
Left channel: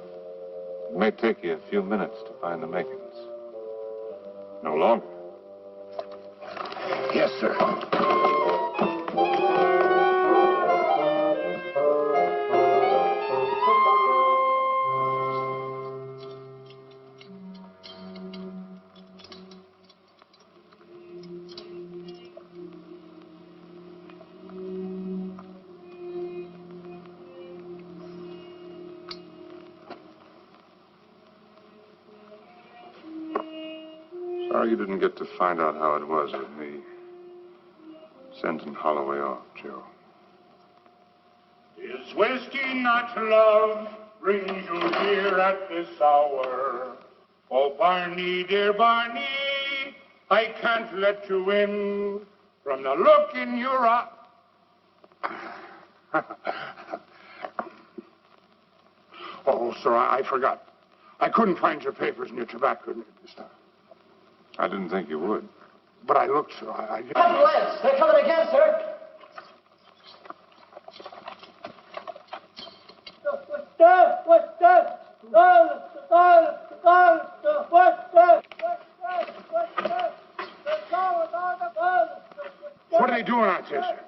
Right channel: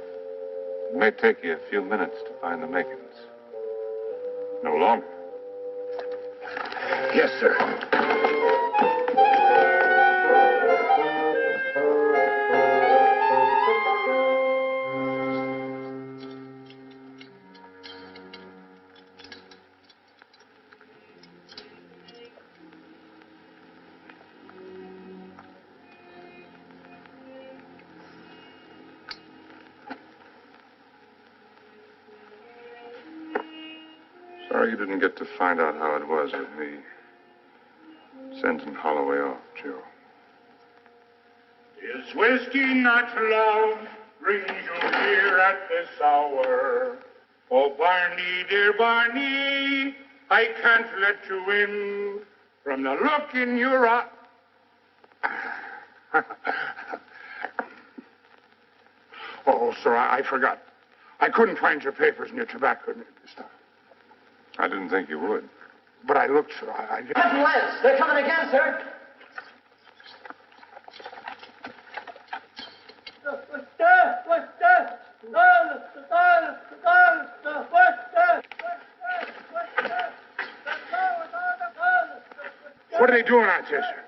It may take you a few minutes to find the makings. No longer. Yes, sir. Sorry you didn't get to find out how it was with me sending Holloway off, Joe. Is whiskey not love brings you here at this hour? Oh, Barney, dear Barney, I can't let you in from the look in your eye. Oh, sir, I forgot. I couldn't find your papers and your tobacco stuff. I didn't think you would. But I looked, sir. Captain Lance, they're coming again, sir. What are they doing out there, sir?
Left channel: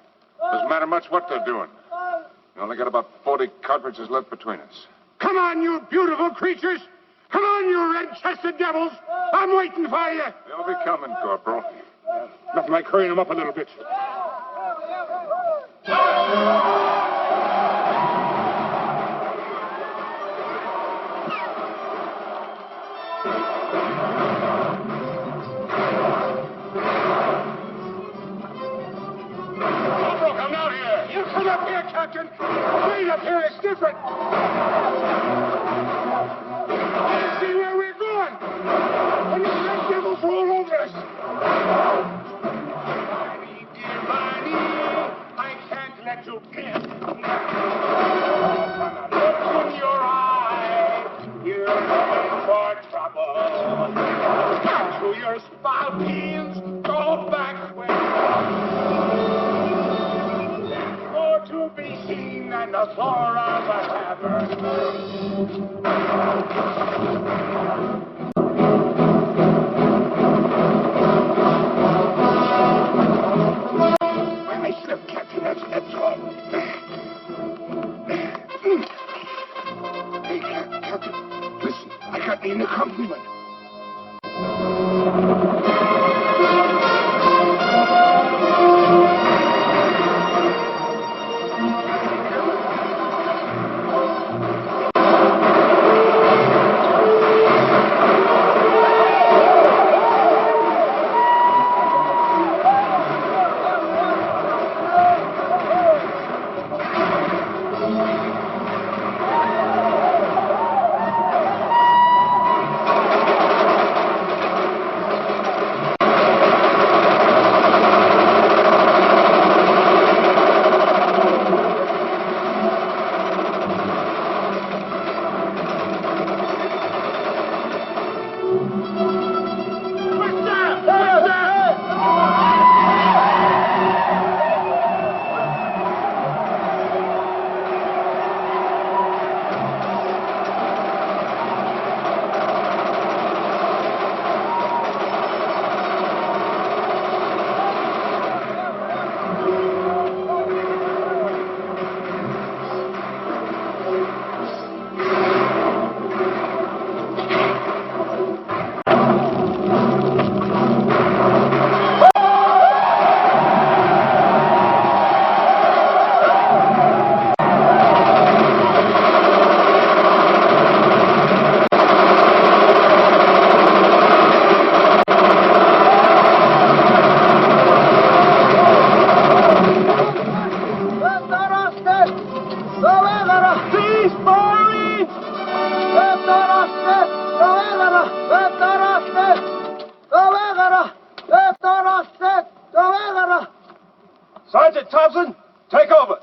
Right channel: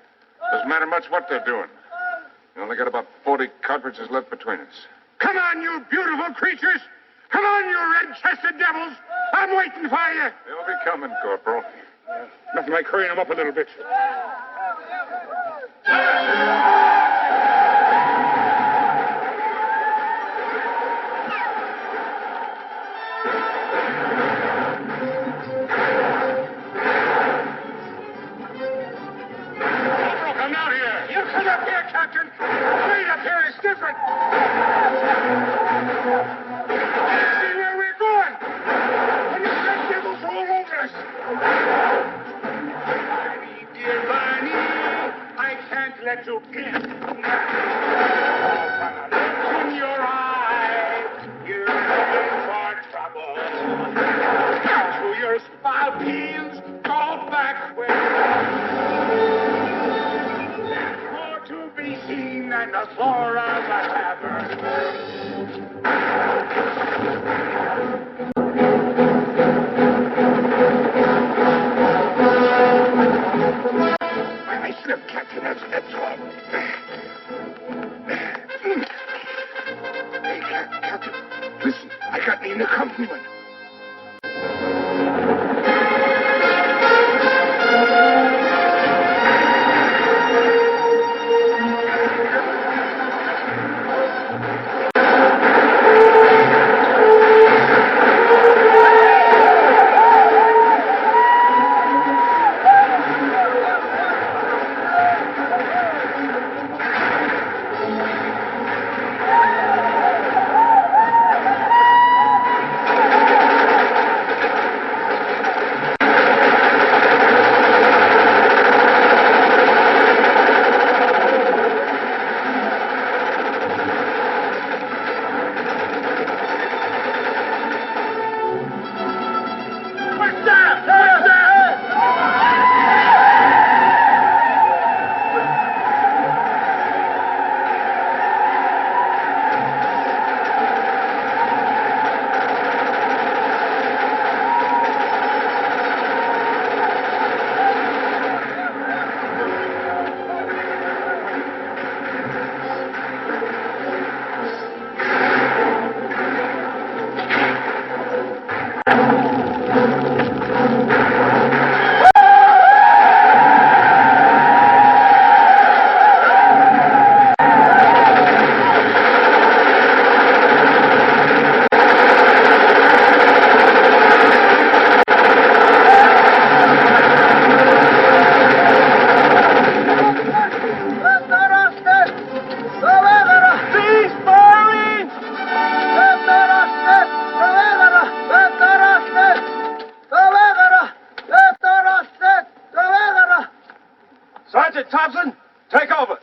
Doesn't matter much what they're doing. We only got about 40 cartridges left between us. Come on, you beautiful creatures! Come on, you red-chested devils! I'm waiting for you! They'll be coming, Corporal. Nothing like hurrying them up a little bit. Corporal, come down here! You come up here, Captain! Wait up here, it's different! let you in. From the look in your eye, you're looking for trouble. To your spalpeens, go back where there's more to be seen than the floor of a tavern. I slipped, Captain. That's all. Hey, Captain, listen. I got me an accompaniment. Sergeant Thompson, take over.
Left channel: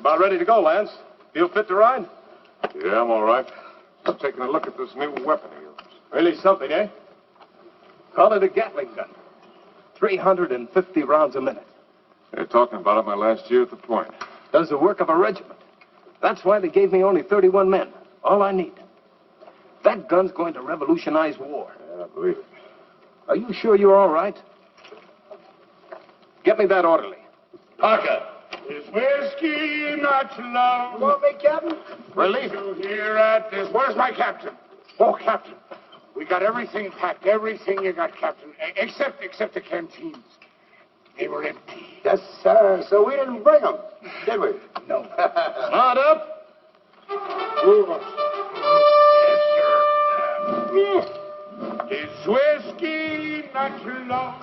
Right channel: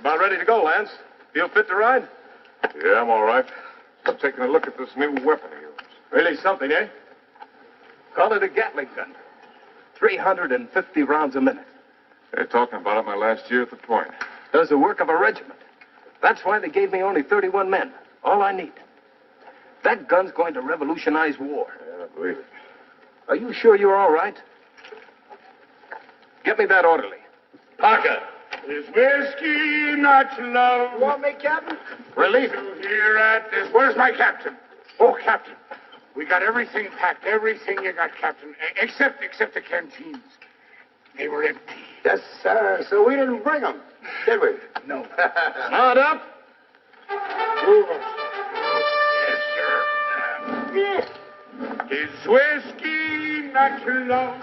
About ready to go, Lance. Feel fit to ride? Yeah, I'm all right. Just taking a look at this new weapon of yours. Really something, eh? Call it a Gatling gun. 350 rounds a minute. They're talking about it my last year at the point. Does the work of a regiment. That's why they gave me only 31 men. All I need. That gun's going to revolutionize war. Yeah, I believe it. Are you sure you're all right? Get me that orderly. Parker. Is whiskey not love? You want me, Captain? Relief. You here at this? Where's my captain? Oh, Captain. We got everything packed. Everything you got, Captain. Except the canteens. They were empty. Yes, sir. So we didn't bring them, did we? No. Mount up. Move us. Yes, sir. Is whiskey not love?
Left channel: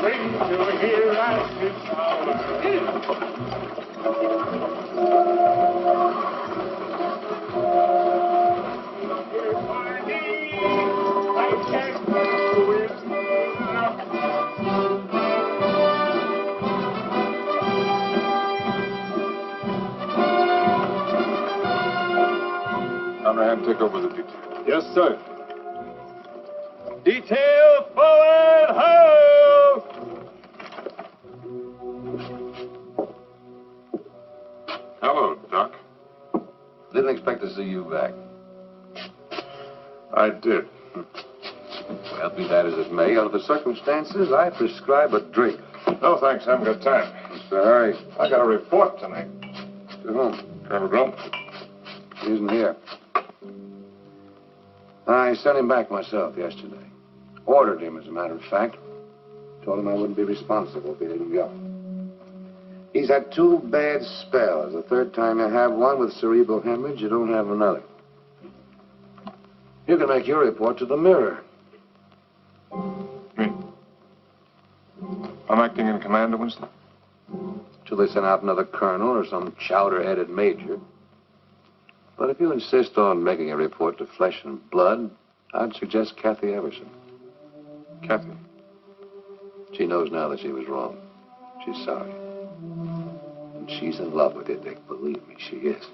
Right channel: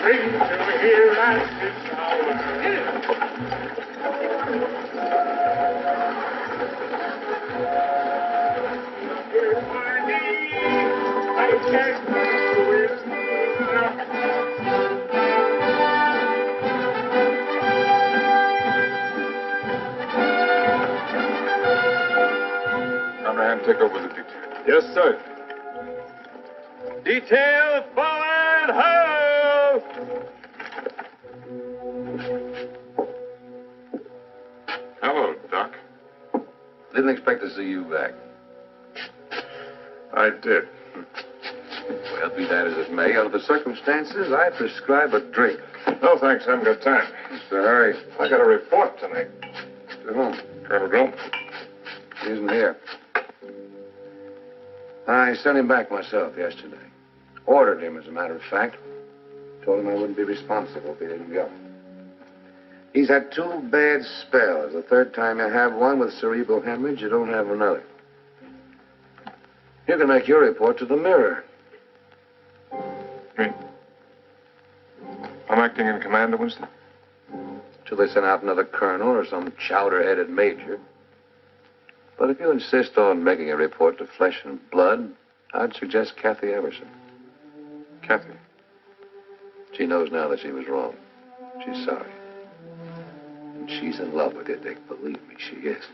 Bring to here at this hour. take over the detail. Yes, sir. Detail forward, ho! Hello, Doc. Didn't expect to see you back. I did. Well, be that as it may, under the circumstances, I prescribe a drink. No, thanks. I haven't got time. Mr. Harry. I got a report tonight. To whom? Colonel Glum. He isn't here. I sent him back myself yesterday. Ordered him, as a matter of fact. Told him I wouldn't be responsible if he didn't go. He's had 2 bad spells. The third time you have one with cerebral hemorrhage, you don't have another. You can make your report to the Mirror. Me? I'm acting in command of Winston? Till they send out another colonel or some chowder-headed major. But if you insist on making a report to Flesh and Blood, I'd suggest Kathy Everson. Kathy? She knows now that she was wrong. She's sorry. And she's in love with you, Dick. Believe me, she is.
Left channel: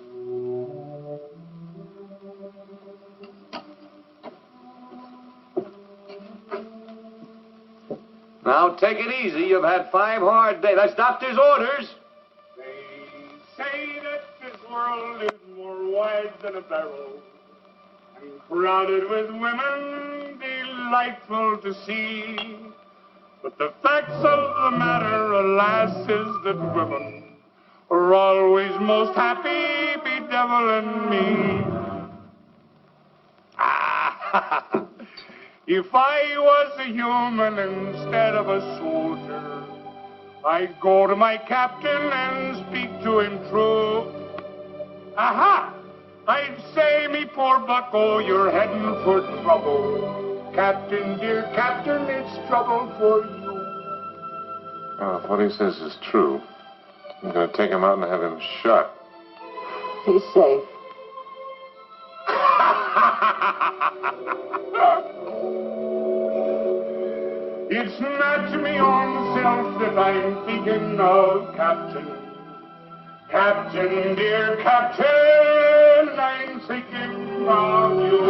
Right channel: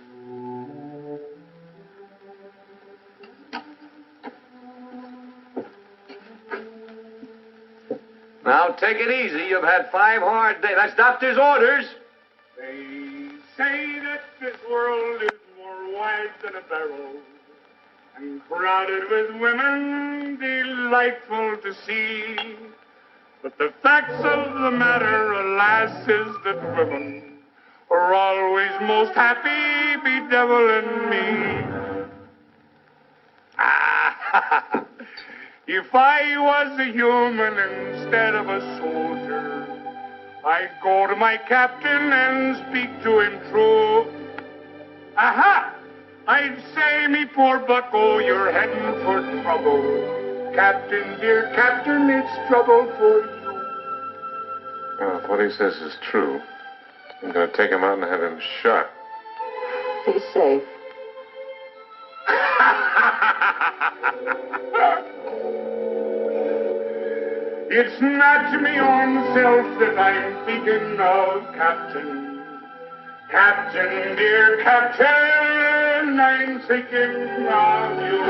Now, take it easy. You've had 5 hard days. That's doctor's orders. They say that this world is more wide than a barrel and crowded with women delightful to see. But the facts of the matter, alas, is that women are always most happy bedeviling me. Ah, if I was a human instead of a soldier, I'd go to my captain and speak to him true. Aha! I'd say, me poor bucko, you're heading for trouble. Captain, dear captain, it's trouble for you. Well, if what he says is true, I'm going to take him out and have him shot. He's safe. It's not me own self that I'm thinking of, Captain. Captain, dear Captain, I'm thinking of you.